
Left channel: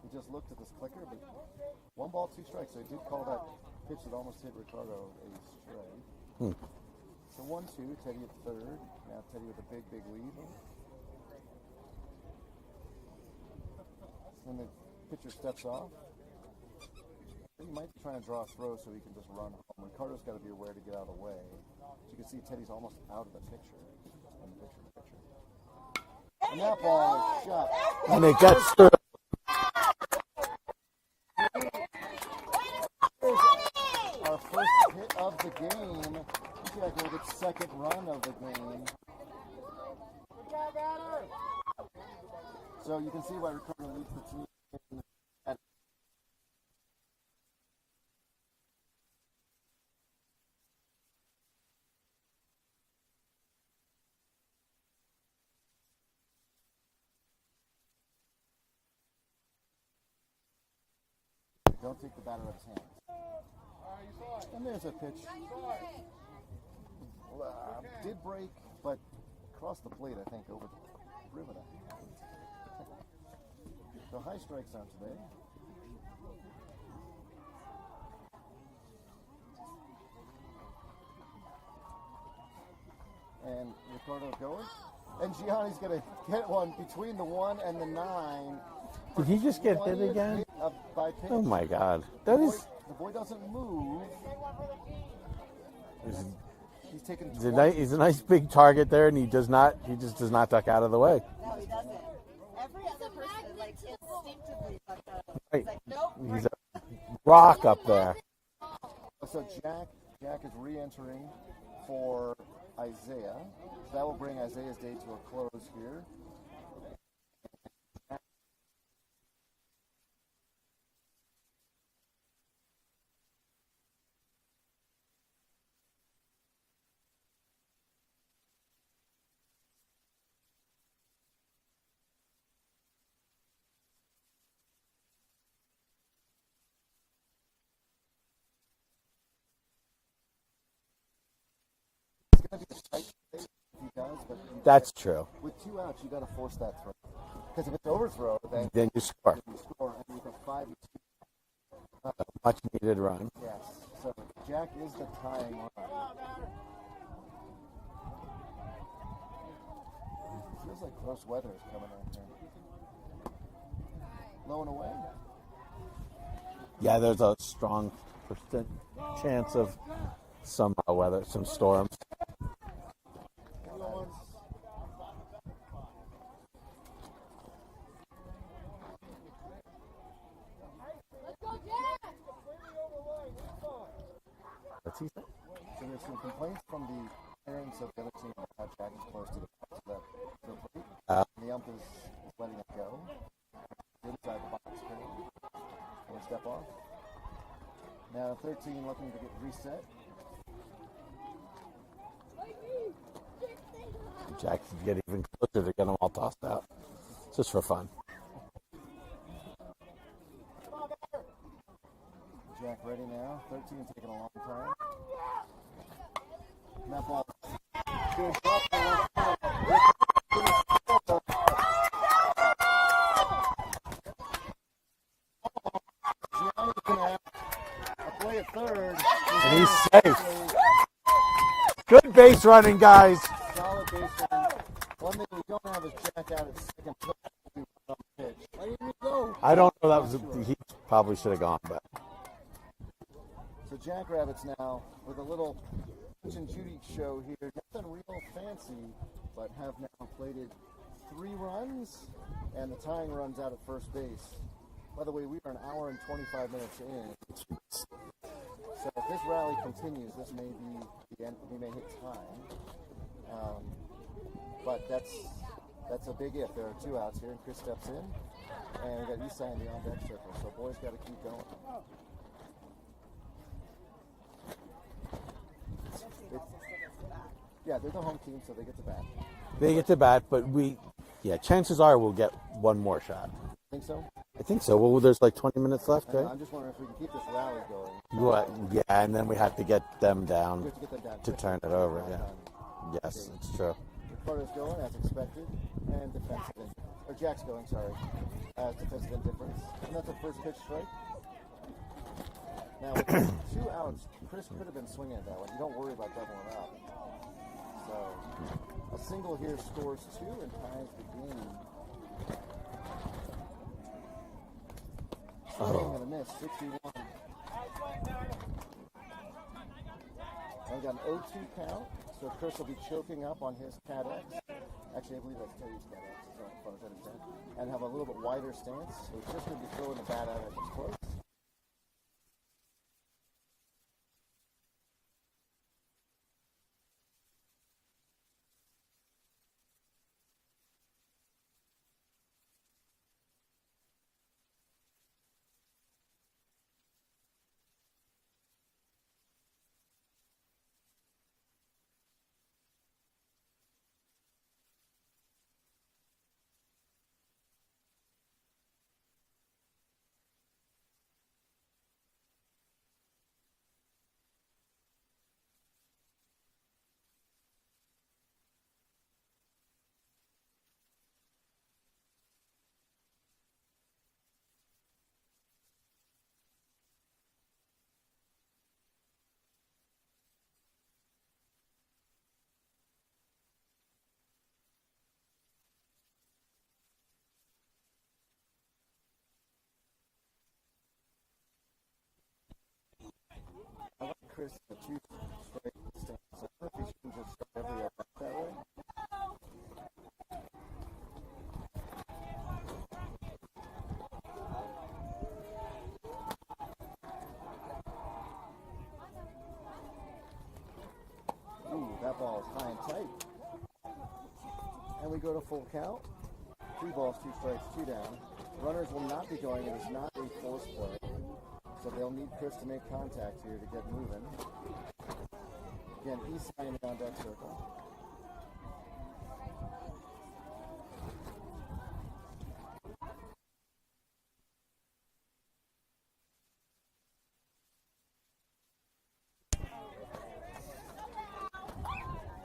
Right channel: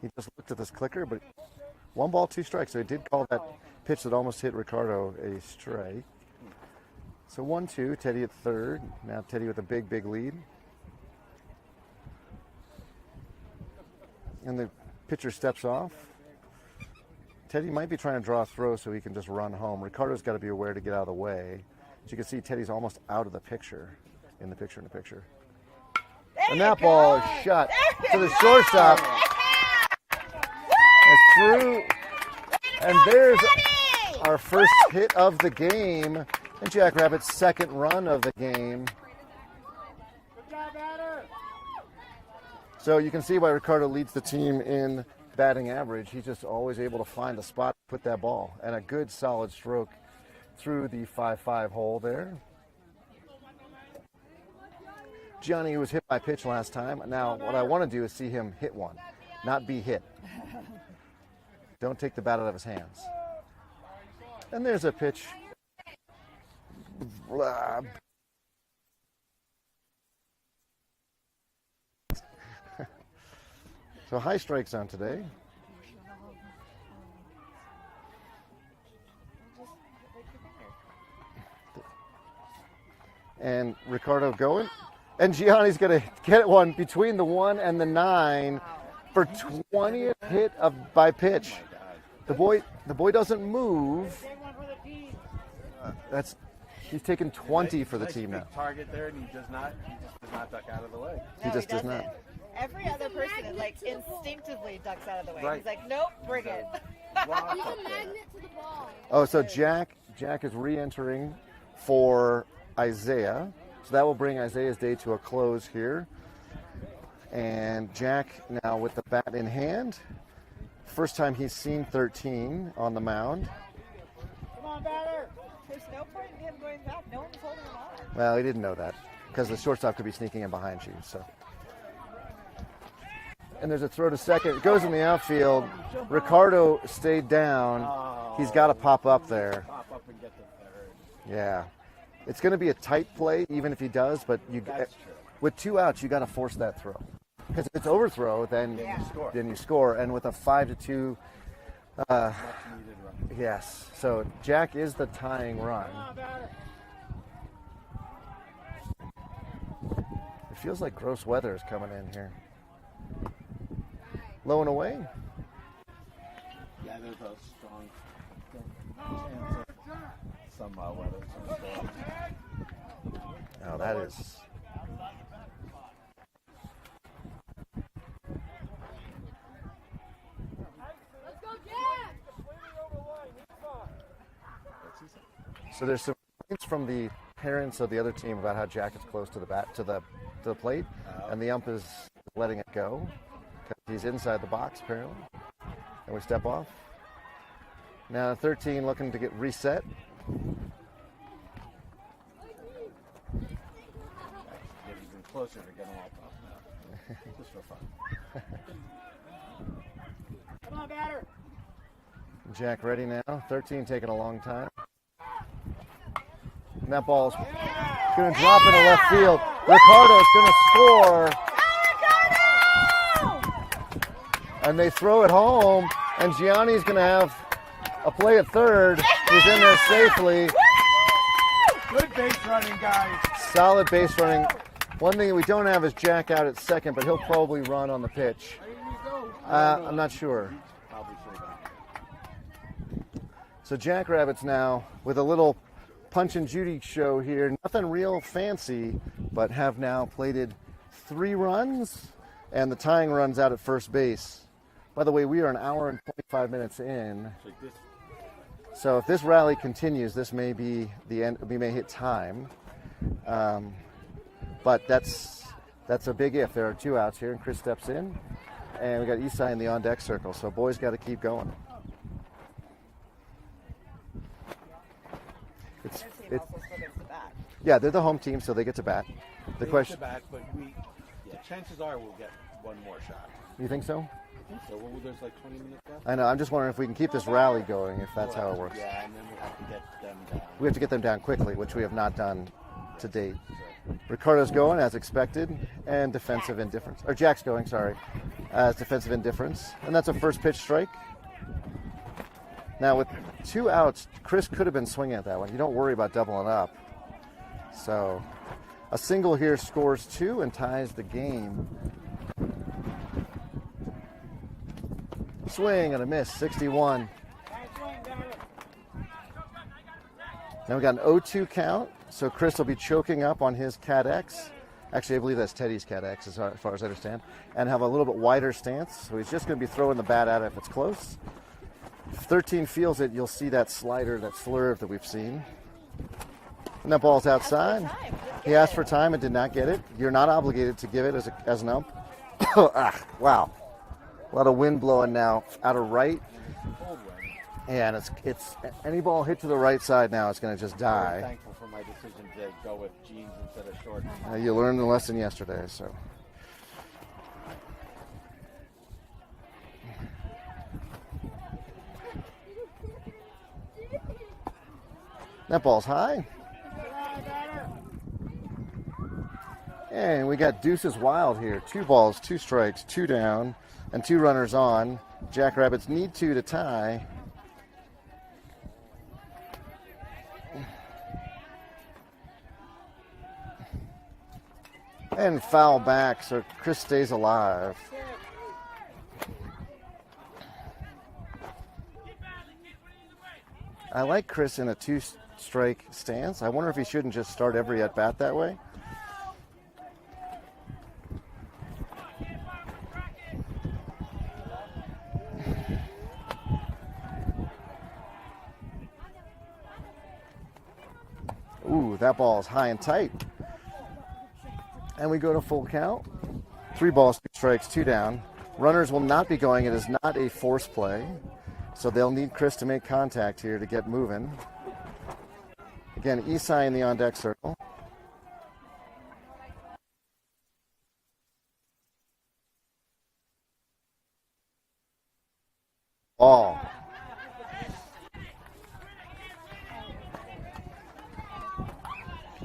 He just looked at this clicker, but 1 ball, 2 strikes. So he did call that pitch that almost hit Ricardo a strike. So 1-2, Teddy at third. Now Teddy with a big, big lead. And the pitcher steps off. Teddy might be trying to draw a throw so he can just run home. Ricardo's got to be aware to get out of the way. As you can see, Teddy's almost out of the picture. In the picture. And that ball is shut. To the shortstop. It's through. And there's our first hit of the game. And Jackrabbits' second run of the game. So you can see why Ricardo leads the team in batting average. He's just always able to find the spot to put that ball. And a good solid stroke through the 5-5 hole there. Johnny was hit by pitch last time. Now what I want to do is see him hit one, not be hit. Don't take the bat out of his hands. And there's a pitch. Did break, but crossed the plate, I think, over the rivet. So high strike zone today. And Ricardo going. And Gianni's going to get one between the 1 and the 9 for Did he just get hit 20th again? hit by pitch. Oh my God! The boy doesn't move. He's taken 20. He's for a the nice team big out. target there, and he just does not duck out of the way. He just does not. Every other person like instinctively ducks out of the way. Right. He's like, nope, bring He's it. Rock up there. Oh, so Jack is re-entering for Isaiah. So that will bring Isaiah's day to a close here. And Jack now with the bat in hand. First time he's seen 13 on the mound. Come on, batter. There's no point in him going back. No one's holding him on. Well, he didn't know that because the shortstop could be sneaking in behind you. So. And there's a throw to second. It goes in the outfield. Ricardo stayed down. He's got to pop up there. Pop up and get the third. Yeah. It's going to be a tight play, even if he does, but That's true. with 2 outs, you got to force that throw. Because if it's overthrow, then you score. Then you score. And with a 5-2, Much needed run. yes. So Jack is the tying run. It feels like gross weather is coming in here. Low and away. Yeah, there's a strong chance of some weather, some storms. Oh, that is. What's he say? So there's some complaints from the parents of the other team about how Jack is close to the bat to the plate, and the ump is letting it go because he's inside the box apparently. And we step off. Now 13 looking to get reset. Jack can get even closer to get them all tossed out, just for fun. Come on, batter. Jack ready now. 13 taking a long time. And that ball's going to drop into left field. Ricardo's going to score. And they throw it home. And Gianni's going to have a play at third. He's in there safely. Good base running, guys. Solid base running. One thing that we don't have is Jack out at second, but he'll probably run on the pitch. I don't know. I'm not sure. He probably should have gone, but So Jackrabbits now with a little Punch and Judy show here. Nothing real fancy, but have now plated 3 runs, and the tying run's out at first base. By the way, we are an hour and 25 minutes in. So if this rally continues, this may be the end. We may hit time, but that's a big if. There are 2 outs here, and Chris steps in, and we got Isai in the on-deck circle. So boys got to keep going. It's yeah, they're the home team, so they get to bat. they get to bat. But chances are we'll get one more shot. You think so? I think so. Well, there's like 20 minutes left. I know. I'm just wondering if we can keep this rally going. If that's how it works. Yeah, and then we have to get them down. We have to get them down quickly, turn which it we have over, not yeah. done Yes, to date. it's true. Ricardo's going as expected, and defensive indifference. Or Jack's going, sorry, as defensive indifference, and that's a first pitch strike. Now with 2 outs, Chris could have been swinging at that one. You don't worry about doubling up. So a single here scores 2 and ties the game. Swing and a miss, 61. Now we got an 0-2 count, so Chris will be choking up on his Cat X. Actually, I believe that's Teddy's Cat X, as far as I understand, and have a little bit wider stance. So he's just going to be throwing the bat at it if it's close. If 13 feels it, you'll see that slider, that slurve that we've seen. And that ball's outside. He asked for time and did not get it. You're not obligated to give it as an ump. Wow. A lot of wind blowing now out of right. And it's any ball hit to the right side now, it's going to just I'm die. thankful for my decision to go with jeans instead of shorts. You learned the lesson yesterday, so. That ball's high. And we got deuces wild here. 2 balls, 2 strikes, 2 down, and 2 runners on. Jackrabbits need 2 to tie. And foul back, so Chris stays alive. I like Chris in a two-strike stance. I wonder if he shouldn't just start every at-bat that way. Ooh, that ball is high and tight. And we go to full count. 3 balls, 2 strikes, 2 down. Runners will not be going. It is not a force play. So they'll need Chris to make contact here to get moving. Again, Isai in the on-deck circle. Ball.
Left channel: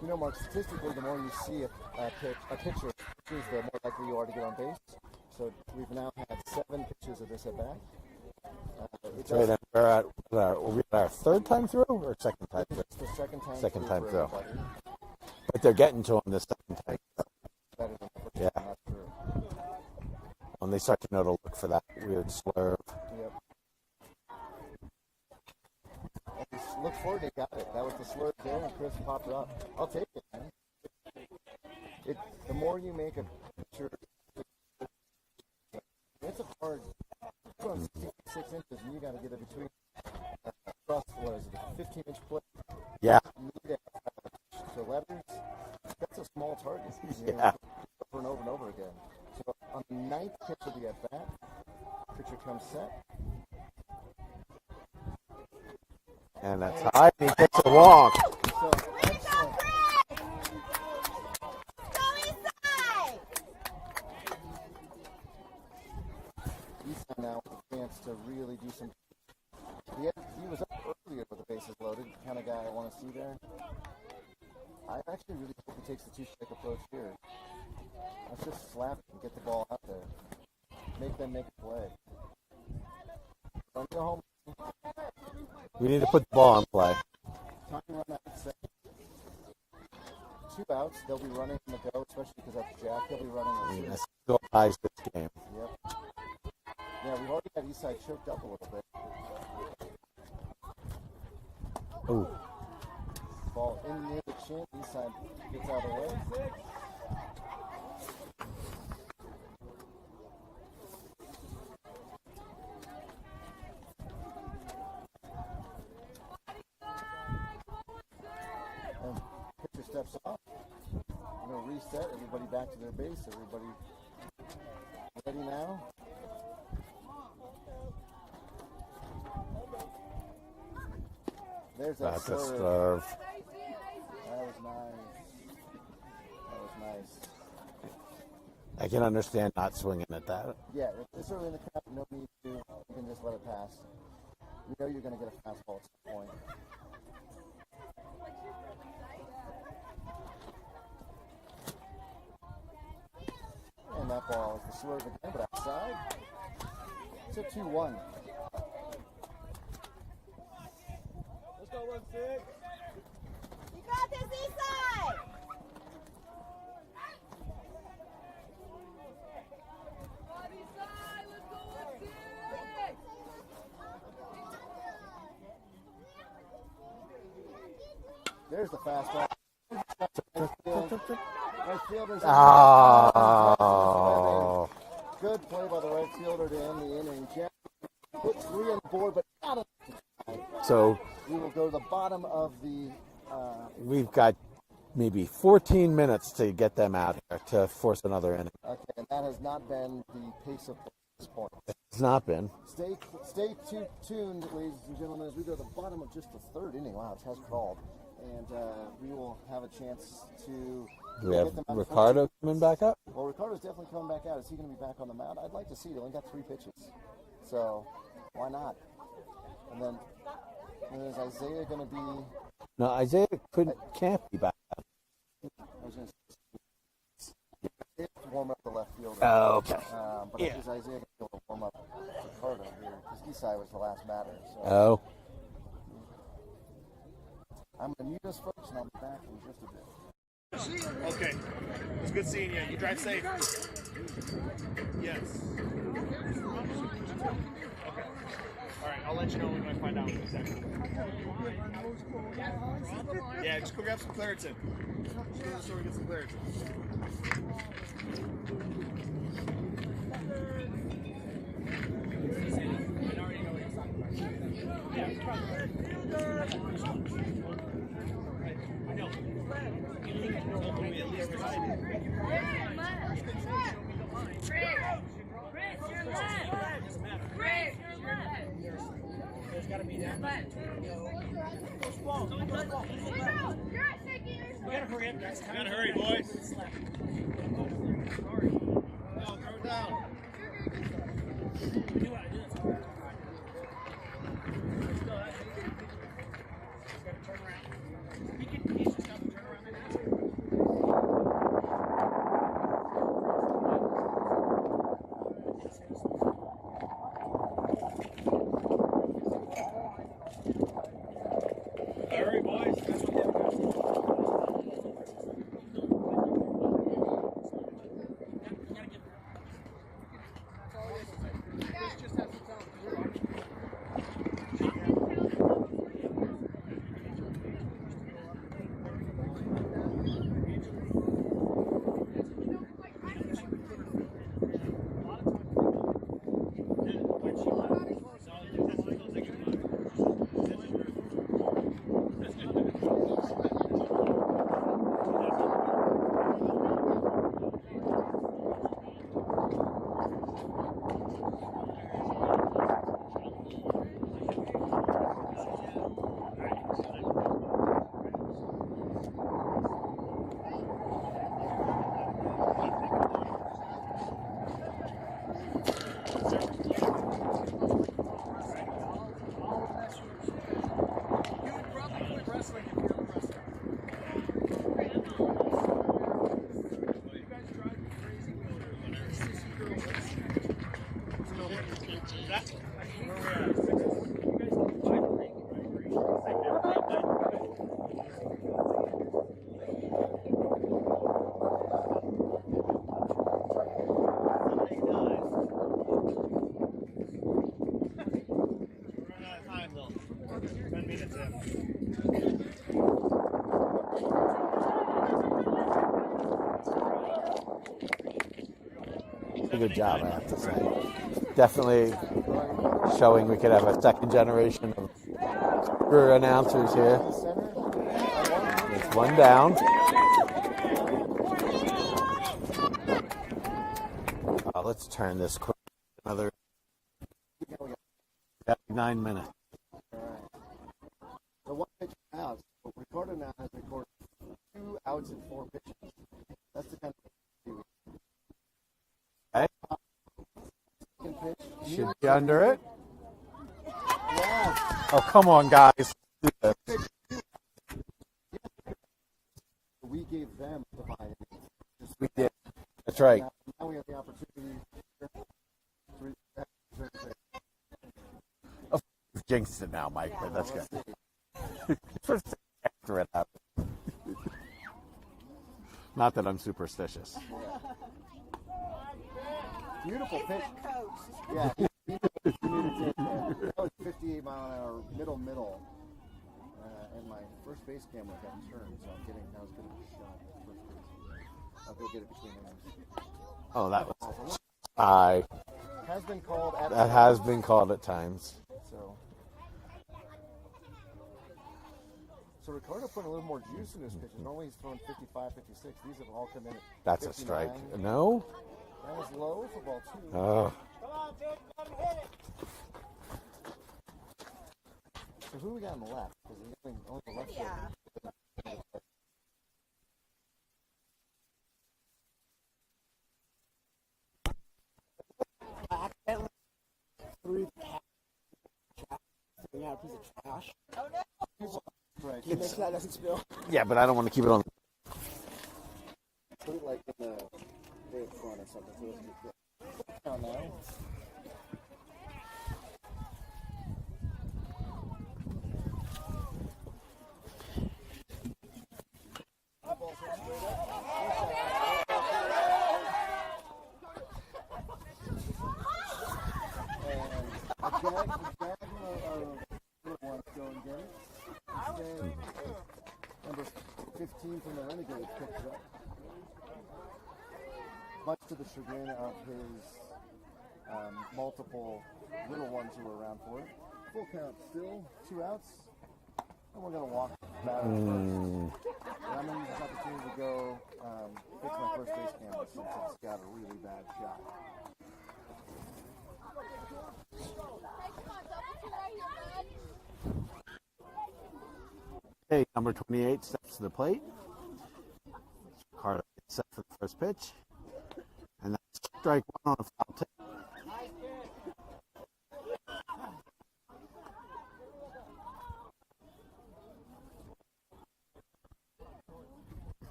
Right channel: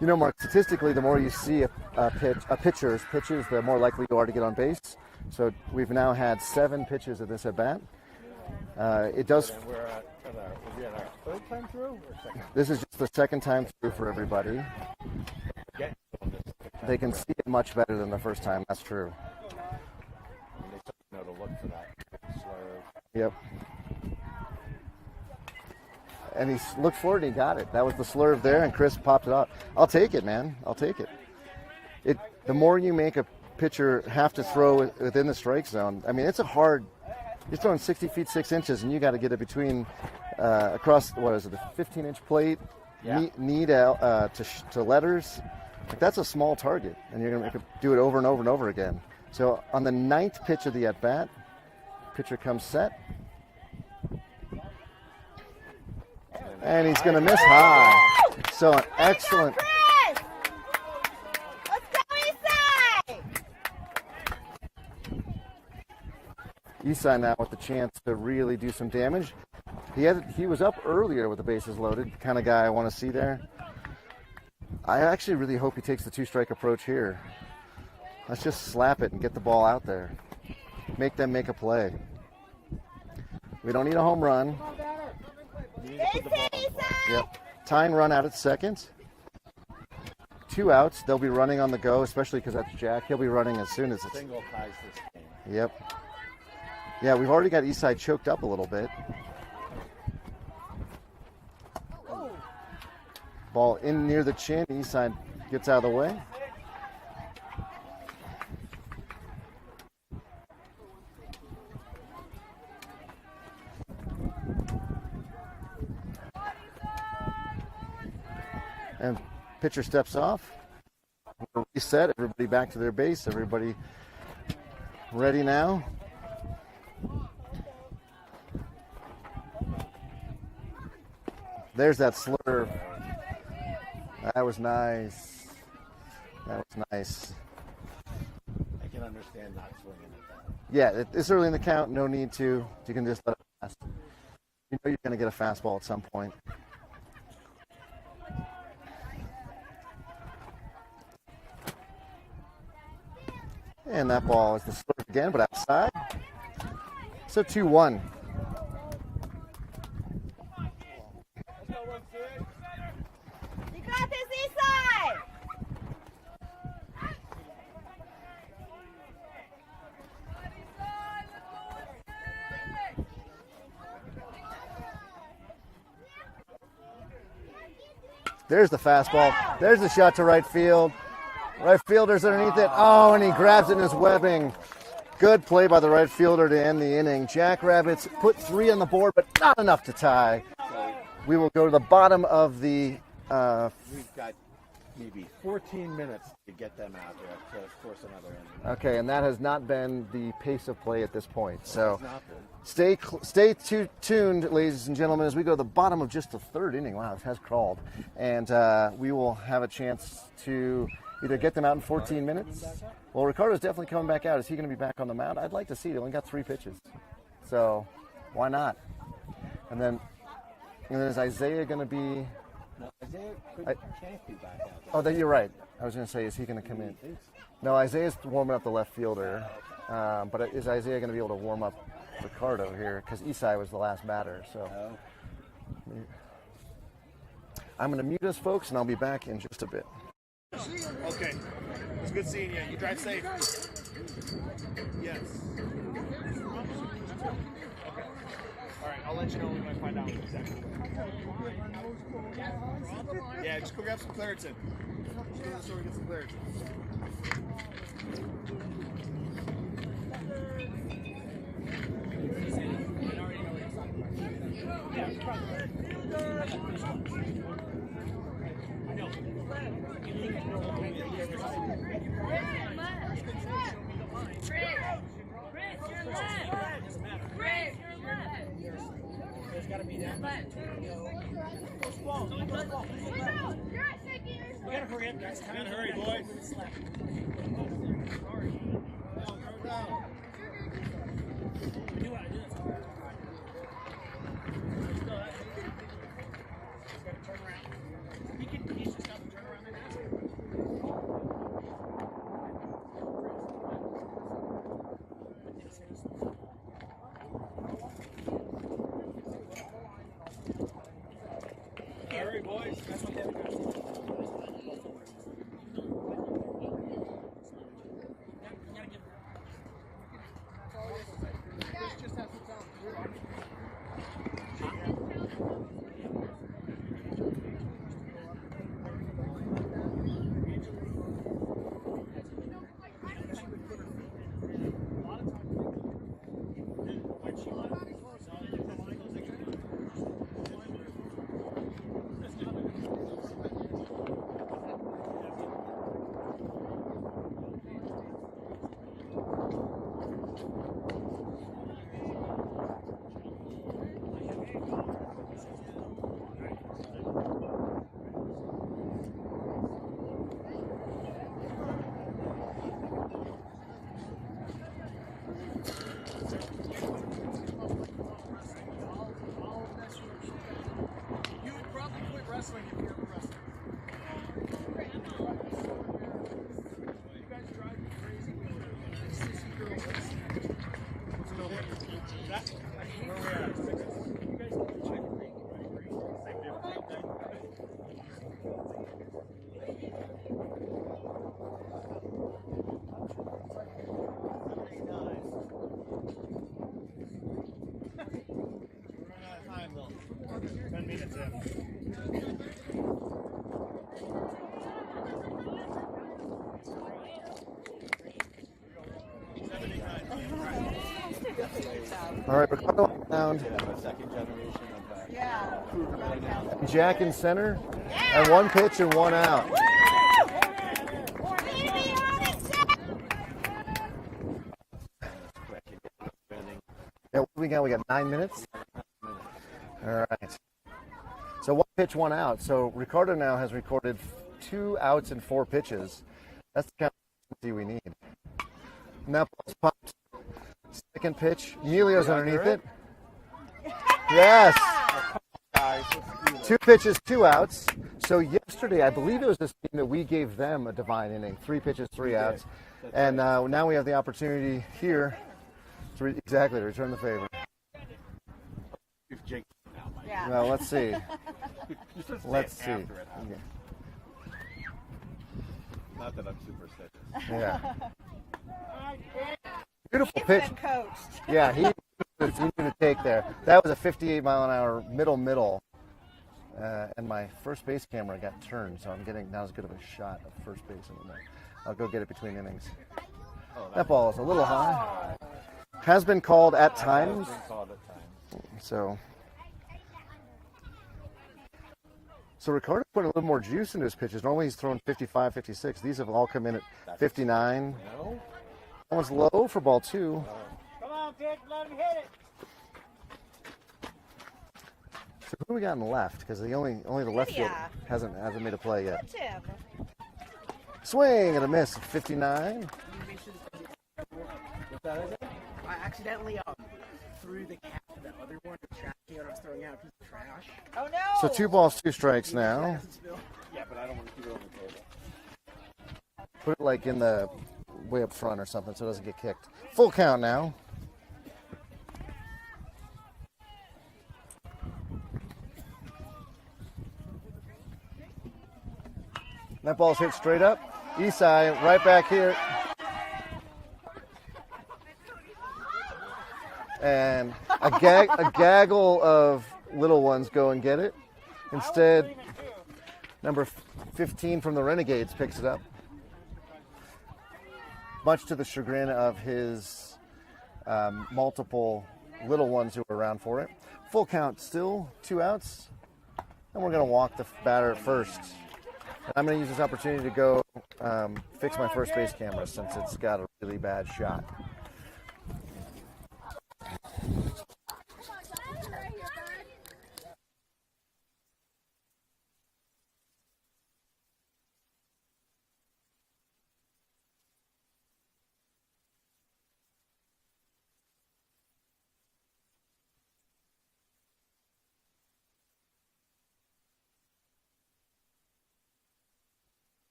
You know, Mark, statistically, the more you see a pitcher's pitches, the more likely you are to get on base. So we've now had 7 pitches of this at-bat. It does. So we're at our third time through or second time? This is just the second time through for through. everybody. But they're getting to them this second time. They can see it much better than the first time. That's true. When they start to know to look for that weird slur. Yep. And he looked forward and he got it. That was the slurve there, and Chris popped it up. I'll take it, man. I'll take it. The more you make a pitcher have to throw within the strike zone, I mean, it's a hard. You're throwing 60 feet 6 inches, and you got to get it between across what is it, a 15-inch plate? Yeah. Knee to letters. Like, that's a small target, and you're going to do it over and over and over again. So on the 9th pitch of the at bat, pitcher comes set. And he's going to miss high. So an excellent. Let's go, Isai! Isai now with the chance to really do some damage. He was up earlier with the bases loaded, kind of guy I want to see there. I actually really hope he takes the 2-strike approach here. Let's just slap it and get the ball out there. Make them make a play. We don't need a home run. We need to put the ball in play. Yep. Tying run out at second. 2 outs. They'll be running on the go, especially because that's Jack. He'll be running as soon as it's. Single ties this game. Yep. Yeah, we've already got Isai choked up a little bit. Ooh. Ball in near the chin. Isai gets out of the way. And pitcher steps off. We're going to reset. Everybody back to their base. Everybody ready now. There's that slurve. That was nice. That was nice. I can understand not swinging at that. Yeah, it's early in the count. No need to. You can just let it pass. You know you're going to get a fastball at some point. And that ball is the slurve again, but outside. So 2-1. You got this, Isai! There's the fastball. There's the shot to right field. Right fielder's underneath it. Oh, and he grabs in his webbing. Good play by the right fielder to end the inning. Jackrabbits put 3 on the board, but not enough to tie. So we will go to the bottom of the. We've got maybe 14 minutes to get them out there to force another inning. Okay, and that has not been the pace of play at this point. So it's not been. Stay tuned, ladies and gentlemen, as we go to the bottom of just the 3rd inning. Wow, it has crawled, and we will have a chance to either get them out in 14 minutes. Coming back up? Well, Ricardo's definitely coming back out. Is he going to be back on the mound? I'd like to see. He only got 3 pitches, so why not? And then is Isaiah going to be? No, Isaiah can't be back out. Oh, then you're right. I was going to say, is he going to come in? No, Isaiah's warming up the left fielder. Oh, okay. But is Isaiah going to be able to warm up Ricardo here? Because Isai was the last batter. So. Oh. I'm going to mute us, folks, and I'll be back in just a bit. Okay. It's good seeing you. You drive safe. Yes. Okay. All right. I'll let you know when I find out exactly. Yeah, just go grab some Claritin. Just go to the store and get some Claritin. There's got to be that much. We gotta hurry up, guys. Gotta hurry, boys. We do want to do this. He's got to turn around. He's just got to turn around and ask him. Hurry, boys. That's what they're going to do. Good job, man. Definitely showing we could have a second generation of super announcers Jack here. in center, and one pitch and one down. Let's turn this quick. Another inning. Yeah, what do we got? We got 9 minutes? Yeah, 9 minutes. All right. So one pitch, one out. So Ricardo now has recorded 2 outs and 4 pitches. That's the kind of consistency we need. Now popped. Second pitch. Emilio's underneath it. Yes. Oh, come on, guys. 2 pitches, 2 outs. So yesterday, I believe it was this team that we gave them a divine inning. 3 pitches, 3 outs. That's and right. Now we have the opportunity here to return the favor. You've jinxed it now, Mike. Yeah. Well, let's see. Let's see. After it happened. Not that I'm superstitious. Yeah. Beautiful He's pitch. been coached. Yeah, he knew to take there. That was a 58-mile-an-hour middle. And my first base camera got turned, so I'm getting not as good of a shot of first base anymore. I'll go get it between innings. Oh, That ball is a little high. High. Has been called at That times. has been called at times. So Ricardo put a little more juice into his pitches. Normally he's throwing 55, 56. These have all come in at That's 59. No? That one's low for ball 2. Oh. Come on, kid, let him hit it. So who do we got in the left? Because only the left field hasn't made a play yet. Tim. Swing and a miss. 59. I accidentally threw the cat to the other one, the trash can I was throwing out a piece of trash. Oh no! So 2 balls, 2 strikes now. Doesn't spill. Yeah, but I don't want to keep it on. Put it like in the way up front or something so it doesn't get kicked. Full count now. That ball's hit straight up. Isai right back here. And a gaggle of little ones go and get it. Instead, number 15 from the Renegades picks it up. Much to the chagrin of his multiple little ones who were around for it. Full count still, 2 outs. And we're going to walk the batter first. And I'm going to use this opportunity to go fix my first base camera since it's got a really bad shot. Hey, number 28 steps to the plate. Ricardo gets set for the first pitch. And that's strike one on a foul tip.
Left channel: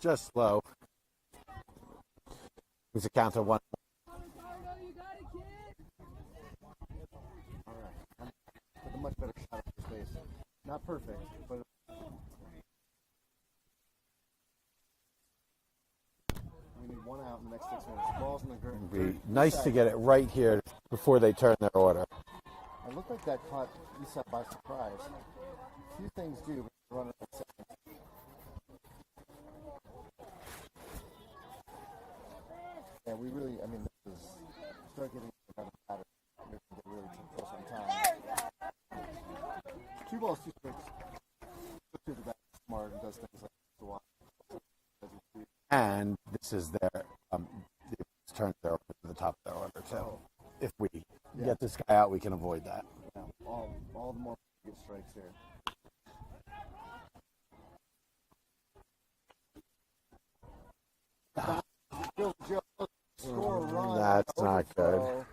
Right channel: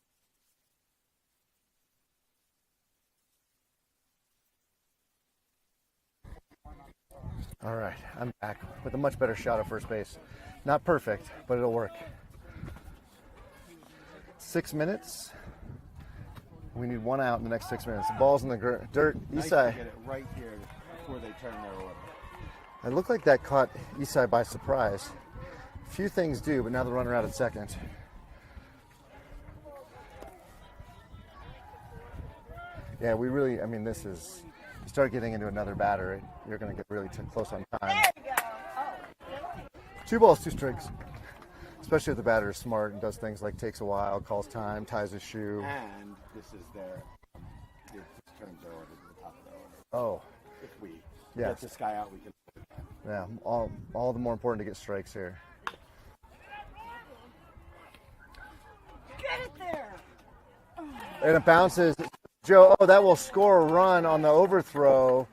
Just slow. It's a count of 1. All right, I'm back with a much better shot at first base. Not perfect, but it'll work. 6 minutes. We need 1 out in the next 6 minutes. The ball's in the dirt. Nice Isai. to get it right here before they turn their order. It looked like that caught Isai by surprise. Few things do, but now the runner out at second. Yeah, we really, I mean, this is, you start getting into another batter, you're going to get really close on time. 2 balls, 2 strikes. Especially if the batter is smart and does things like takes a while, calls time, ties his shoe. And this is their it's turned their order to the top of their order. So if we get this guy out, we can avoid that. Yeah, all the more important to get strikes here. Get it there. And it bounces. Joe, that will score a run on the That's not overthrow.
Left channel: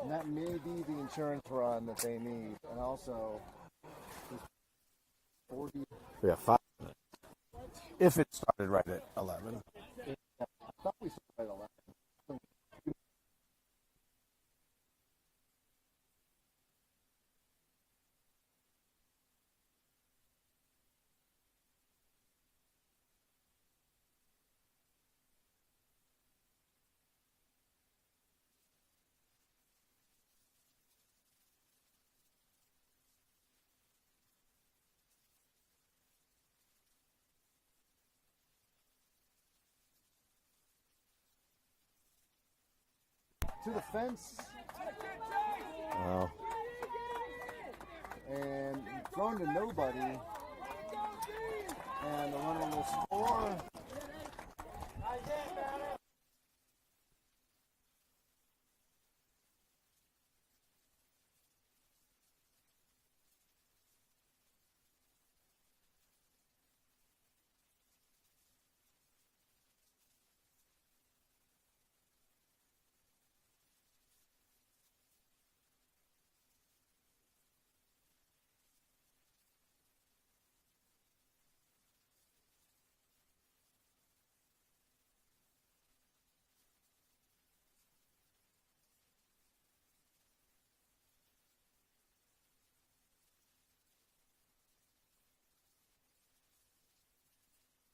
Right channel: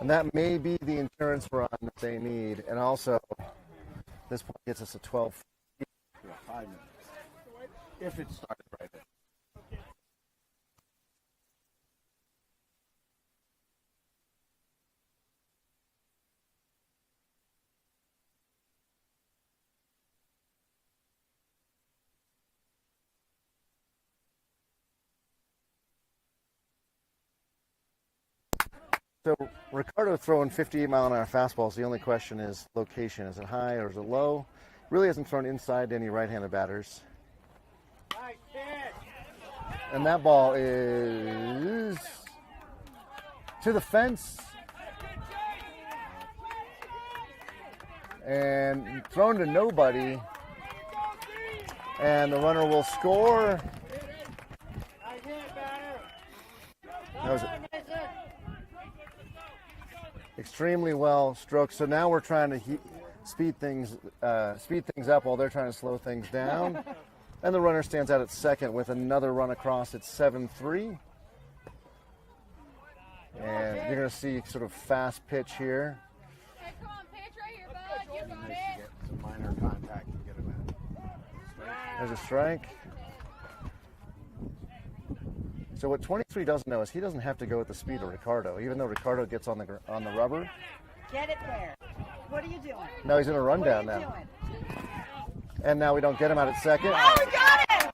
And that may be the insurance run that they need. And also, this point gets us to 12:40. We have 5 minutes. If it started right at 11. I thought we started at 11. So Ricardo throwing 58-mile-an-hour fastballs. The only question is location. Is it high or is it low? Really hasn't thrown inside to any right-handed batters. And that ball is to the fence. Oh. And thrown to nobody. And the runner will score. That was extremely well stroked. So now we're trying to speed things up while they're trying to slow things down. And the runner stands out at second with another run across at 7-3. And you're going to see sort of fast pitch here. Hey, come on, pitch right here, bud. You got it. Some minor contact and get him in. There's a strike. So what 23 doesn't know is he doesn't have to go at the speed of Ricardo, even though Ricardo gets on the rubber. Get it there. What are you doing? Now he's in a rundown now. Doing? And now we don't get him out at second. Oh, we got it!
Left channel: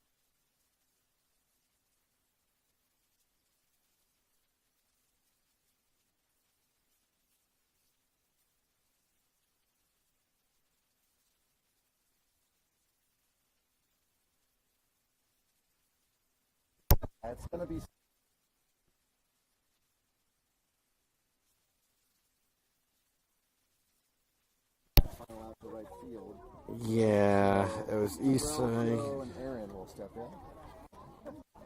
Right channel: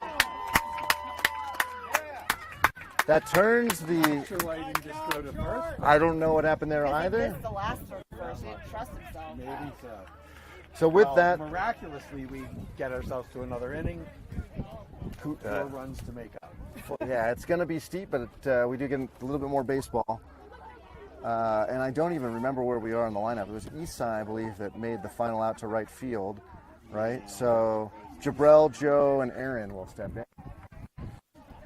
That turns the. Sure why you didn't just go to first? I don't know what happened there either. This is the last throw first. He didn't trust himself. Maybe so. So with Well, that, miraculously, we get ourselves to another inning. 4 runs to make up. yeah, it's going to be steep, but we do get a little bit more baseball. And I don't even remember where we are in the lineup. It was Isai, I believe, that made the final out to right field. Right? Yeah, So it was Jabrell, Isai. Joe, and Aaron will step in.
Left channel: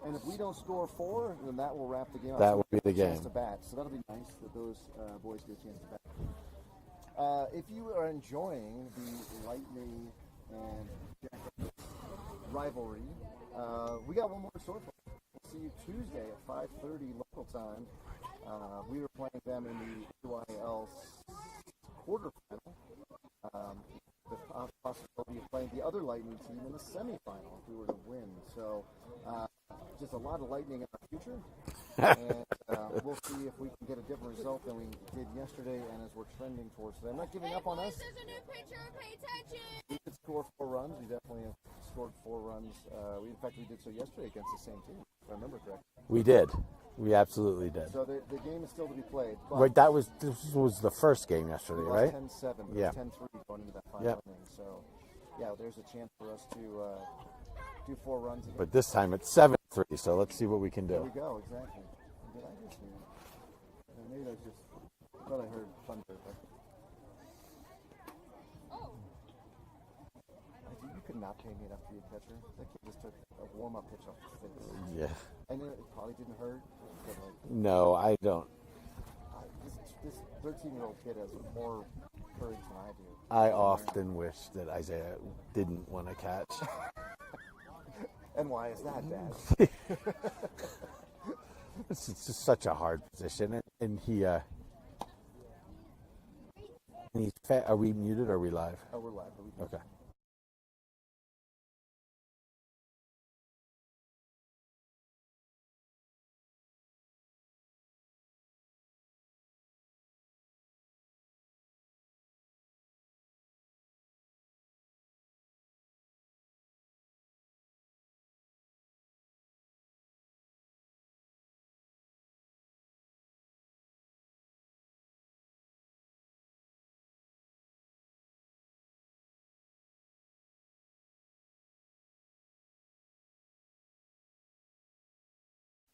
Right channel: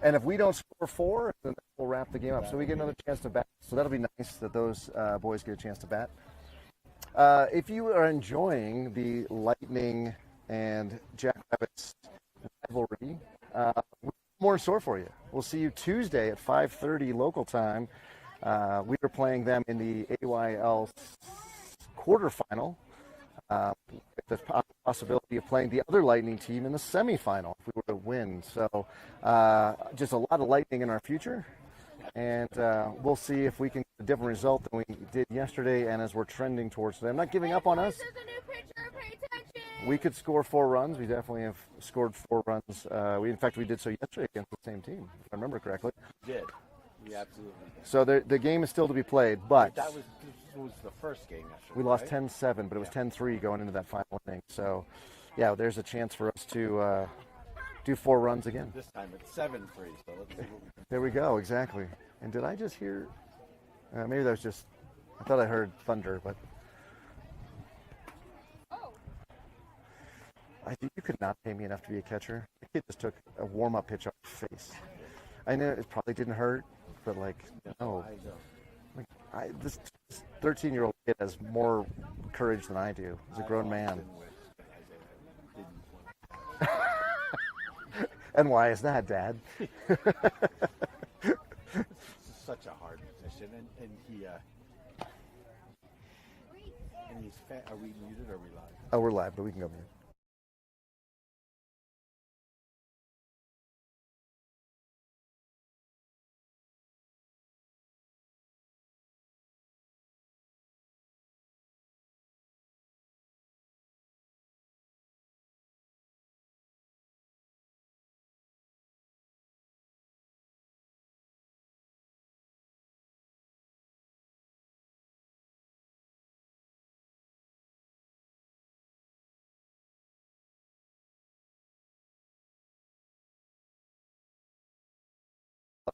And if we don't score 4, then that will wrap the game up. That So we would get be another the chance game. to bat. So that'll be nice that those boys get a chance to bat. If you are enjoying the Lightning and Jackrabbits rivalry, we got one more in store for you. We'll see you Tuesday at 5:30 local time. We are playing them in the AYL quarterfinal. the possibility of playing the other Lightning team in the semifinal if we were to win. So just a lot of Lightning in our future. And we'll see if we can get a different result than we did yesterday and as we're trending towards today. I'm not giving up on us. There's a new pitcher. Pay attention. We could score 4 runs. We definitely have scored 4 runs. In fact, we did so yesterday against the same team, if I remember correctly. We did. We absolutely did. So the game is still to be played, but This was the first game yesterday, we lost right? 10-7, but it was 10-3 going into that final inning. So, yeah, there's a chance for us to do 4 runs again. But this time it's 7-3, so let's see what we can do. There we go, exactly. And did I just hear? Maybe that was just. I thought I heard thunder, but I think you could not pay me enough to be a catcher. The kid just took a warm-up pitch off the face. Yeah. I know it probably didn't hurt, but like. No, I don't. This 13-year-old kid has more courage than I do. He's a I grown man. often wish that Isaiah didn't want to catch. And why is that, Dad? It's just such a hard position, and he's Are we muted or are we live? Oh, we're live, but we can go back.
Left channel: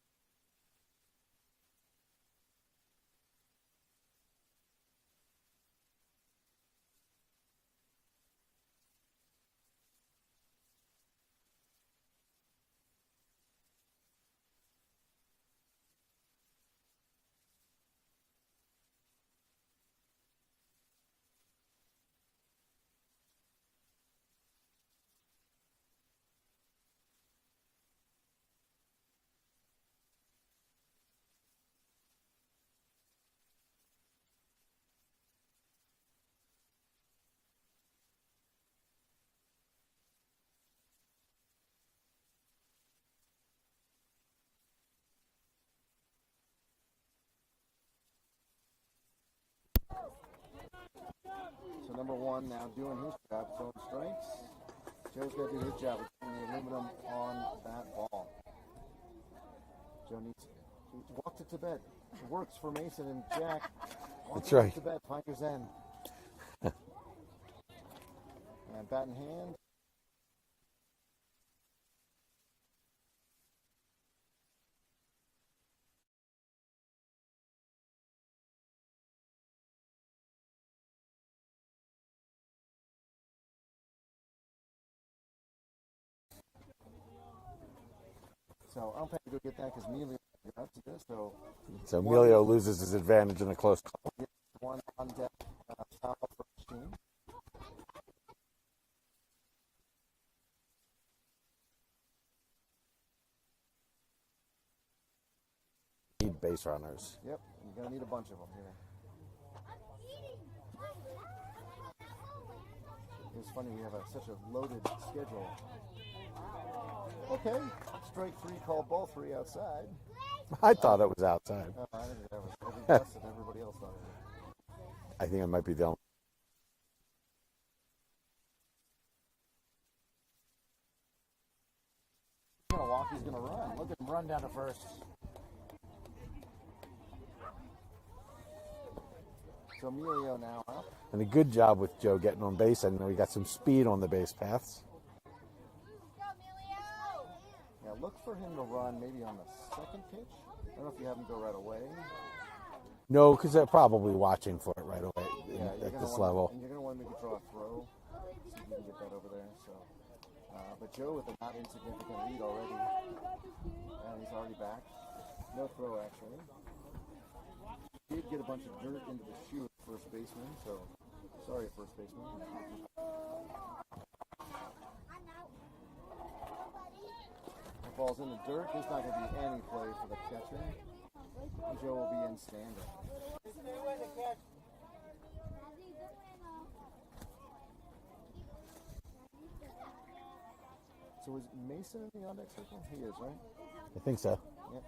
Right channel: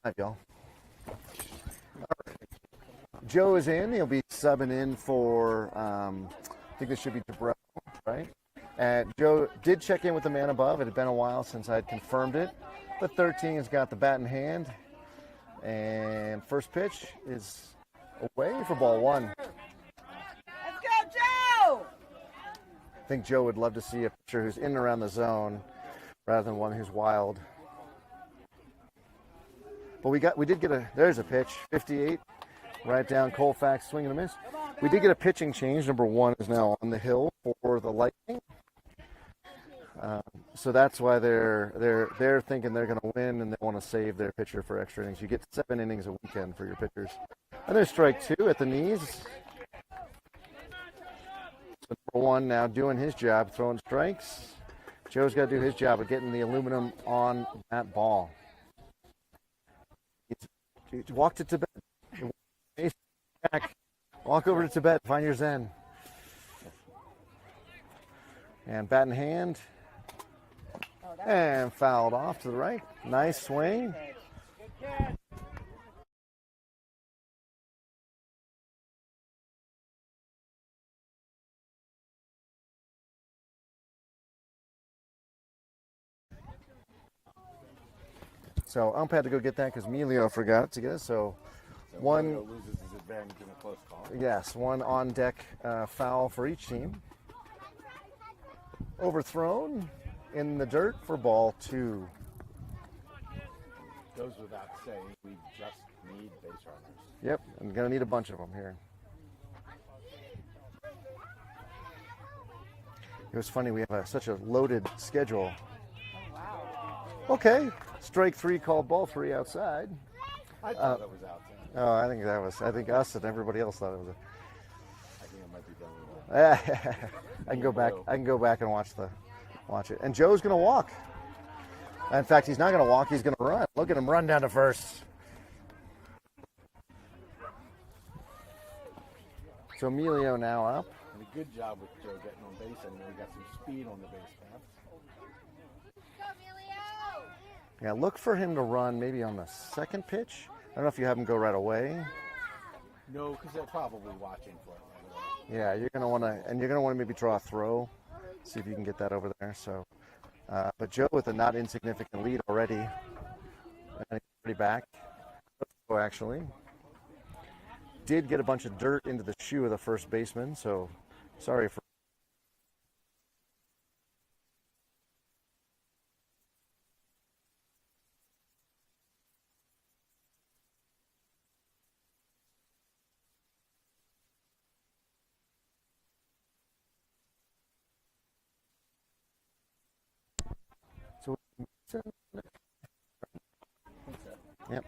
Live, y'all. Joe is in. He'll be subbing in for, I think this should be Debrell, right? And Joe did check in with the man above. It had been a while since I'd confirmed it. But 13 has got the bat in hand. And first pitch is away for ball 1. Let's go, Joe! I think Joe would love to see a pitcher who's in and around the zone rather than one who's wild. But we did get there's a pitch, 58, right down Colfax, swing and a miss. We did get a pitching change. Number 1 is now on the hill for the Lightning. So that's why they're thinking they're going to win and they want to save their pitcher for extra innings. You get 7 innings a weekend for your pitchers. And there's strike 2 at the knees. So number 1 now doing his job, throwing strikes. Joe's got to do his job of getting the aluminum on that ball. Joe needs to walk to Tibet. It works for Mason and Jack. Walk over to Tibet, find your Zen. And bat in hand. And fouled off to the right. Nice swing. So ump had to go get that because Emilio forgot to get it. So Emilio loses his advantage in a close call. Yes, 1 on deck foul for each team. Overthrown in the dirt for ball 2. Goes without saying, we just need base runners. Yep, I'm going to need a bunch of them here. It was funny, we have such a loaded schedule. Okay, strike 3 called ball 3 outside. I thought it was outside. Oh, I think us and everybody else thought it was. I think it might be the only. I can go back and watch it. And Joe's going to walk. In fact, he's not going to walk. He's going to run. Look at him run down to first. So Emilio now up. And a good job with Joe getting on base. I know he got some speed on the base paths. Go, Emilio! Yeah, look for him to run maybe on the second pitch. I don't know if you have him go right away. No, because they're probably watching for it right away. Yeah, you're going to want to, and you're going to want to maybe draw a throw, see if you can get that over there. So, but Joe with a not insignificant lead already, and he's already back. No throw actually. Did get a bunch of dirt into the shoe of the first baseman, so sorry, first baseman. The ball's in the dirt. There's not going to be any play for the catcher. And Joe will be in standing. So is Mason in the on-deck circle? He is, right? I think so. Yep.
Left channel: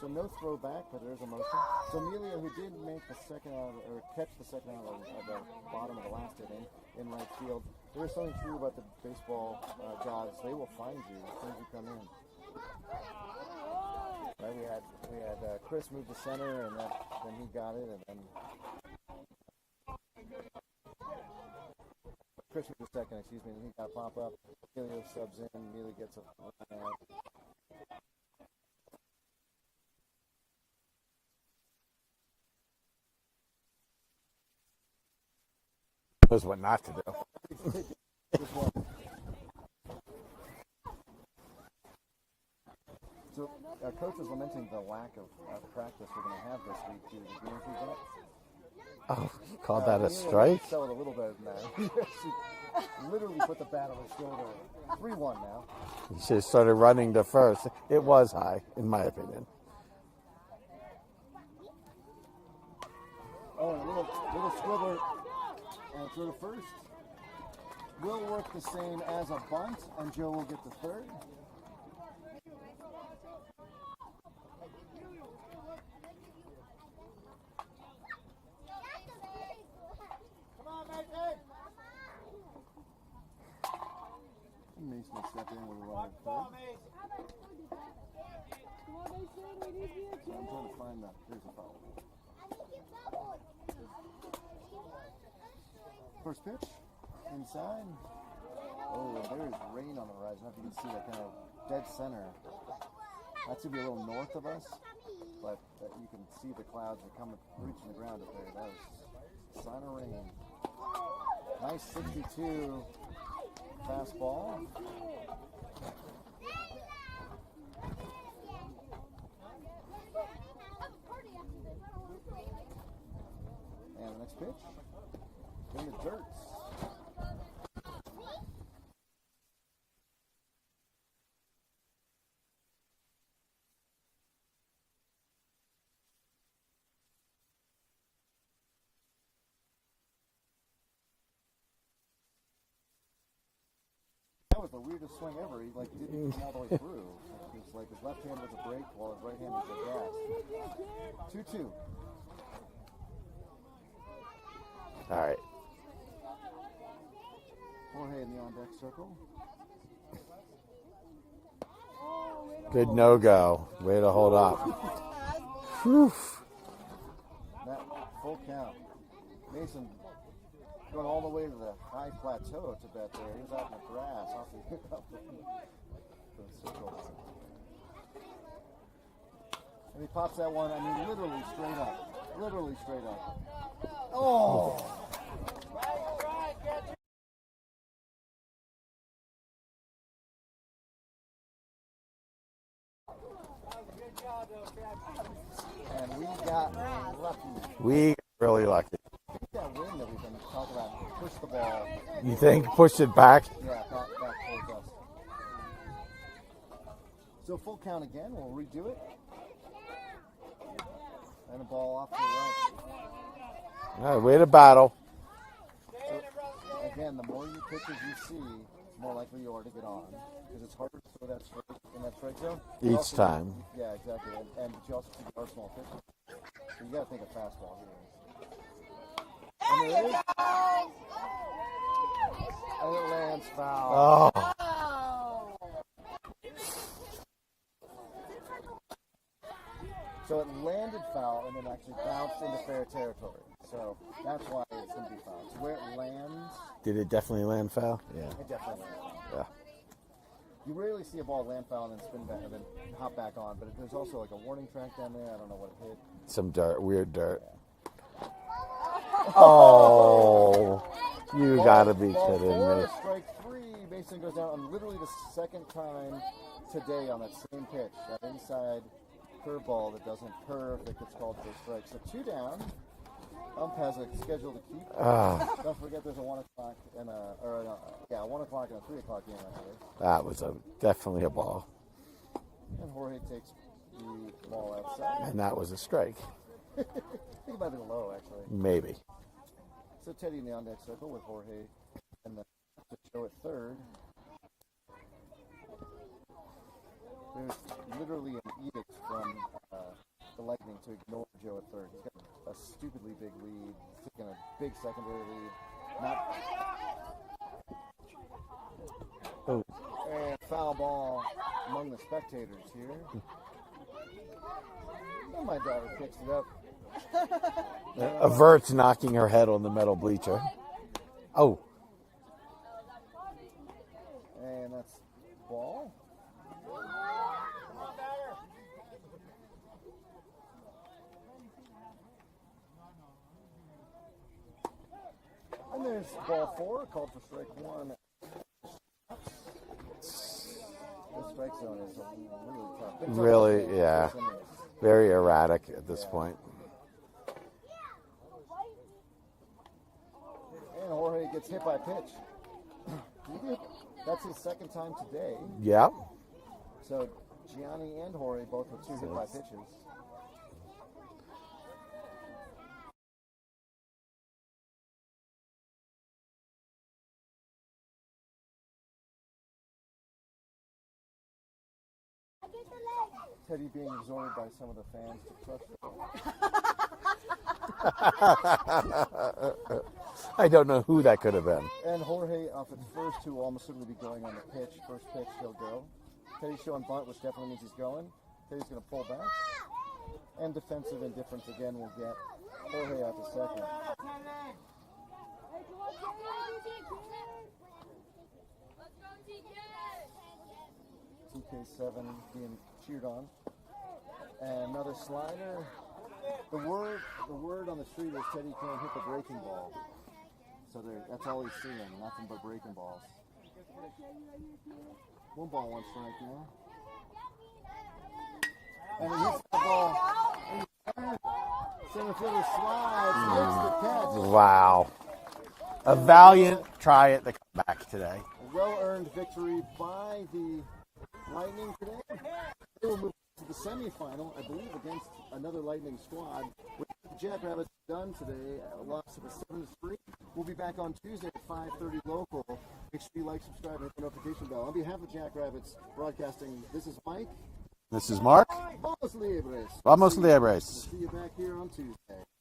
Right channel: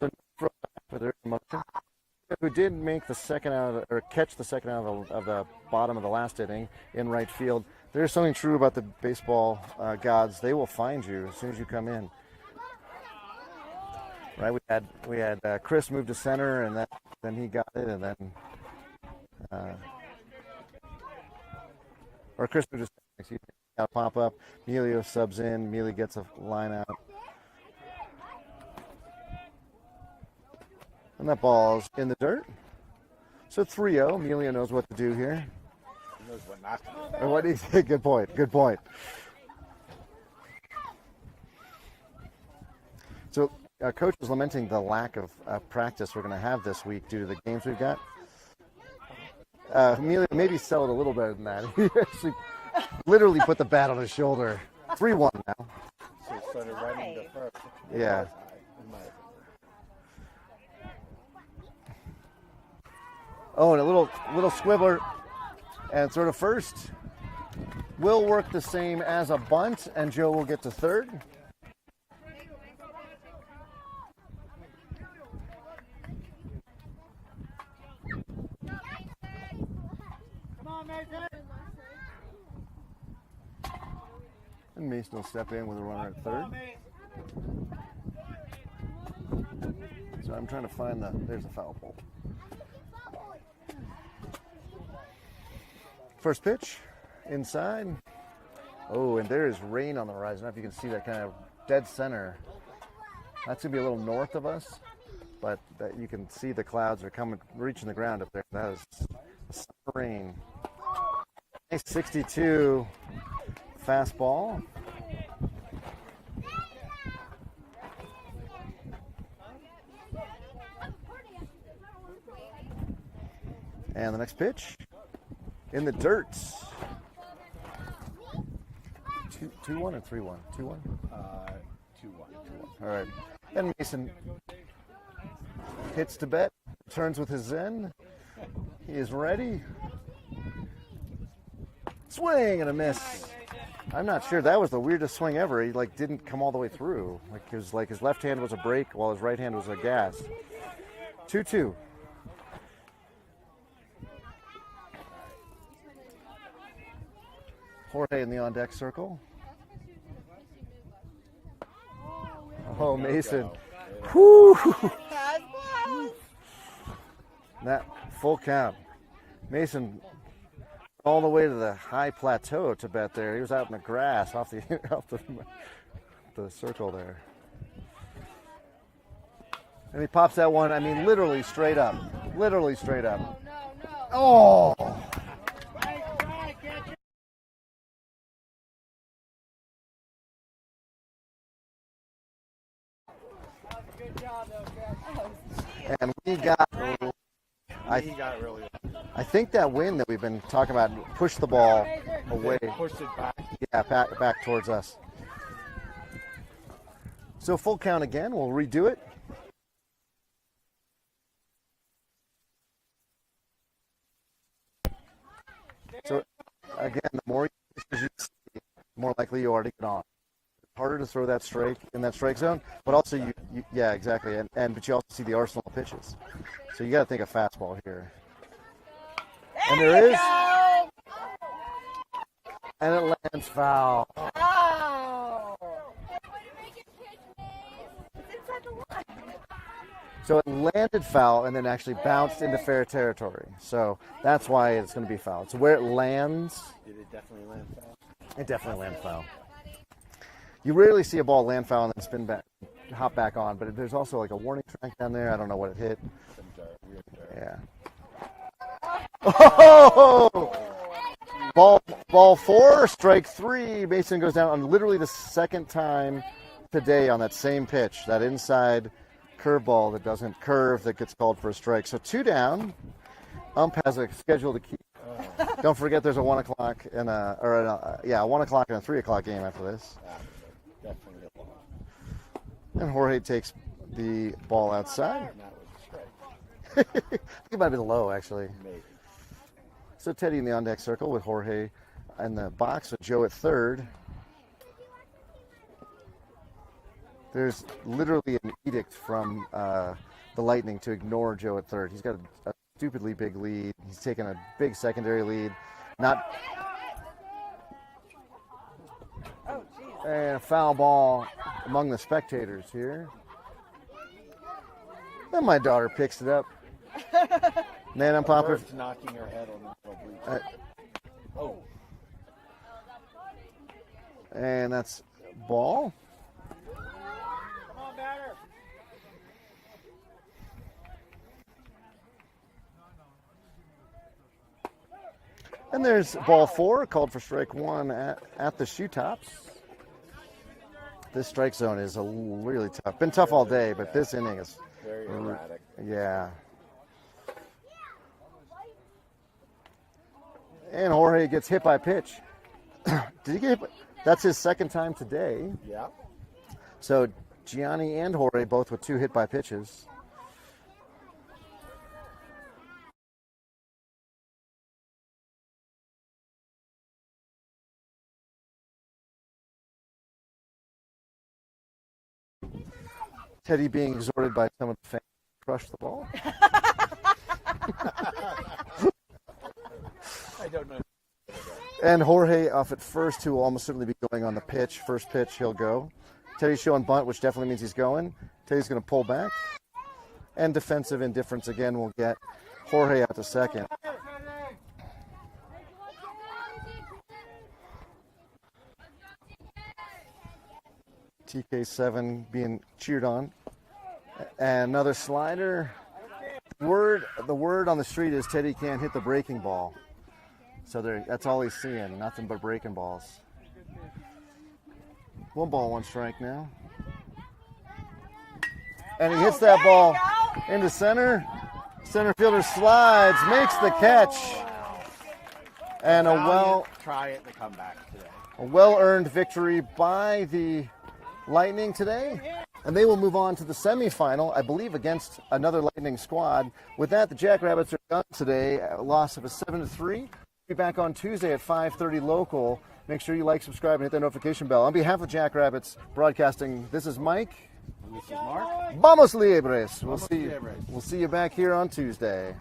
So no throwback, but there's a motion. So Amelia, who did make the second out of or catch the second out of the bottom of the last inning in right field, there's something true about the baseball gods. They will find you as soon as you come in. Right? We had Chris move to center, and then he got it, and then or Chris moved to second. Excuse me. He got a pop up. Emilio subs in. Emilio gets a line out. And that ball's in the dirt. So 3-0. Emilio knows what to do here. Knows what not to do. And what do you think? Good point. Good point. So Coach was lamenting the lack of practice we're going to have this week due to the games we've got. Oh, call that a Emilio strike? maybe sell it a little better than that. He actually literally put the bat on his shoulder. 3-1 now. He should have started running to first. It Yeah. was high, in my opinion. Oh, and a little squibbler and throw to first. Will work the same as a bunt, and Joe will get to third. And Mason will step in with a runner at third. So I'm trying to find there's a foul pole. First pitch, inside. Oh, and there is rain on the horizon. I don't know if you can see that kind of dead center. That's going to be a little north of us, but you can see the clouds are coming, reaching the ground up there. That is a sign of rain. Nice 62 fastball. And the next pitch. In the dirt. 2-1 or 3-1? 2-1? 2-1. All right. And Mason hits to bet, turns with his Zen. He is ready. Swing and a miss. I'm not sure. That was the weirdest swing ever. He didn't come all the way through. His left hand was a brake while his right hand was a gas. 2-2. All right. Jorge in the on-deck circle. Good no-go. Way to hold on. That full count. Mason going all the way to the high plateau to bet there. He was out in the grass off the circle there. And he pops that one, literally straight up. Literally straight up. Oh! And we got really lucky. I think that wind that we've been talking about pushed the ball. You think pushed it back? Yeah, back towards us. So full count again. We'll redo it. And the ball off to the right. All right, way to battle. So again, the more you pitches you see, more likely you are to get on. Because it's harder to throw that strike in that strike zone. But Each also, time. yeah, exactly. But you also see the arsenal of pitches. So you got to think of fastball here. And there is. And it lands foul. So it landed foul and then actually bounced into fair territory. So that's why it's going to be foul. So where it lands. Did it definitely land foul? Yeah. It definitely landed foul. Yeah. You rarely see a ball land foul and then spin back and then hop back on. But there's also like a warning track down there. I don't know what it hit. Some dirt, weird dirt. Yeah. Oh. You gotta be ball kidding 4, me. strike 3. Mason goes down on literally the second time today on that same pitch, that inside curveball that doesn't curve that gets called for a strike. So 2 down. Ump has a schedule to keep. Don't forget there's a 1 o'clock and a 1 o'clock and a 3 o'clock game after this. That was definitely a ball. And Jorge takes the ball outside. And that was a strike. I think it might have been low, actually. Maybe. So Teddy in the on-deck circle with Jorge in the box with Joe at third. There's literally an edict from the Lightning to ignore Joe at third. He's got a stupidly big lead. He's taken a big secondary lead. And foul ball among the spectators here. And my daughter picks it up. Man, I'm Averts knocking her head on the metal bleacher. Oh. And that's ball. And there's ball 4, called for strike 1 at the shoe tops. This strike zone is really tough. Been tough all day, but this inning is very erratic at this point. And Jorge gets hit by a pitch. Did he get hit? That's his second time today. Yeah. So Gianni and Jorge both with 2 hit by pitches. Teddy being exhorted by some of the fans to crush the ball. I don't know who that could have been. And Jorge off at first, who will almost certainly be going on the pitch. First pitch, he'll go. Teddy's showing bunt, which definitely means he's going. Teddy's going to pull back. And defensive indifference again will get Jorge out to second. TK7 being cheered on. And another slider. The word on the street is Teddy can't hit the breaking ball. So that's all he's seeing, nothing but breaking balls. 1 ball, 1 strike now. And he hits that ball into center. Center fielder slides, makes the catch. Wow. And a valiant try at the comeback today. A well-earned victory by the Lightning today. And they will move on to the semifinal, I believe, against another Lightning squad. With that, the Jackrabbits are done today. A loss of a 7-3. We'll be back on Tuesday at 5:30 local. Make sure you like, subscribe, and hit that notification bell. On behalf of Jackrabbits Broadcasting, this is Mike. This is Mark. Vamos Liebres. Vamos Liebres. We'll see you back here on Tuesday.